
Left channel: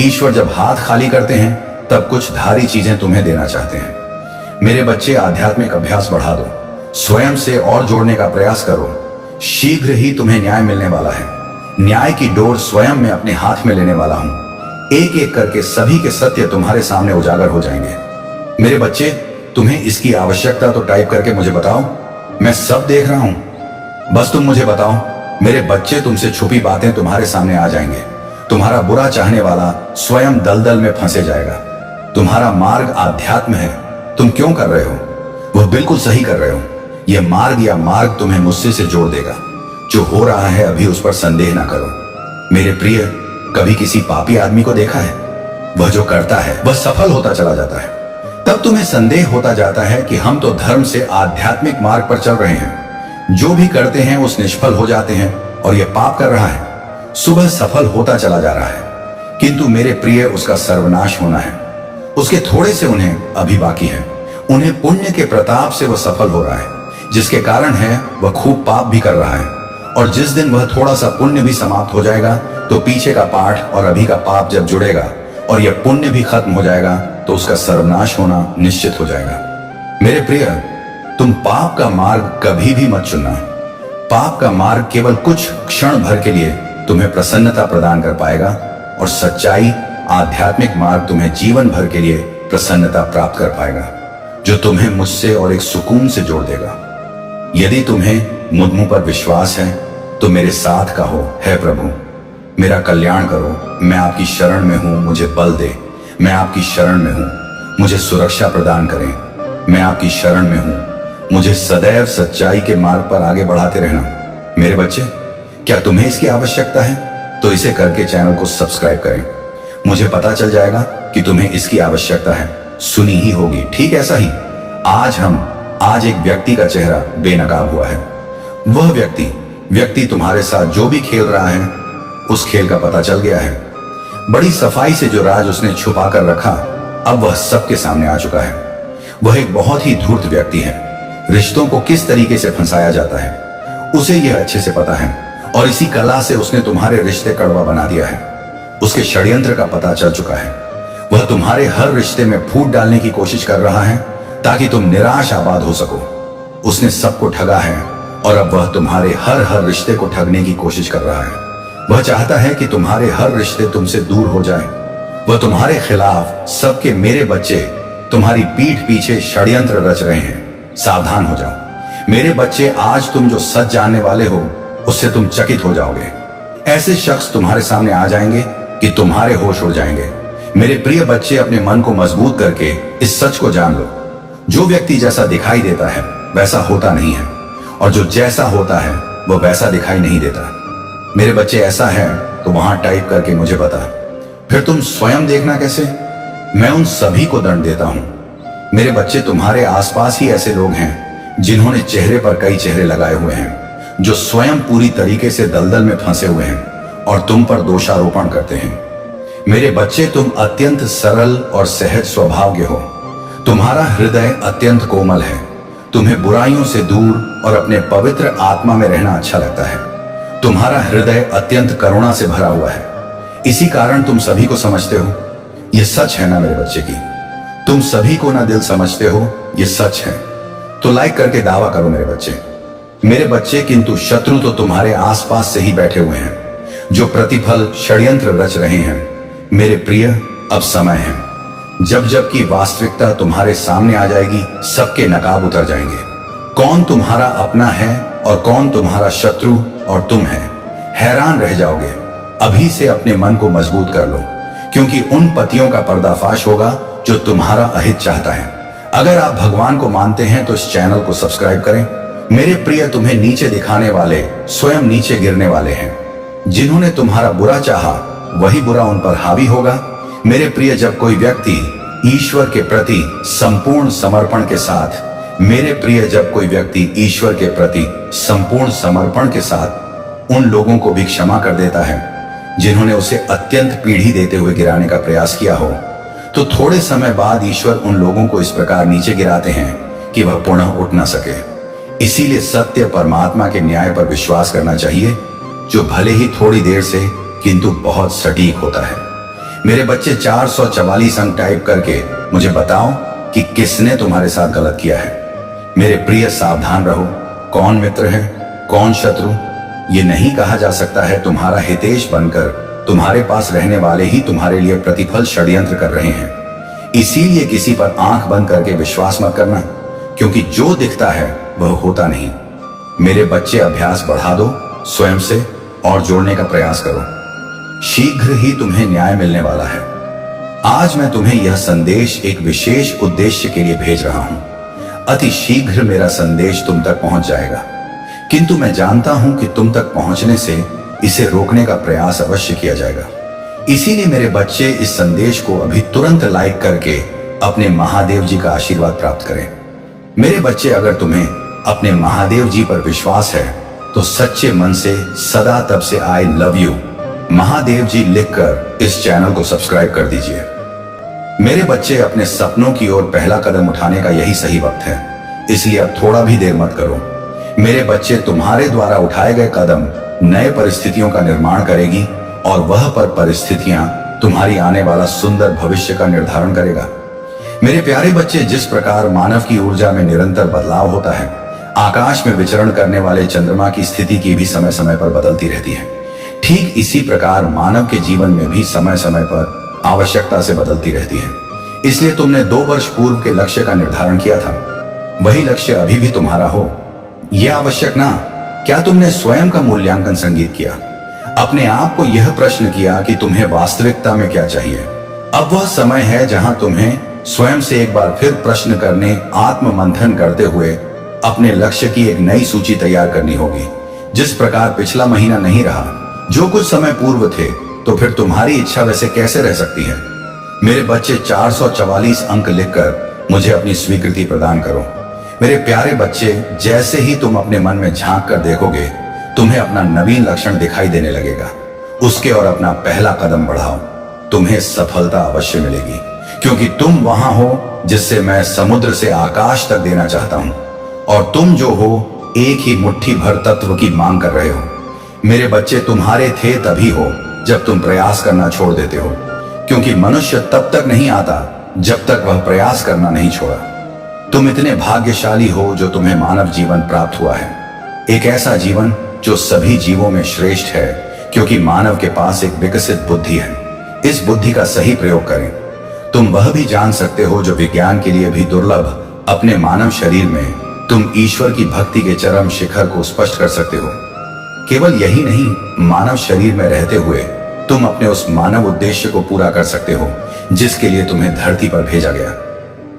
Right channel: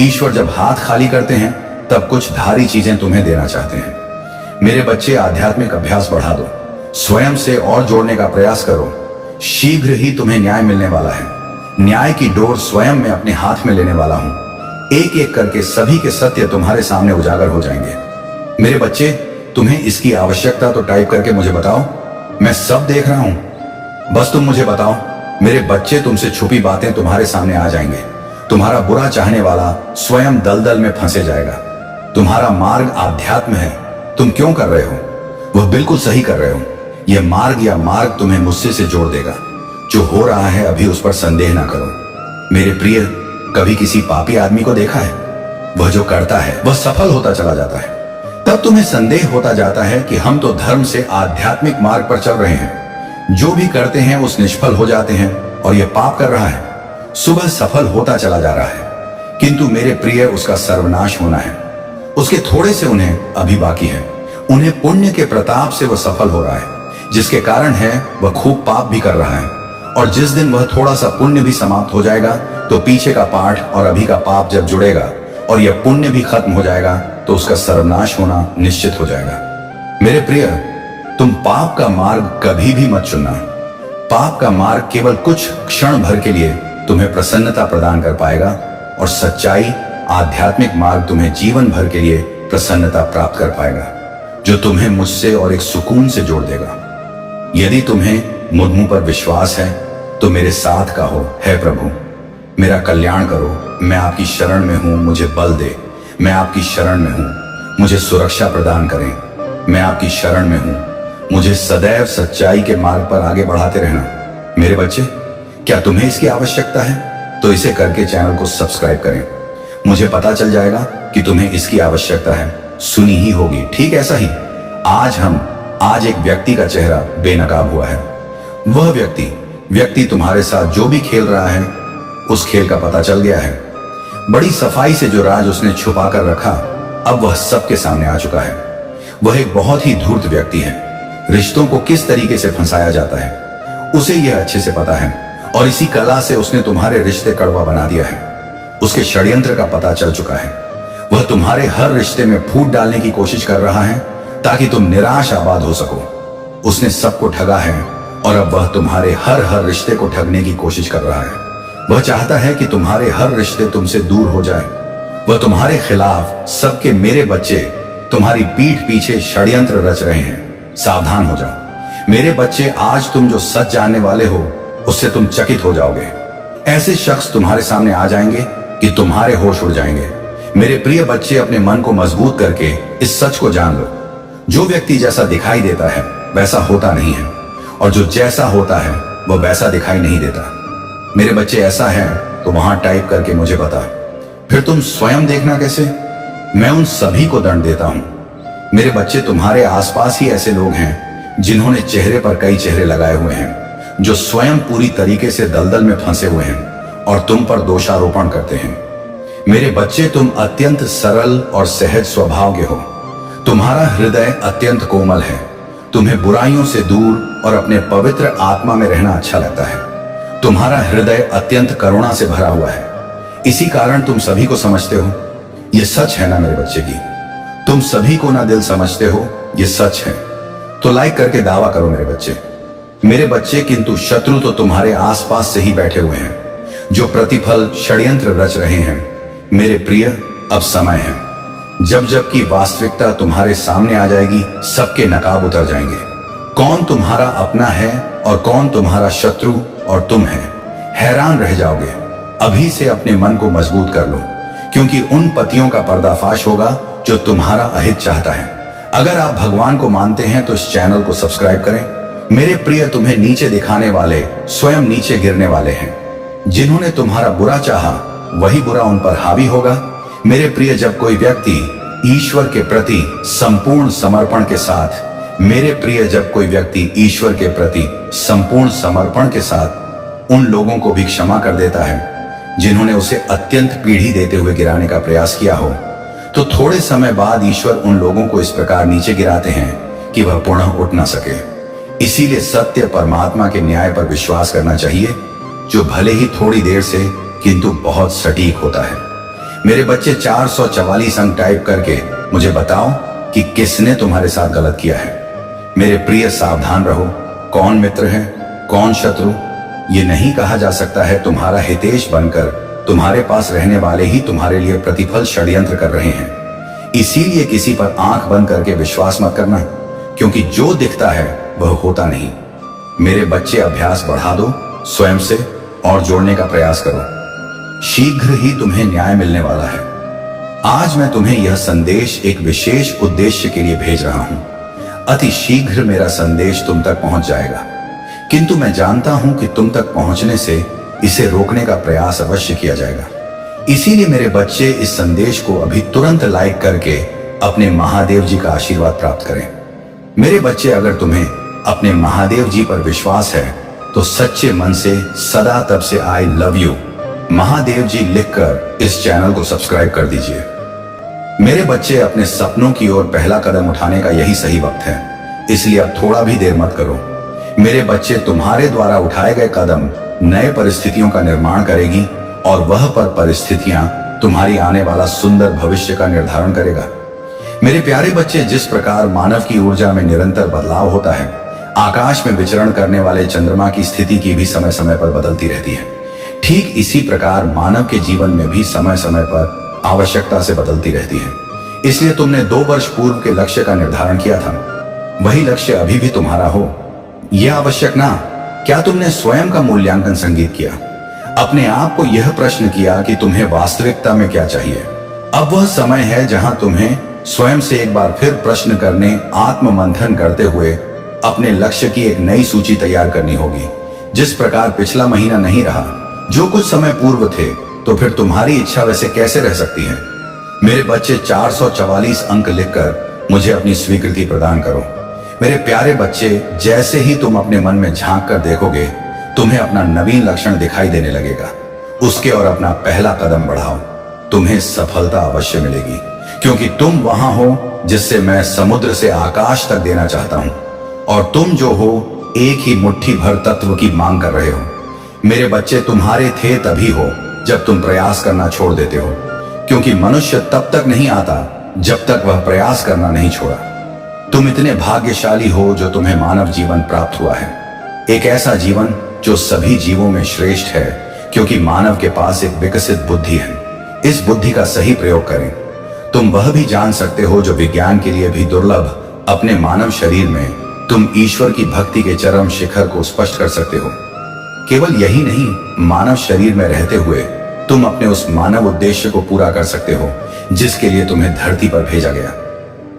ईश्वर जब हाथ खाली करते हैं, तब कुछ धारी चीजें तुम्हें देना चाहते हैं। मेरे बच्चे, आध्यात्मिक अभ्यास बढ़ा दो, स्वयं से और जोड़ने का प्रयास करो। शीघ्र ही तुम्हें न्याय मिलने वाला है। न्याय की डोर स्वयं मैं अपने हाथ में लेने वाला हूं। एक एक करके सभी के सत्य तुम्हारे सामने उजागर हो जाएंगे। मेरे बच्चे, तुम्हें इसकी आवश्यकता तो टाइप करके मुझे बताओ, मैं सब देख रहा हूं। बस तुम मुझे बताओ। मेरे बच्चे, तुमसे छुपी बातें तुम्हारे सामने आ जाएंगे। तुम्हारा बुरा चाहने वाला स्वयं दलदल में फंसे जाएगा। तुम्हारा मार्ग आध्यात्म है, तुम क्यों कर रहे हो? वह बिल्कुल सही कर रहे हो। यह मार्ग या मार्ग तुम्हें मुझसे से जोड़ देगा। जो हो रहा है अभी उस पर संदेह ना करो। मेरे प्रिय, कभी किसी पापी आदमी को देखा है? वह जो करता है वह सफल होता चला जाता है। तब तुम्हें संदेह होता जाता है कि हम तो धर्म से आध्यात्मिक मार्ग पर चल रहे हैं। जो भी करते हैं उस निष्फल हो जाते हैं और यह पाप कर रहा है। सुबह सफल होता चला जा रहा है, किंतु मेरे प्रिय, उसका सर्वनाश होना है। उसके थोड़े से उन्हें अभी बाकी है। उन्हें पुण्य के प्रताप से वह सफल हो रहा है, जिसके कारण है वह खूब पाप भी कर रहा है। और जिस दिन वह थोड़ा सा पुण्य भी समाप्त हो जाएगा, तो पीछे का पाठ और अभी का पाप जब जुड़ेगा और यह पुण्य भी खत्म हो जाएगा, तो उसका सर्वनाश होना निश्चित हो जाएगा। मेरे प्रिय, तुम पाप का मार्ग कभी भी मत चुनना। पाप का मार्ग केवल कुछ क्षण भर के लिए तुम्हें प्रसन्नता प्रदान कर पाएगा, और सच्चाई आध्यात्मिक मार्ग तुम्हें जीवन भर के लिए प्रसन्नता प्राप्त कर पाएगा, जो तुम्हें मुझसे और एक सुकून से जोड़ देगा। यदि तुम्हें मुझ पर विश्वास है तो मेरे साथ कहो, हे प्रभु, मेरा कल्याण करो। मैं आपकी शरण में हूं, मुझे बल दे। मैं आपकी शरण में हूं, मुझे सुरक्षा प्रदान करें। मैं आपकी शरण में हूं, मुझे सदैव सच्चाई के मार्ग पर आगे बढ़ाते रहना। मेरे बच्चे, क्या तुम्हें इसकी आवश्यकता है? तो इसे करके चैनल को सब्सक्राइब करें। मुझे पता चल जाएगा कि तुम्हें इसकी आवश्यकता है। सुनी ही होगी, ठीक ऐसा ही। आज एक व्यक्ति का चेहरा बेनकाब हुआ है। वह व्यक्ति तुम्हारे साथ जो भी खेल रहा है, उस खेल का पता चल गया है। बड़ी सफाई से जो राज उसने छुपा कर रखा, अब वह सबके सामने आ चुका है। वह एक बहुत ही धूर्त व्यक्ति है। रिश्तों को किस तरीके से फंसाया जाता है, उसे यह अच्छे से पता है, और इसी कला से उसने तुम्हारे रिश्ते कड़वा बना दिया है। उसके षड्यंत्र का पता चल चुका है। वह तुम्हारे हर रिश्ते में फूट डालने की कोशिश कर रहा है, ताकि तुम निराश आबाद हो सको। उसने सबको ठगा है, और अब वह तुम्हारे हर रिश्ते को ठगने की कोशिश कर रहा है। वह चाहता है कि तुम्हारे हर रिश्ते तुमसे दूर हो जाए। वह तुम्हारे खिलाफ सबके मेरे बच्चे तुम्हारी पीठ पीछे षड्यंत्र रच रहे हैं। सावधान हो जाओ मेरे बच्चे। आज तुम जो सच जानने वाले हो, उससे तुम चकित हो जाओगे। ऐसे शख्स तुम्हारे सामने आ जाएंगे कि तुम्हारे होश उड़ जाएंगे। मेरे प्रिय बच्चे, अपने मन को मजबूत करके इस सच को जान लो। जो व्यक्ति जैसा दिखाई देता है वैसा होता नहीं है, और जो जैसा होता है वह वैसा दिखाई नहीं देता। मेरे बच्चे, ऐसा है तो वहां टाइप करके मुझे बता। फिर तुम स्वयं देखना कैसे। मैं उन सभी को दंड देता हूं। मेरे बच्चे, तुम्हारे आसपास ही ऐसे लोग हैं जिन्होंने चेहरे पर कई चेहरे लगाए हुए हैं, जो स्वयं पूरी तरीके से दलदल में फंसे हुए हैं और तुम पर दोषारोपण करते हैं। मेरे बच्चे, तुम अत्यंत सरल और सहज स्वभाव के हो। तुम्हारा हृदय अत्यंत कोमल है। तुम्हें बुराइयों से दूर और अपने पवित्र आत्मा में रहना अच्छा लगता है। तुम्हारा हृदय अत्यंत करुणा से भरा हुआ है। इसी कारण तुम सभी को समझते हो। यह सच है ना मेरे बच्चे की? तुम सभी को ना दिल समझते हो, यह सच है। तो लाइक करके दावा करो मेरे बच्चे। मेरे बच्चे, किंतु शत्रु तो तुम्हारे आसपास से ही बैठे हुए हैं, जो प्रतिफल षड्यंत्र रच रहे हैं। मेरे प्रिय, अब समय है जब की वास्तविकता तुम्हारे सामने आ जाएगी, सबके नकाब उतर जाएंगे। कौन तुम्हारा अपना है और कौन तुम्हारा शत्रु और तुम है, हैरान रह जाओगे। अभी से अपने मन को मजबूत कर लो। क्योंकि उन पतियों का पर्दाफाश होगा जो तुम्हारा अहित चाहता है। अगर आप भगवान को मानते हैं तो इस चैनल को सब्सक्राइब करें। मेरे प्रिय, तुम्हें नीचे दिखाने वाले स्वयं नीचे गिरने वाले हैं। जिन्होंने तुम्हारा बुरा चाहा वही बुरा उन पर हावी होगा। मेरे प्रिय, जब कोई व्यक्ति ईश्वर के प्रति संपूर्ण समर्पण के साथ मेरे प्रिय जब कोई व्यक्ति ईश्वर के प्रति संपूर्ण समर्पण के साथ उन लोगों को भी क्षमा कर देता है जिन्होंने उसे अत्यंत पीढ़ी देते हुए गिराने का प्रयास किया हो, तो थोड़े समय बाद ईश्वर उन लोगों को इस प्रकार नीचे गिराते हैं कि वह पुनः उठ ना सके। इसीलिए सत्य परमात्मा के न्याय पर विश्वास करना चाहिए, जो भले ही थोड़ी देर से किंतु बहुत सटीक होता है। मेरे बच्चे, 444 अंक टाइप करके मुझे बताओ कि किसने तुम्हारे साथ गलत किया है। मेरे प्रिय, सावधान रहो। कौन मित्र है, कौन शत्रु, ये नहीं कहा जा सकता है। तुम्हारा हितेश बनकर तुम्हारे पास रहने वाले ही तुम्हारे लिए प्रतिफल षड्यंत्र कर रहे हैं। इसीलिए किसी पर आंख बंद करके विश्वास मत करना, क्योंकि जो दिखता है वह होता नहीं। मेरे बच्चे, अभ्यास बढ़ा दो स्वयं से और जोड़ने का प्रयास करो। शीघ्र ही तुम्हें न्याय मिलने वाला है। आज मैं तुम्हें यह संदेश एक विशेष उद्देश्य के लिए भेज रहा हूं। अति शीघ्र मेरा संदेश तुम तक पहुंच जाएगा, किंतु मैं जानता हूं कि तुम तक पहुंचने से इसे रोकने का प्रयास अवश्य किया जाएगा। इसीलिए मेरे बच्चे, इस संदेश को अभी तुरंत लाइक करके अपने महादेव जी का आशीर्वाद प्राप्त करें। मेरे बच्चे, अगर तुम्हें अपने महादेव जी पर विश्वास है तो सच्चे मन से सदा तब से आई लव यू महादेव जी लिखकर इस चैनल को सब्सक्राइब कर दीजिए। मेरे बच्चे, अपने सपनों की ओर पहला कदम उठाने का यही सही वक्त है, इसलिए अब थोड़ा भी देर मत करो। मेरे बच्चे, तुम्हारे द्वारा उठाए गए कदम नए परिस्थितियों का निर्माण करेगी और वह परिस्थितियां तुम्हारी आने वाला सुंदर भविष्य का निर्धारण करेगा। मेरे प्यारे बच्चे, जिस प्रकार मानव की ऊर्जा में निरंतर बदलाव होता है, आकाश में विचरण करने वाले चंद्रमा की स्थिति की भी समय समय पर बदलती रहती है, ठीक इसी प्रकार मानव के जीवन में भी समय समय पर आवश्यकता से बदलती रहती है। इसलिए तुमने 2 वर्ष पूर्व के लक्ष्य का निर्धारण किया था, वही लक्ष्य अभी भी तुम्हारा हो, यह आवश्यक ना। क्या तुमने स्वयं का मूल्यांकन संगीत किया, अपने आप को यह प्रश्न किया कि तुम्हें वास्तविकता में क्या चाहिए? अब वह समय है जहां तुम्हें स्वयं से एक बार फिर प्रश्न करने, आत्म मंथन करते हुए अपने लक्ष्य की एक नई सूची तैयार करनी होगी। जिस प्रकार पिछला महीना नहीं रहा, जो कुछ समय पूर्व थे, तो फिर तुम्हारी इच्छा वैसे कैसे रह सकती है? मेरे बच्चे, 444 अंक लिखकर मुझे अपनी स्वीकृति प्रदान करो। मेरे प्यारे बच्चे, जैसे ही तुम अपने मन में झांक कर देखोगे, तुम्हें अपना नवीन लक्षण दिखाई देने लगेगा। उसके और अपना पहला कदम बढ़ाओ, तुम्हें सफलता अवश्य मिलेगी, क्योंकि तुम वहां हो जिससे मैं समुद्र से आकाश तक देना चाहता हूं, और तुम जो हो एक ही मुट्ठी भर तत्व की मांग कर रहे हो। मेरे बच्चे, तुम्हारे थे तभी हो जब तुम प्रयास करना छोड़ देते हो, क्योंकि मनुष्य तब तक नहीं आता जब तक वह प्रयास करना नहीं छोड़ा। तुम इतने भाग्यशाली हो जो तुम्हें मानव जीवन प्राप्त हुआ है, एक ऐसा जीवन जो सभी जीवों में श्रेष्ठ है, क्योंकि मानव के पास एक विकसित बुद्धि है। इस बुद्धि का सही प्रयोग करें। तुम वह भी जान सकते हो जो विज्ञान के लिए भी दुर्लभ। अपने मानव शरीर में तुम ईश्वर की भक्ति के चरम शिखर को स्पष्ट कर सकते हो। केवल यही नहीं, मानव शरीर में रहते हुए तुम अपने उस मानव उद्देश्य को पूरा कर सकते हो जिसके लिए तुम्हें धरती पर भेजा गया।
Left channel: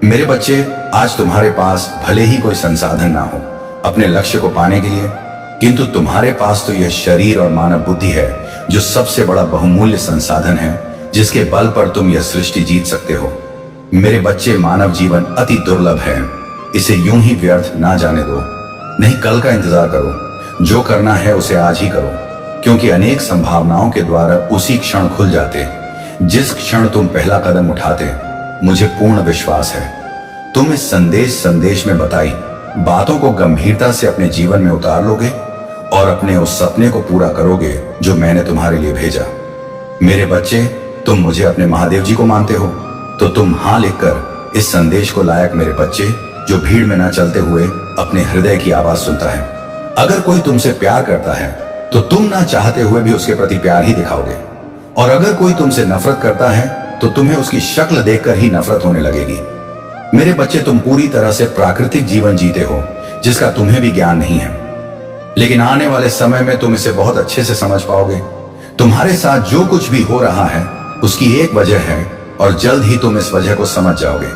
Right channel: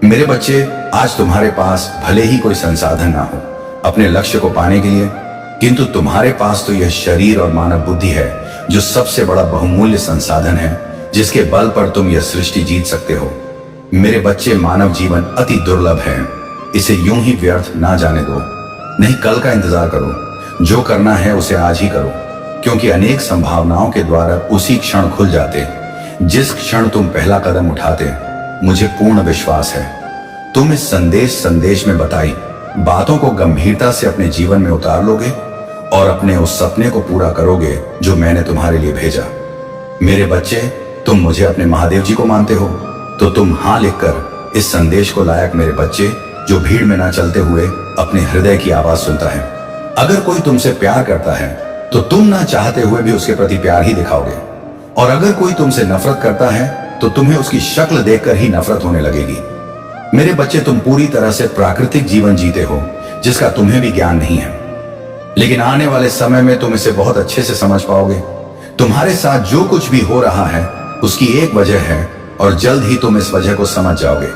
मेरे बच्चे, आज तुम्हारे पास भले ही कोई संसाधन ना हो अपने लक्ष्य को पाने के लिए, किंतु तुम्हारे पास तो यह शरीर और मानव बुद्धि है जो सबसे बड़ा बहुमूल्य संसाधन है, जिसके बल पर तुम यह सृष्टि जीत सकते हो। मेरे बच्चे, मानव जीवन अति दुर्लभ है, इसे यूं ही व्यर्थ ना जाने दो। नहीं, कल का इंतजार करो, जो करना है उसे आज ही करो, क्योंकि अनेक संभावनाओं के द्वारा उसी क्षण खुल जाते जिस क्षण तुम पहला कदम उठाते। मुझे पूर्ण विश्वास है तुम इस संदेश में बताई बातों को गंभीरता से अपने जीवन में उतार लोगे और अपने उस सपने को पूरा करोगे जो मैंने तुम्हारे लिए भेजा। मेरे बच्चे, तुम मुझे अपने महादेव जी को मानते हो, तो तुम हाँ लिखकर इस संदेश को लायक मेरे बच्चे, जो भीड़ में ना चलते हुए अपने हृदय की आवाज सुनता है। अगर कोई तुमसे प्यार करता है तो तुम ना चाहते हुए भी उसके प्रति प्यार ही दिखाओगे, और अगर कोई तुमसे नफरत करता है तो तुम्हें उसकी शक्ल देखकर ही नफरत होने लगेगी। मेरे बच्चे, तुम पूरी तरह से प्राकृतिक जीवन जीते हो जिसका तुम्हें भी ज्ञान नहीं है, लेकिन आने वाले समय में तुम इसे बहुत अच्छे से समझ पाओगे। तुम्हारे साथ जो कुछ भी हो रहा है उसकी एक वजह है और जल्द ही तुम इस वजह को समझ जाओगे।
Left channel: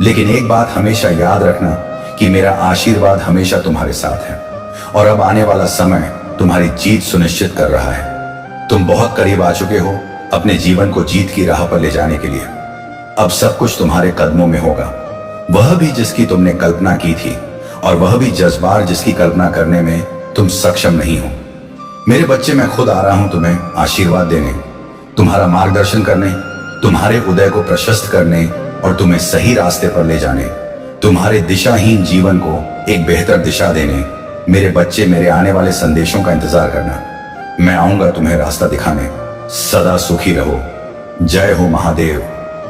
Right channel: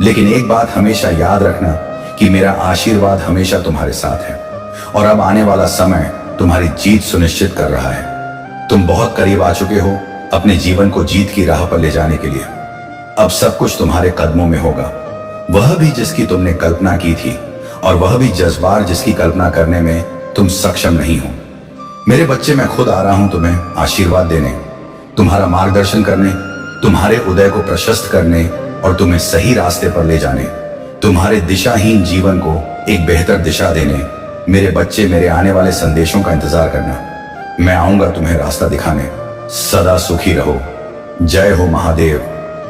लेकिन एक बात हमेशा याद रखना कि मेरा आशीर्वाद हमेशा तुम्हारे साथ है और अब आने वाला समय तुम्हारी जीत सुनिश्चित कर रहा है। तुम बहुत करीब आ चुके हो अपने जीवन को जीत की राह पर ले जाने के लिए। अब सब कुछ तुम्हारे कदमों में होगा, वह भी जिसकी तुमने कल्पना की थी और वह भी जज्बार जिसकी कल्पना करने में तुम सक्षम नहीं हो। मेरे बच्चे, मैं खुद आ रहा हूं तुम्हें आशीर्वाद देने, तुम्हारा मार्गदर्शन करने, तुम्हारे उदय को प्रशस्त करने और तुम्हें सही रास्ते पर ले जाने, तुम्हारे दिशाहीन जीवन को एक बेहतर दिशा देने। मेरे बच्चे, मेरे आने वाले संदेशों का इंतजार करना। मैं आऊंगा तुम्हें रास्ता दिखाने। सदा सुखी रहो। जय हो महादेव,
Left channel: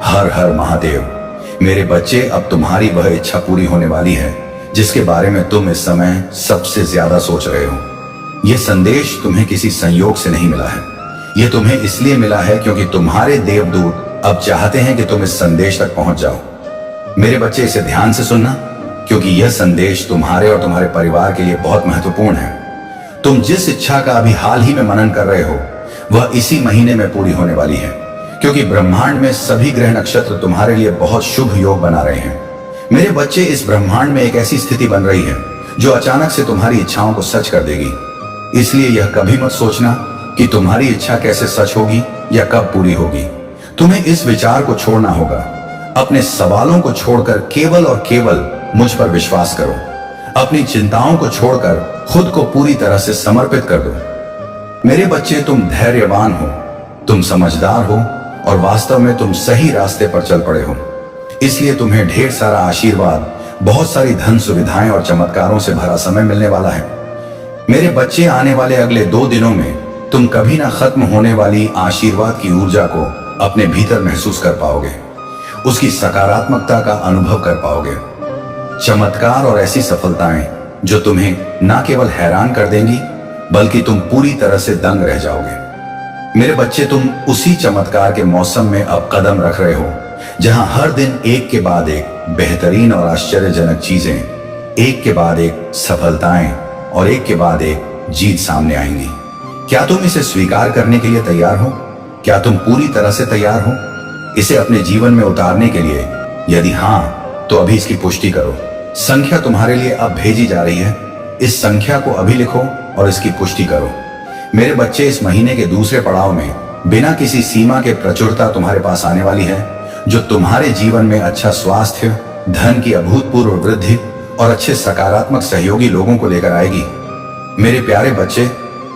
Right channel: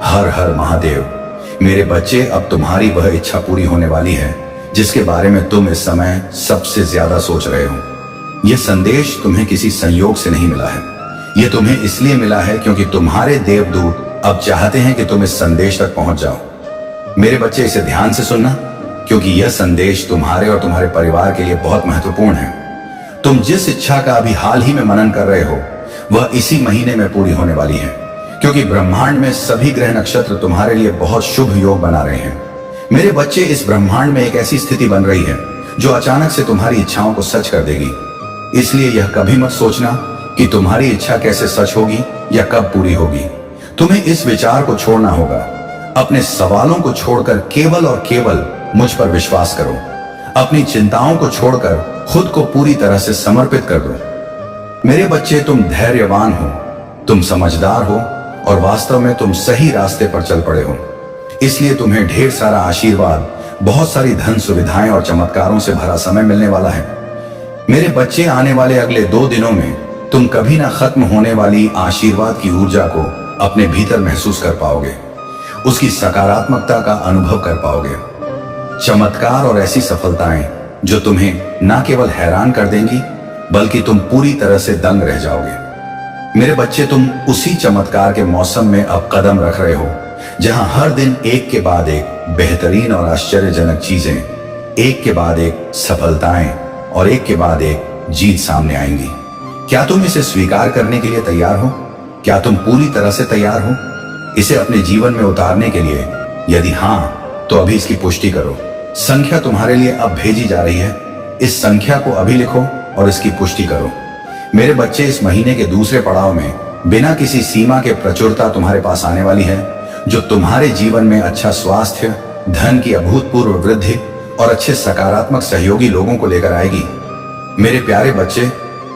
हर हर महादेव। मेरे बच्चे, अब तुम्हारी वह इच्छा पूरी होने वाली है जिसके बारे में तुम इस समय सबसे ज्यादा सोच रहे हो। यह संदेश तुम्हें किसी संयोग से नहीं मिला है, यह तुम्हें इसलिए मिला है क्योंकि तुम्हारे देवदूत अब चाहते हैं कि तुम इस संदेश तक पहुंच जाओ। मेरे बच्चे, इसे ध्यान से सुनना, क्योंकि यह संदेश तुम्हारे और तुम्हारे परिवार के लिए बहुत महत्वपूर्ण है। तुम जिस इच्छा का अभी हाल ही में मनन कर रहे हो वह इसी महीने में पूरी होने वाली है, क्योंकि ब्रह्मांड में सभी ग्रह नक्षत्र तुम्हारे लिए बहुत शुभ योग बना रहे हैं। मेरे बच्चे, इस ब्रह्मांड में एक ऐसी स्थिति बन रही है जो अचानक से तुम्हारी इच्छाओं को सच कर देगी। इसलिए यह कभी मत सोचना कि तुम्हारी इच्छा कैसे सच होगी या कब पूरी होगी। तुम्हें इस विचार को छोड़ना होगा। अपने सवालों को छोड़कर केवल और केवल मुझ पर विश्वास करो। अपनी चिंताओं को छोड़कर खुद को पूरी तरह से समर्पित कर दो। मेरे बच्चे, तुम धैर्यवान हो, तुम समझदार हो और वास्तव में तुम सही रास्ते पर चल पड़े हो। इसलिए तुम्हें ढेर सारा आशीर्वाद, बहुत सारी धन सुविधाएं और चमत्कारों से भरा समय मिलने वाला है। मेरे बच्चे, आने वाले अगले 2 दिनों में तुम कभी ना खत्म होने वाली आशीर्वाद की ऊर्जा को अपने भीतर महसूस कर पाओगे, उसकी सकारात्मकता का अनुभव कर पाओगे। चमत्कार और ऐसी सफलताएं जो तुम्हें ना केवल हैरान कर देंगी बल्कि तुम पूरी तरह से दंग रह जाओगे। मेरे बच्चे, तुम उसी चमत्कार के मौसम में अब कदम रख रहे हो जहां हर दिन एक के बाद एक बेहतरीन और आश्चर्यजनक चीजें, एक के बाद एक सफलताएं और एक के बाद एक जीत सामने आएंगी। क्या तुम इसे स्वीकार करने के लिए तैयार हो? क्या तुम पूरी तरह से तैयार हो इसे अपने जीवन में उतारने के लिए? यदि हां, तो अभी इसकी पुष्टि करो। संख्या तुम्हारे लिए अब भेजी जा रही है। इस संख्या को अभी लिखो और इसकी पुष्टि करो। मेरे बच्चे, इस महीने के दूसरे पड़ाव में बिना किसी सीमा के प्रचुरता तुम्हारे पास आने वाली है, जो तुम्हारे जीवन में अच्छा स्वास्थ्य, धन की अभूतपूर्व वृद्धि और अच्छे सकारात्मक सहयोगी लोगों को लेकर आएगी। मेरे प्यारे बच्चे,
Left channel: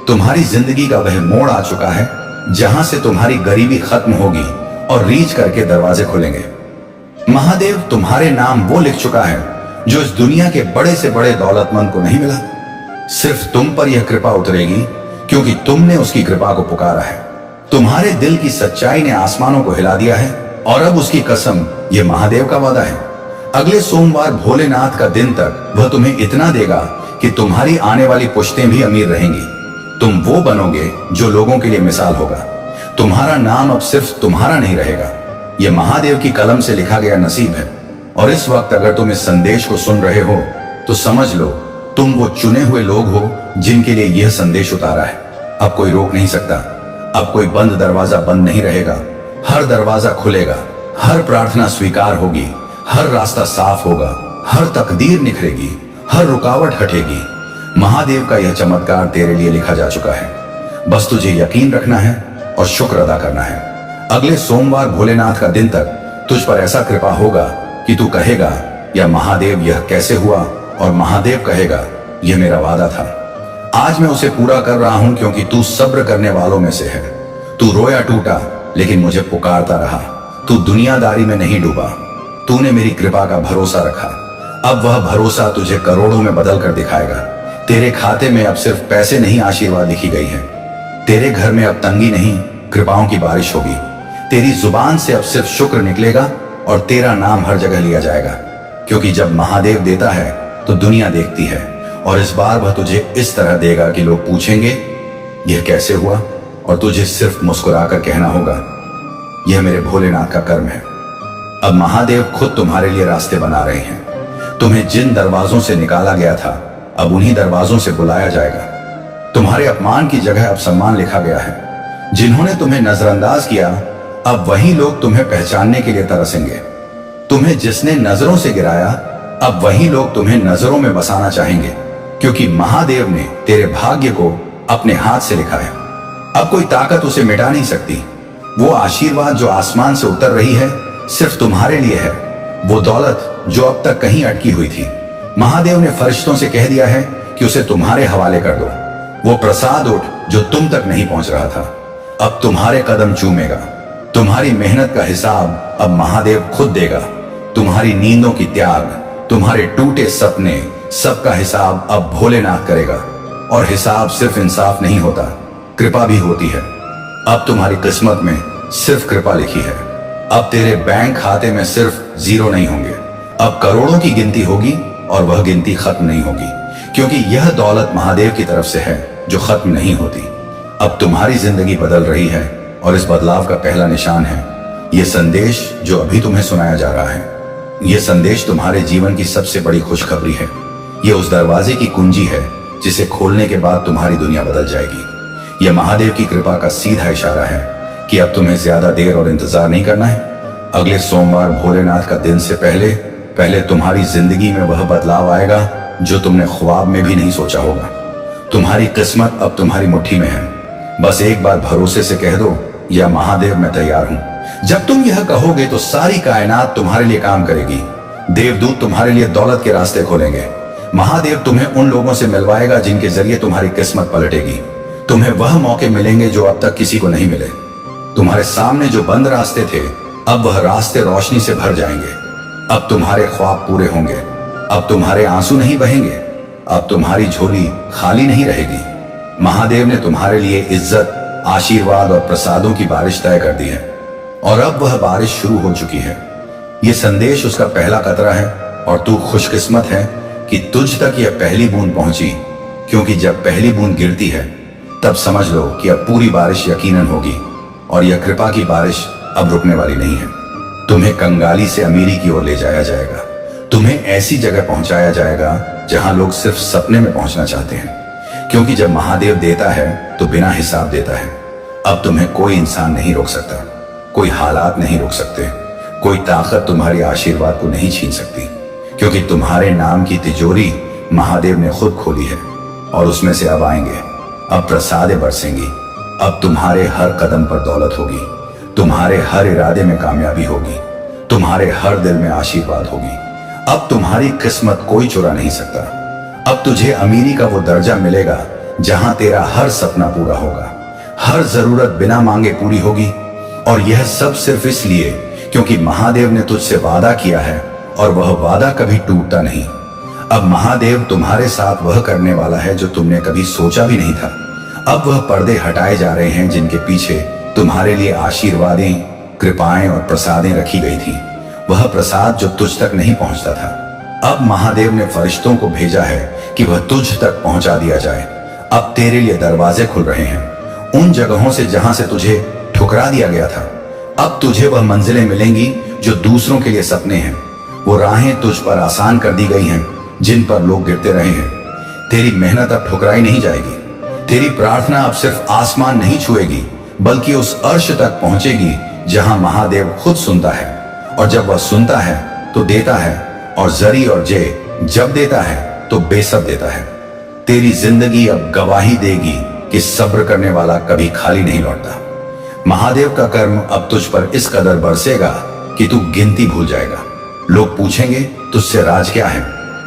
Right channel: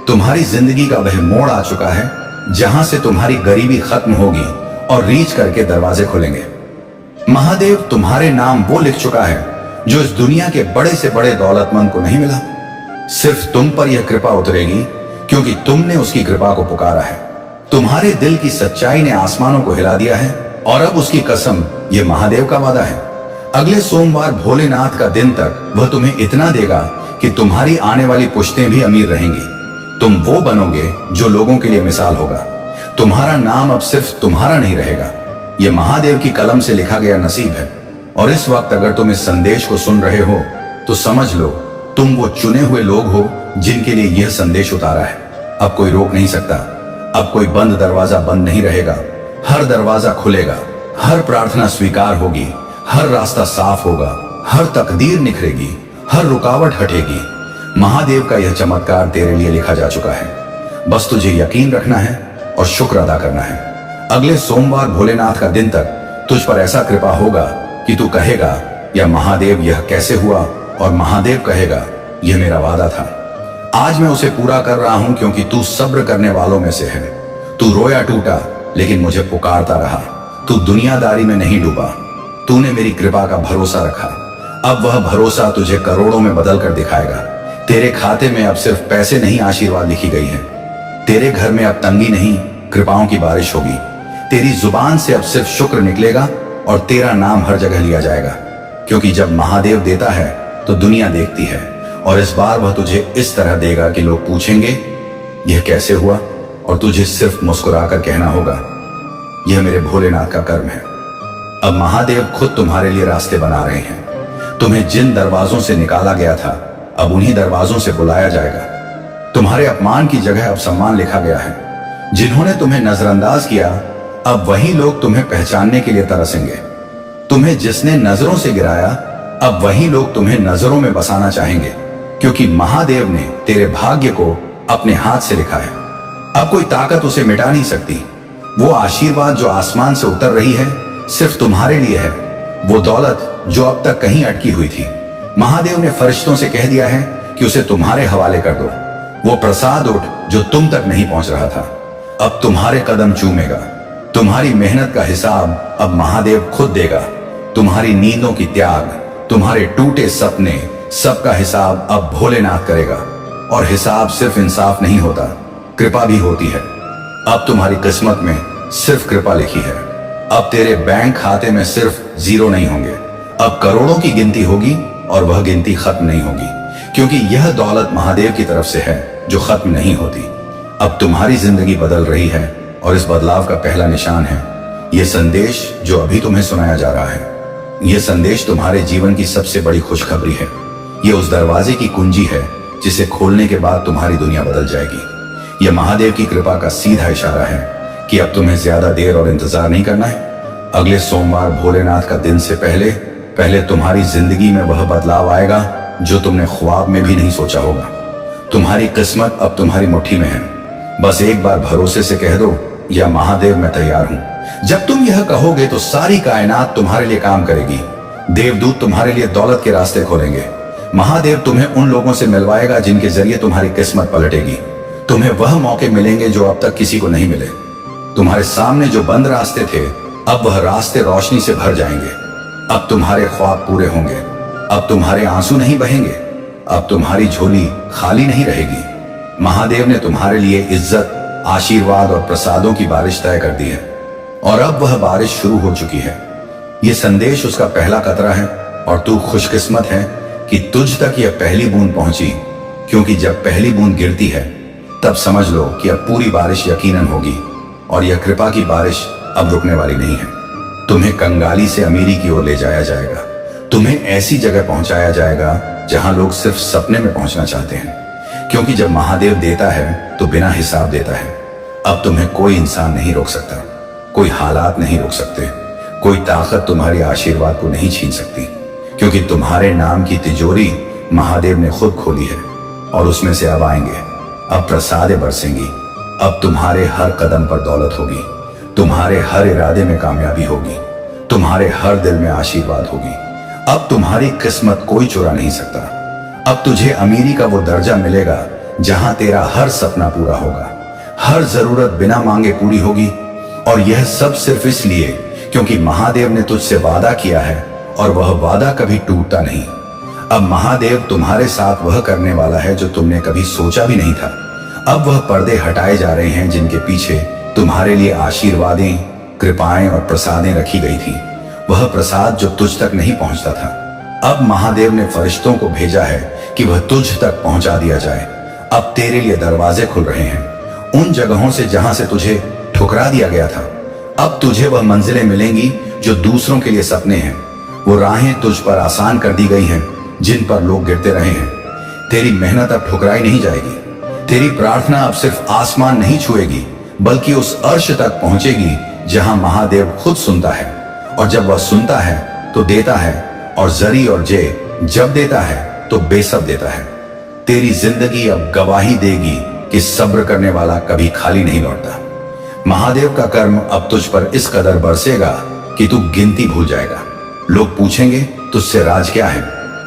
तुम्हारी जिंदगी का वह मोड़ आ चुका है जहां से तुम्हारी गरीबी खत्म होगी और रीच करके दरवाजे खुलेंगे। महादेव तुम्हारे नाम वो लिख चुका है जो इस दुनिया के बड़े से बड़े दौलतमंद को नहीं मिला। सिर्फ तुम पर यह कृपा उतरेगी क्योंकि तुमने उसकी कृपा को पुकारा है। तुम्हारे दिल की सच्चाई ने आसमानों को हिला दिया है और अब उसकी कसम, यह महादेव का वादा है। अगले सोमवार भोलेनाथ का दिन तक वह तुम्हें इतना देगा कि तुम्हारी आने वाली पुश्तें भी अमीर रहेंगी। तुम वो बनोगे जो लोगों के लिए मिसाल होगा। तुम्हारा नाम अब सिर्फ तुम्हारा नहीं रहेगा, यह महादेव की कलम से लिखा गया नसीब है। और इस वक्त अगर तुम इस संदेश को सुन रहे हो तो समझ लो तुम वो चुने हुए लोग हो जिनके लिए यह संदेश उतारा है। अब कोई रोक नहीं सकता। अब कोई बंद दरवाजा बंद नहीं रहेगा। हर दरवाजा खुलेगा, हर प्रार्थना स्वीकार होगी, हर रास्ता साफ होगा, हर तकदीर निखरेगी, हर रुकावट हटेगी। महादेव का यह चमत्कार तेरे लिए लिखा जा चुका है। बस तुझे यकीन रखना है और शुक्र अदा करना है। अगले सोमवार भोलेनाथ का दिन तक तुझ पर ऐसा कृपा होगा कि तू कहेगा, या महादेव यह कैसे हुआ, और महादेव कहेगा, यह मेरा वादा था। आज मैं उसे पूरा कर रहा हूं क्योंकि तू सब्र करने वालों में से है। तू रोया टूटा लेकिन मुझे पुकारता रहा। तू दुनियादारी में नहीं डूबा। तूने मेरी कृपा का भरोसा रखा। अब वह भरोसा तुझे करोड़ों में बदल कर दिखाएगा। तेरे खाते में अब सिर्फ पैसे नहीं, आशीर्वाद लिखी गई है। तेरे घर में अब तंगी नहीं, कृपाओं की बारिश होगी। तेरी जुबान से अब सिर्फ शुक्र निकलेगा और तेरा नाम हर जगह लिया जाएगा, क्योंकि जब महादेव देता है तो दुनिया देखती है। और इस बार वह तुझे इस तरह देगा कि लोग पूछेंगे यह कैसे हुआ, और तुझे सिर्फ मुस्कुराकर कहना होगा, यह मेरे भोलेनाथ का कर्म है। अब महादेव खुद तुम्हारे लिए रास्ते बना रहे हैं। तुम्हें जिन दरवाजों से निकाला गया था अब उन्हीं दरवाजों से बुलाया जाएगा। तुम्हारे अपमान की जगह अब सम्मान लिखा गया है। जिन्होंने तुम्हें नजरअंदाज किया अब वही लोग तुम्हें पहचानने के लिए तरसेंगे। तुम्हें जिसने नजरों से गिराया, अब वही लोग तुम्हें नजरों में बसाना चाहेंगे, क्योंकि महादेव ने तेरे भाग्य को अपने हाथ से लिखा है। अब कोई ताकत उसे मिटा नहीं सकती। वो आशीर्वाद जो आसमान से उतर रही है, सिर्फ तुम्हारे लिए है। वो दौलत जो अब तक कहीं अटकी हुई थी, महादेव ने फरिश्तों से कह दिया है कि उसे तुम्हारे हवाले कर दो। वो प्रसाद उठ जो तुम तक नहीं पहुंच रहा था, अब तुम्हारे कदम चूमेगा। तुम्हारी मेहनत का हिसाब अब महादेव खुद देगा। तुम्हारी नींदों की त्याग, तुम्हारे टूटे सपने, सबका हिसाब अब भोलेनाथ करेगा। और हिसाब सिर्फ इंसाफ नहीं होता, कृपा भी होती है। अब तुम्हारी किस्मत में सिर्फ कृपा लिखी है। अब तेरे बैंक खाते में सिर्फ जीरो नहीं होंगे, अब करोड़ों की गिनती होगी, और वह गिनती खत्म नहीं होगी, क्योंकि यह दौलत महादेव की तरफ से है जो खत्म नहीं होती। अब तुम्हारी जिंदगी बदल रही है, और इस बदलाव का पहला निशान है यह संदेश जो अभी तुम्हें सुनाया जा रहा है। यह संदेश तुम्हारे जीवन की सबसे बड़ी खुशखबरी है। यह उस दरवाजे की कुंजी है जिसे खोलने के बाद तुम्हारी दुनिया बदल जाएगी। यह महादेव की कृपा का सीधा इशारा है कि अब तुम्हें ज्यादा देर और इंतजार नहीं करना है। अगले सोमवार भोलेनाथ का दिन से पहले पहले तुम्हारी जिंदगी में वह बदलाव आएगा जो तुमने ख्वाब में भी नहीं सोचा होगा। तुम्हारी किस्मत अब तुम्हारी मुट्ठी में है। बस एक बार भरोसे से कह दो, या महादेव मैं तैयार हूं। जब तुम यह कहोगे तो सारी कायनात तुम्हारे लिए काम करेगी। देवदूत तुम्हारे लिए दौलत के रास्ते खोलेंगे। महादेव तुम्हें उन लोगों से मिलवाएगा जिनके जरिए तुम्हारी किस्मत पलटेगी। तुम्हें वह मौके मिलेंगे जो अब तक किसी को नहीं मिले। तुम्हारे सामने जो बंद रास्ते थे, अब वह रास्ते रोशनी से भर जाएंगे। अब तुम्हारे ख्वाब पूरे होंगे। अब तुम्हारे आंसू नहीं बहेंगे। अब तुम्हारी झोली खाली नहीं रहेगी। महादेव ने तुम्हारे लिए इज्जत, आशीर्वाद और प्रसादों की बारिश तय कर दी है, और अब वह बारिश शुरू हो चुकी है। यह संदेश उसका पहला कतरा है, और तू खुशकिस्मत है कि तुझ तक यह पहली बूंद पहुंची, क्योंकि जब पहली बूंद गिरती है तब समझ लो कि अब पूरी बारिश यकीनन होगी, और यह कृपा की बारिश अब रुकने वाली नहीं है। तुम्हें कंगाली से अमीरी की ओर ले जाया जाएगा। तुम्हें ऐसी जगह पहुंचाया जाएगा जहां लोग सिर्फ सपने में पहुंचना चाहते हैं, क्योंकि जब महादेव देता है तो बिना हिसाब देता है। अब तुम्हें कोई इंसान नहीं रोक सकता, कोई हालात नहीं रोक सकते, कोई ताकत तुम्हारी आशीर्वाद को नहीं छीन सकती, क्योंकि तुम्हारे नाम की तिजोरी महादेव ने खुद खोली है, और उसमें से अब आएंगे, अब प्रसादें बरसेंगी। अब तुम्हारे हर कदम पर दौलत होगी, तुम्हारे हर इरादे में कामयाबी होगी, तुम्हारे हर दिल में आशीर्वाद होगी। अब तुम्हारी किस्मत कोई चुरा नहीं सकता। अब तुझे अमीरी का वो दर्जा मिलेगा जहां तेरा हर सपना पूरा होगा, हर जरूरत बिना मांगे पूरी होगी। और यह सब सिर्फ इसलिए क्योंकि महादेव ने तुझसे वादा किया है, और वह वादा कभी टूटता नहीं। अब महादेव तुम्हारे साथ वह करने वाला है जो तुमने कभी सोचा भी नहीं था। अब वह पर्दे हटाए जा रहे हैं जिनके पीछे तुम्हारे लिए आशीर्वादें, कृपाएं और प्रसादें रखी गई थी। वह प्रसाद जो तुझ तक नहीं पहुंचता था, अब महादेव ने फरिश्तों को भेजा है कि वह तुझ तक पहुंचा दिया जाए। अब तेरे लिए दरवाजे खुल रहे हैं उन जगहों से जहां से तुझे ठुकरा दिया गया था। अब तुझे वह मंजिलें मिलेंगी जो दूसरों के लिए सपने हैं। वो राहें तुझ पर आसान कर दी गई हैं जिन पर लोग गिरते रहे हैं। तेरी मेहनत अब ठुकराई नहीं जाएगी। तेरी प्रार्थना अब सिर्फ आसमान नहीं छुएगी, बल्कि उस अर्श तक पहुंचेगी जहां महादेव खुद सुनता है। और जब वह सुनता है तो देता है, और जरी और जे जब देता है तो बेसब देता है। तेरी जिंदगी अब गवाही देगी कि सब्र करने वाला कभी खाली नहीं लौटता। महादेव का कर्म अब तुझ पर इस कदर बरसेगा कि तू गिनती भूल जाएगा। लोग पूछेंगे तुझसे राज क्या है,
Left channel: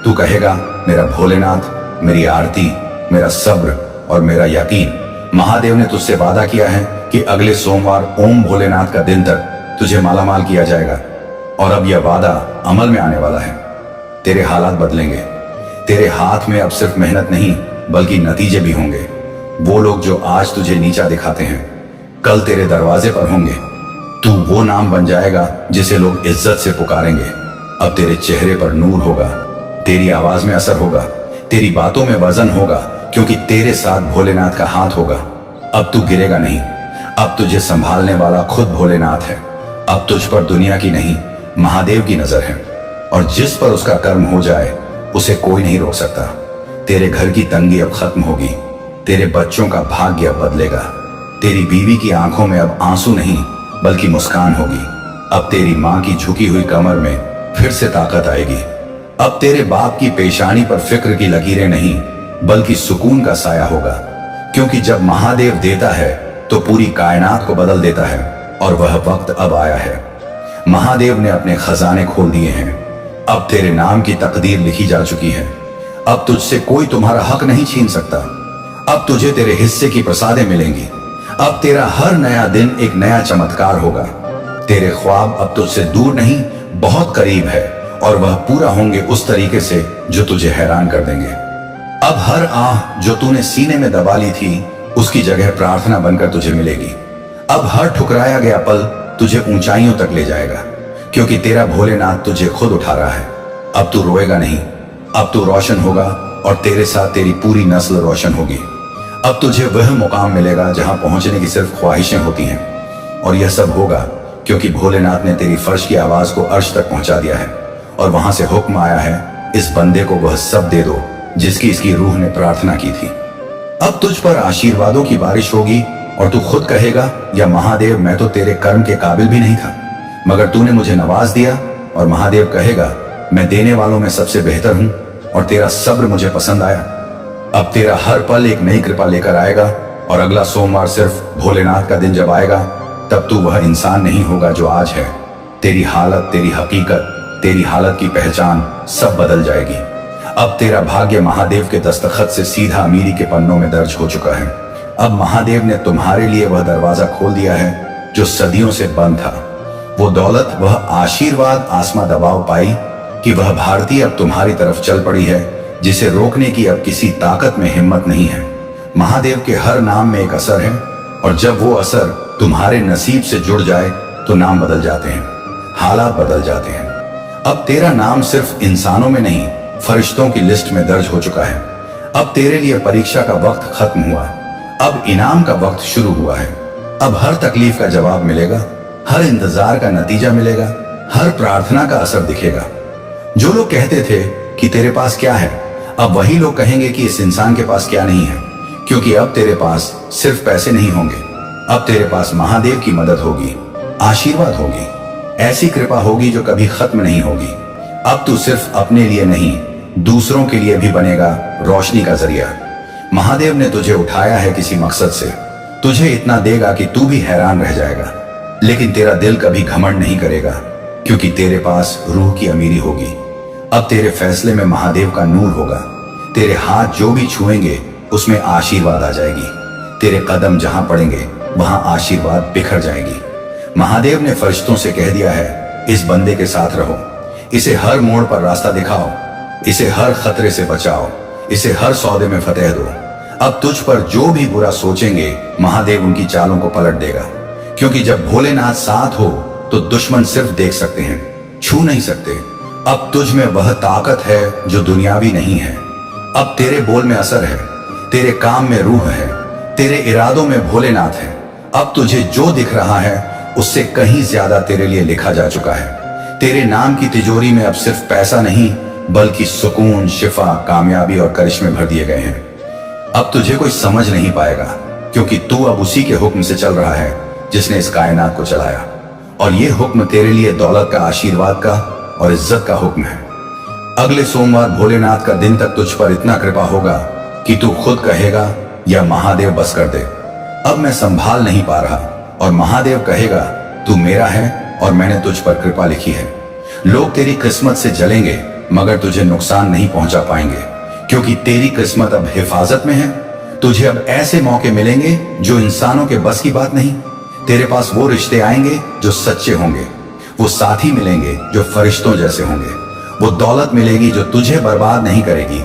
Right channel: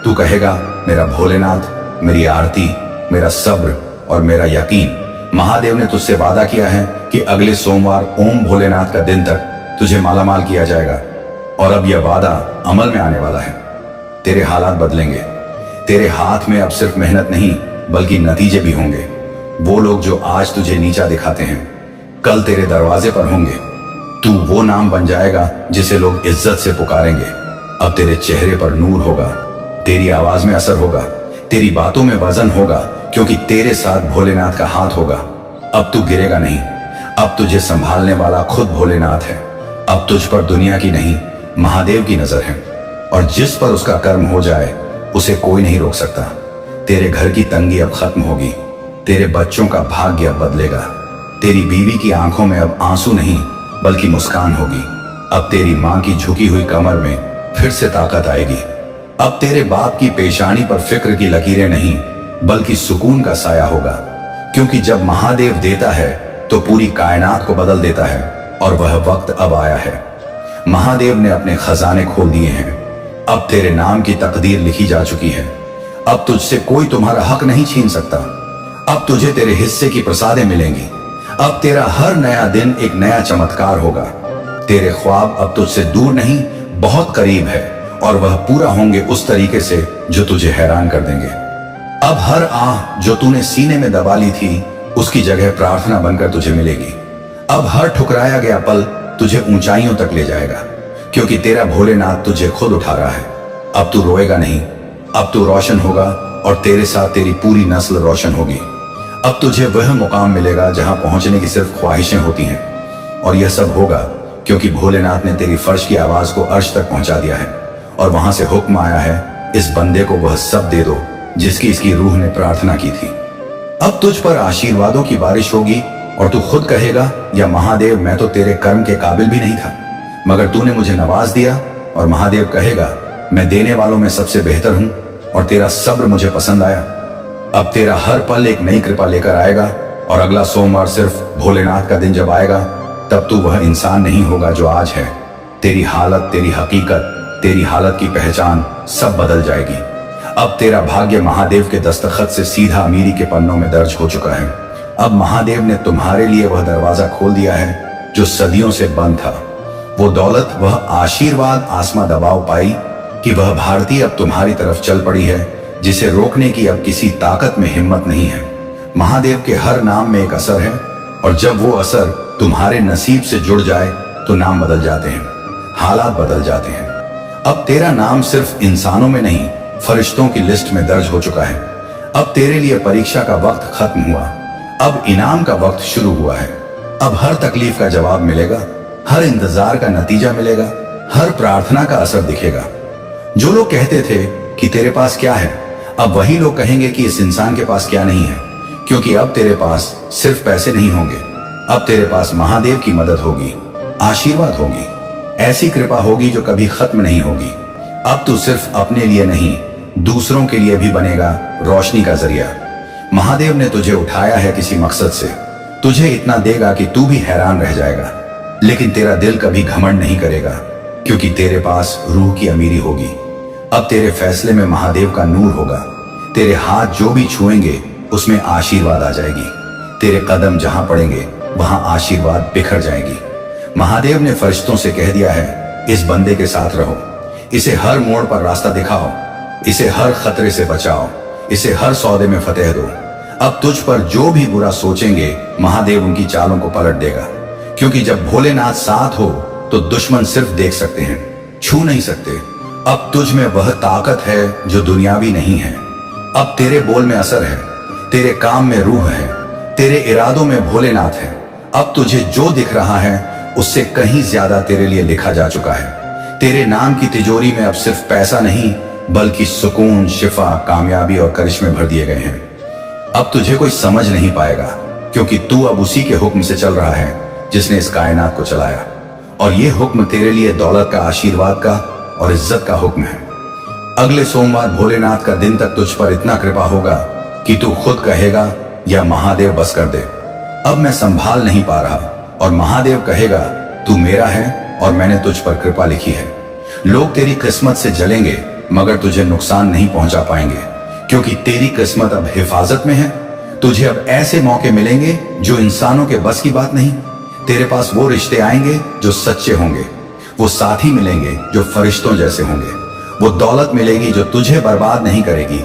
तू कहेगा मेरा भोलेनाथ, मेरी आरती, मेरा सब्र और मेरा यकीन। महादेव ने तुझसे वादा किया है कि अगले सोमवार ओम भोलेनाथ का दिन तक तुझे मालामाल किया जाएगा, और अब यह वादा अमल में आने वाला है। तेरे हालात बदलेंगे। तेरे हाथ में अब सिर्फ मेहनत नहीं बल्कि नतीजे भी होंगे। वो लोग जो आज तुझे नीचा दिखाते हैं, कल तेरे दरवाजे पर होंगे। तू वो नाम बन जाएगा जिसे लोग इज्जत से पुकारेंगे। अब तेरे चेहरे पर नूर होगा, तेरी आवाज में असर होगा, तेरी बातों में वजन होगा, क्योंकि तेरे साथ भोलेनाथ का हाथ होगा। अब तू गिरेगा नहीं। अब तुझे संभालने वाला खुद भोलेनाथ है। अब तुझ पर दुनिया की नहीं, महादेव की नजर है, और जिस पर उसका कर्म हो जाए उसे कोई नहीं रोक सकता। तेरे घर की तंगी अब खत्म होगी। तेरे बच्चों का भाग्य अब बदलेगा। तेरी बीवी की आंखों में अब आंसू नहीं बल्कि मुस्कान होगी। अब तेरी माँ की झुकी हुई कमर में फिर से ताकत आएगी। अब तेरे बाप की पेशानी पर फिक्र की लकीरें नहीं, बल्कि सुकून का साया होगा। क्योंकि जब महादेव देता है तो पूरी कायनात को बदल देता है, और वह वक्त अब आया है। महादेव ने अपने खजाने खोल दिए हैं। अब तेरे नाम की तकदीर लिखी जा चुकी है। अब तुझसे कोई तुम्हारा हक नहीं छीन सकता। अब तुझे तेरे हिस्से की प्रसादें मिलेंगी। अब तेरा हर नया दिन एक नया चमत्कार होगा। तेरे ख्वाब अब तुझसे दूर नहीं, बहुत करीब है, और वह पूरा होंगे उस तरीके से जो तुझे हैरान कर देंगे। अब हर आह जो तूने सीने में दबा ली थी, उसकी जगह प्रार्थना बनकर तुझे मिलेगी। अब हर ठुकराया गया पल तुझे ऊंचाइयों तक ले जाएगा, क्योंकि तेरा भोलेनाथ तुझे खुद उठा रहा है। अब तू रोएगा नहीं, अब तू रोशन होगा, और तेरे साथ तेरी पूरी नस्ल रोशन होगी। अब तुझे वह मुकाम मिलेगा जहां पहुंचने की सिर्फ ख्वाहिशें होती हैं, और यह सब होगा क्योंकि भोलेनाथ ने तेरी फर्श की आवाज को अर्श तक पहुंचा दिया है, और वहां से हुक्म आया है, इस बंदे को वह सब दे दो जिसकी इसकी रूह ने प्रार्थना की थी। अब तुझ पर आशीर्वादों की बारिश होगी, और तू खुद कहेगा, या महादेव, मैं तो तेरे कर्म के काबिल भी नहीं था, मगर तूने मुझे नवाज दिया। और महादेव कहेगा, मैं देने वालों में सबसे बेहतर हूं, और तेरा सब्र मुझे पसंद आया। अब तेरा हर पल एक नई कृपा लेकर आएगा, और अगला सोमवार सिर्फ भोलेनाथ का दिन जब आएगा, तब तू वह इंसान नहीं होगा जो आज है। तेरी हालत, तेरी हकीकत, तेरी हालत की पहचान सब बदल जाएगी। अब तेरा भाग्य महादेव के दस्तखत से सीधा अमीरी के पन्नों में दर्ज हो चुका है। अब महादेव ने तुम्हारे लिए वह दरवाजा खोल दिया है जो सदियों से बंद था। वो दौलत, वह आशीर्वाद आसमां दबाव पाई कि वह भारतीय अब तुम्हारी तरफ चल पड़ी है, जिसे रोकने की अब किसी ताकत में हिम्मत नहीं है। महादेव के हर नाम में एक असर है, और जब वो असर तुम्हारे नसीब से जुड़ जाए तो नाम बदल जाते हैं, हालात बदल जाते हैं। अब तेरा नाम सिर्फ इंसानों में नहीं, फरिश्तों की लिस्ट में दर्ज हो चुका है। अब तेरे लिए परीक्षा का वक्त खत्म हुआ, अब इनाम का वक्त शुरू हुआ है। अब हर तकलीफ का जवाब मिलेगा, हर इंतजार का नतीजा मिलेगा, हर प्रार्थना का असर दिखेगा। जो लोग कहते थे कि तेरे पास क्या है, अब वही लोग कहेंगे कि इस इंसान के पास क्या नहीं है, क्योंकि अब तेरे पास सिर्फ पैसे नहीं होंगे, अब तेरे पास महादेव की मदद होगी, आशीर्वाद होगी, ऐसी कृपा होगी जो कभी खत्म नहीं होगी। अब तू सिर्फ अपने लिए नहीं, दूसरों के लिए भी बनेगा रोशनी का जरिया। महादेव ने तुझे उठाया है किसी मकसद से, तुझे इतना देगा कि तू भी हैरान रह जाएगा। लेकिन तेरा दिल कभी घमंड नहीं करेगा, क्योंकि तेरे पास रूह की अमीरी होगी। अब तेरे फैसले में महादेव का नूर होगा। तेरे हाथ जो भी छुएंगे उसमें आशीर्वाद आ जाएगी। तेरे कदम जहां पड़ेंगे वहां आशीर्वाद बिखर जाएगी। महादेव ने फरिश्तों से कह दिया है, इस बंदे के साथ रहो, इसे हर मोड़ पर रास्ता दिखाओ, इसे हर खतरे से बचाओ, इसे हर सौदे में फतेह दो। अब तुझ पर जो भी बुरा सोचेंगे, महादेव उनकी चालों को पलट देगा, क्योंकि जब भोलेनाथ साथ हो तो दुश्मन सिर्फ देख सकते हैं, छू नहीं सकते। अब तुझ में वह ताकत है जो दुनियावी नहीं है। अब तेरे बोल में असर है, तेरे काम में रूह है, तेरे इरादों में भोलेनाथ है। अब तुझे जो दिख रहा है उससे कहीं ज्यादा तेरे लिए लिखा जा चुका है। तेरे नाम की तिजोरी में अब सिर्फ पैसा नहीं, बल्कि सुकून, शिफा, कामयाबी और करिश्मे भर दिए गए हैं। अब तुझे कोई समझ नहीं पाएगा, क्योंकि तू अब उसी के हुक्म से चल रहा है जिसने इस कायनात को चलाया। और ये हुक्म तेरे लिए दौलत का, आशीर्वाद का और इज्जत का हुक्म है। अगले सोमवार भोलेनाथ का दिन तक तुझ पर इतना कृपा होगा कि तू खुद कहेगा, या महादेव बस कर दे, अब मैं संभाल नहीं पा रहा। और महादेव कहेगा, तू मेरा है और मैंने तुझ पर कृपा लिखी है। लोग तेरी किस्मत से जलेंगे, मगर तुझे नुकसान नहीं पहुंचा पाएंगे, क्योंकि तेरी किस्मत अब हिफाजत में है। तुझे अब ऐसे मौके मिलेंगे जो इंसानों के बस की बात नहीं। तेरे पास वो रिश्ते आएंगे जो सच्चे होंगे, वो साथी मिलेंगे जो फरिश्तों जैसे होंगे, वो दौलत मिलेगी जो तुझे बर्बाद नहीं करेगी,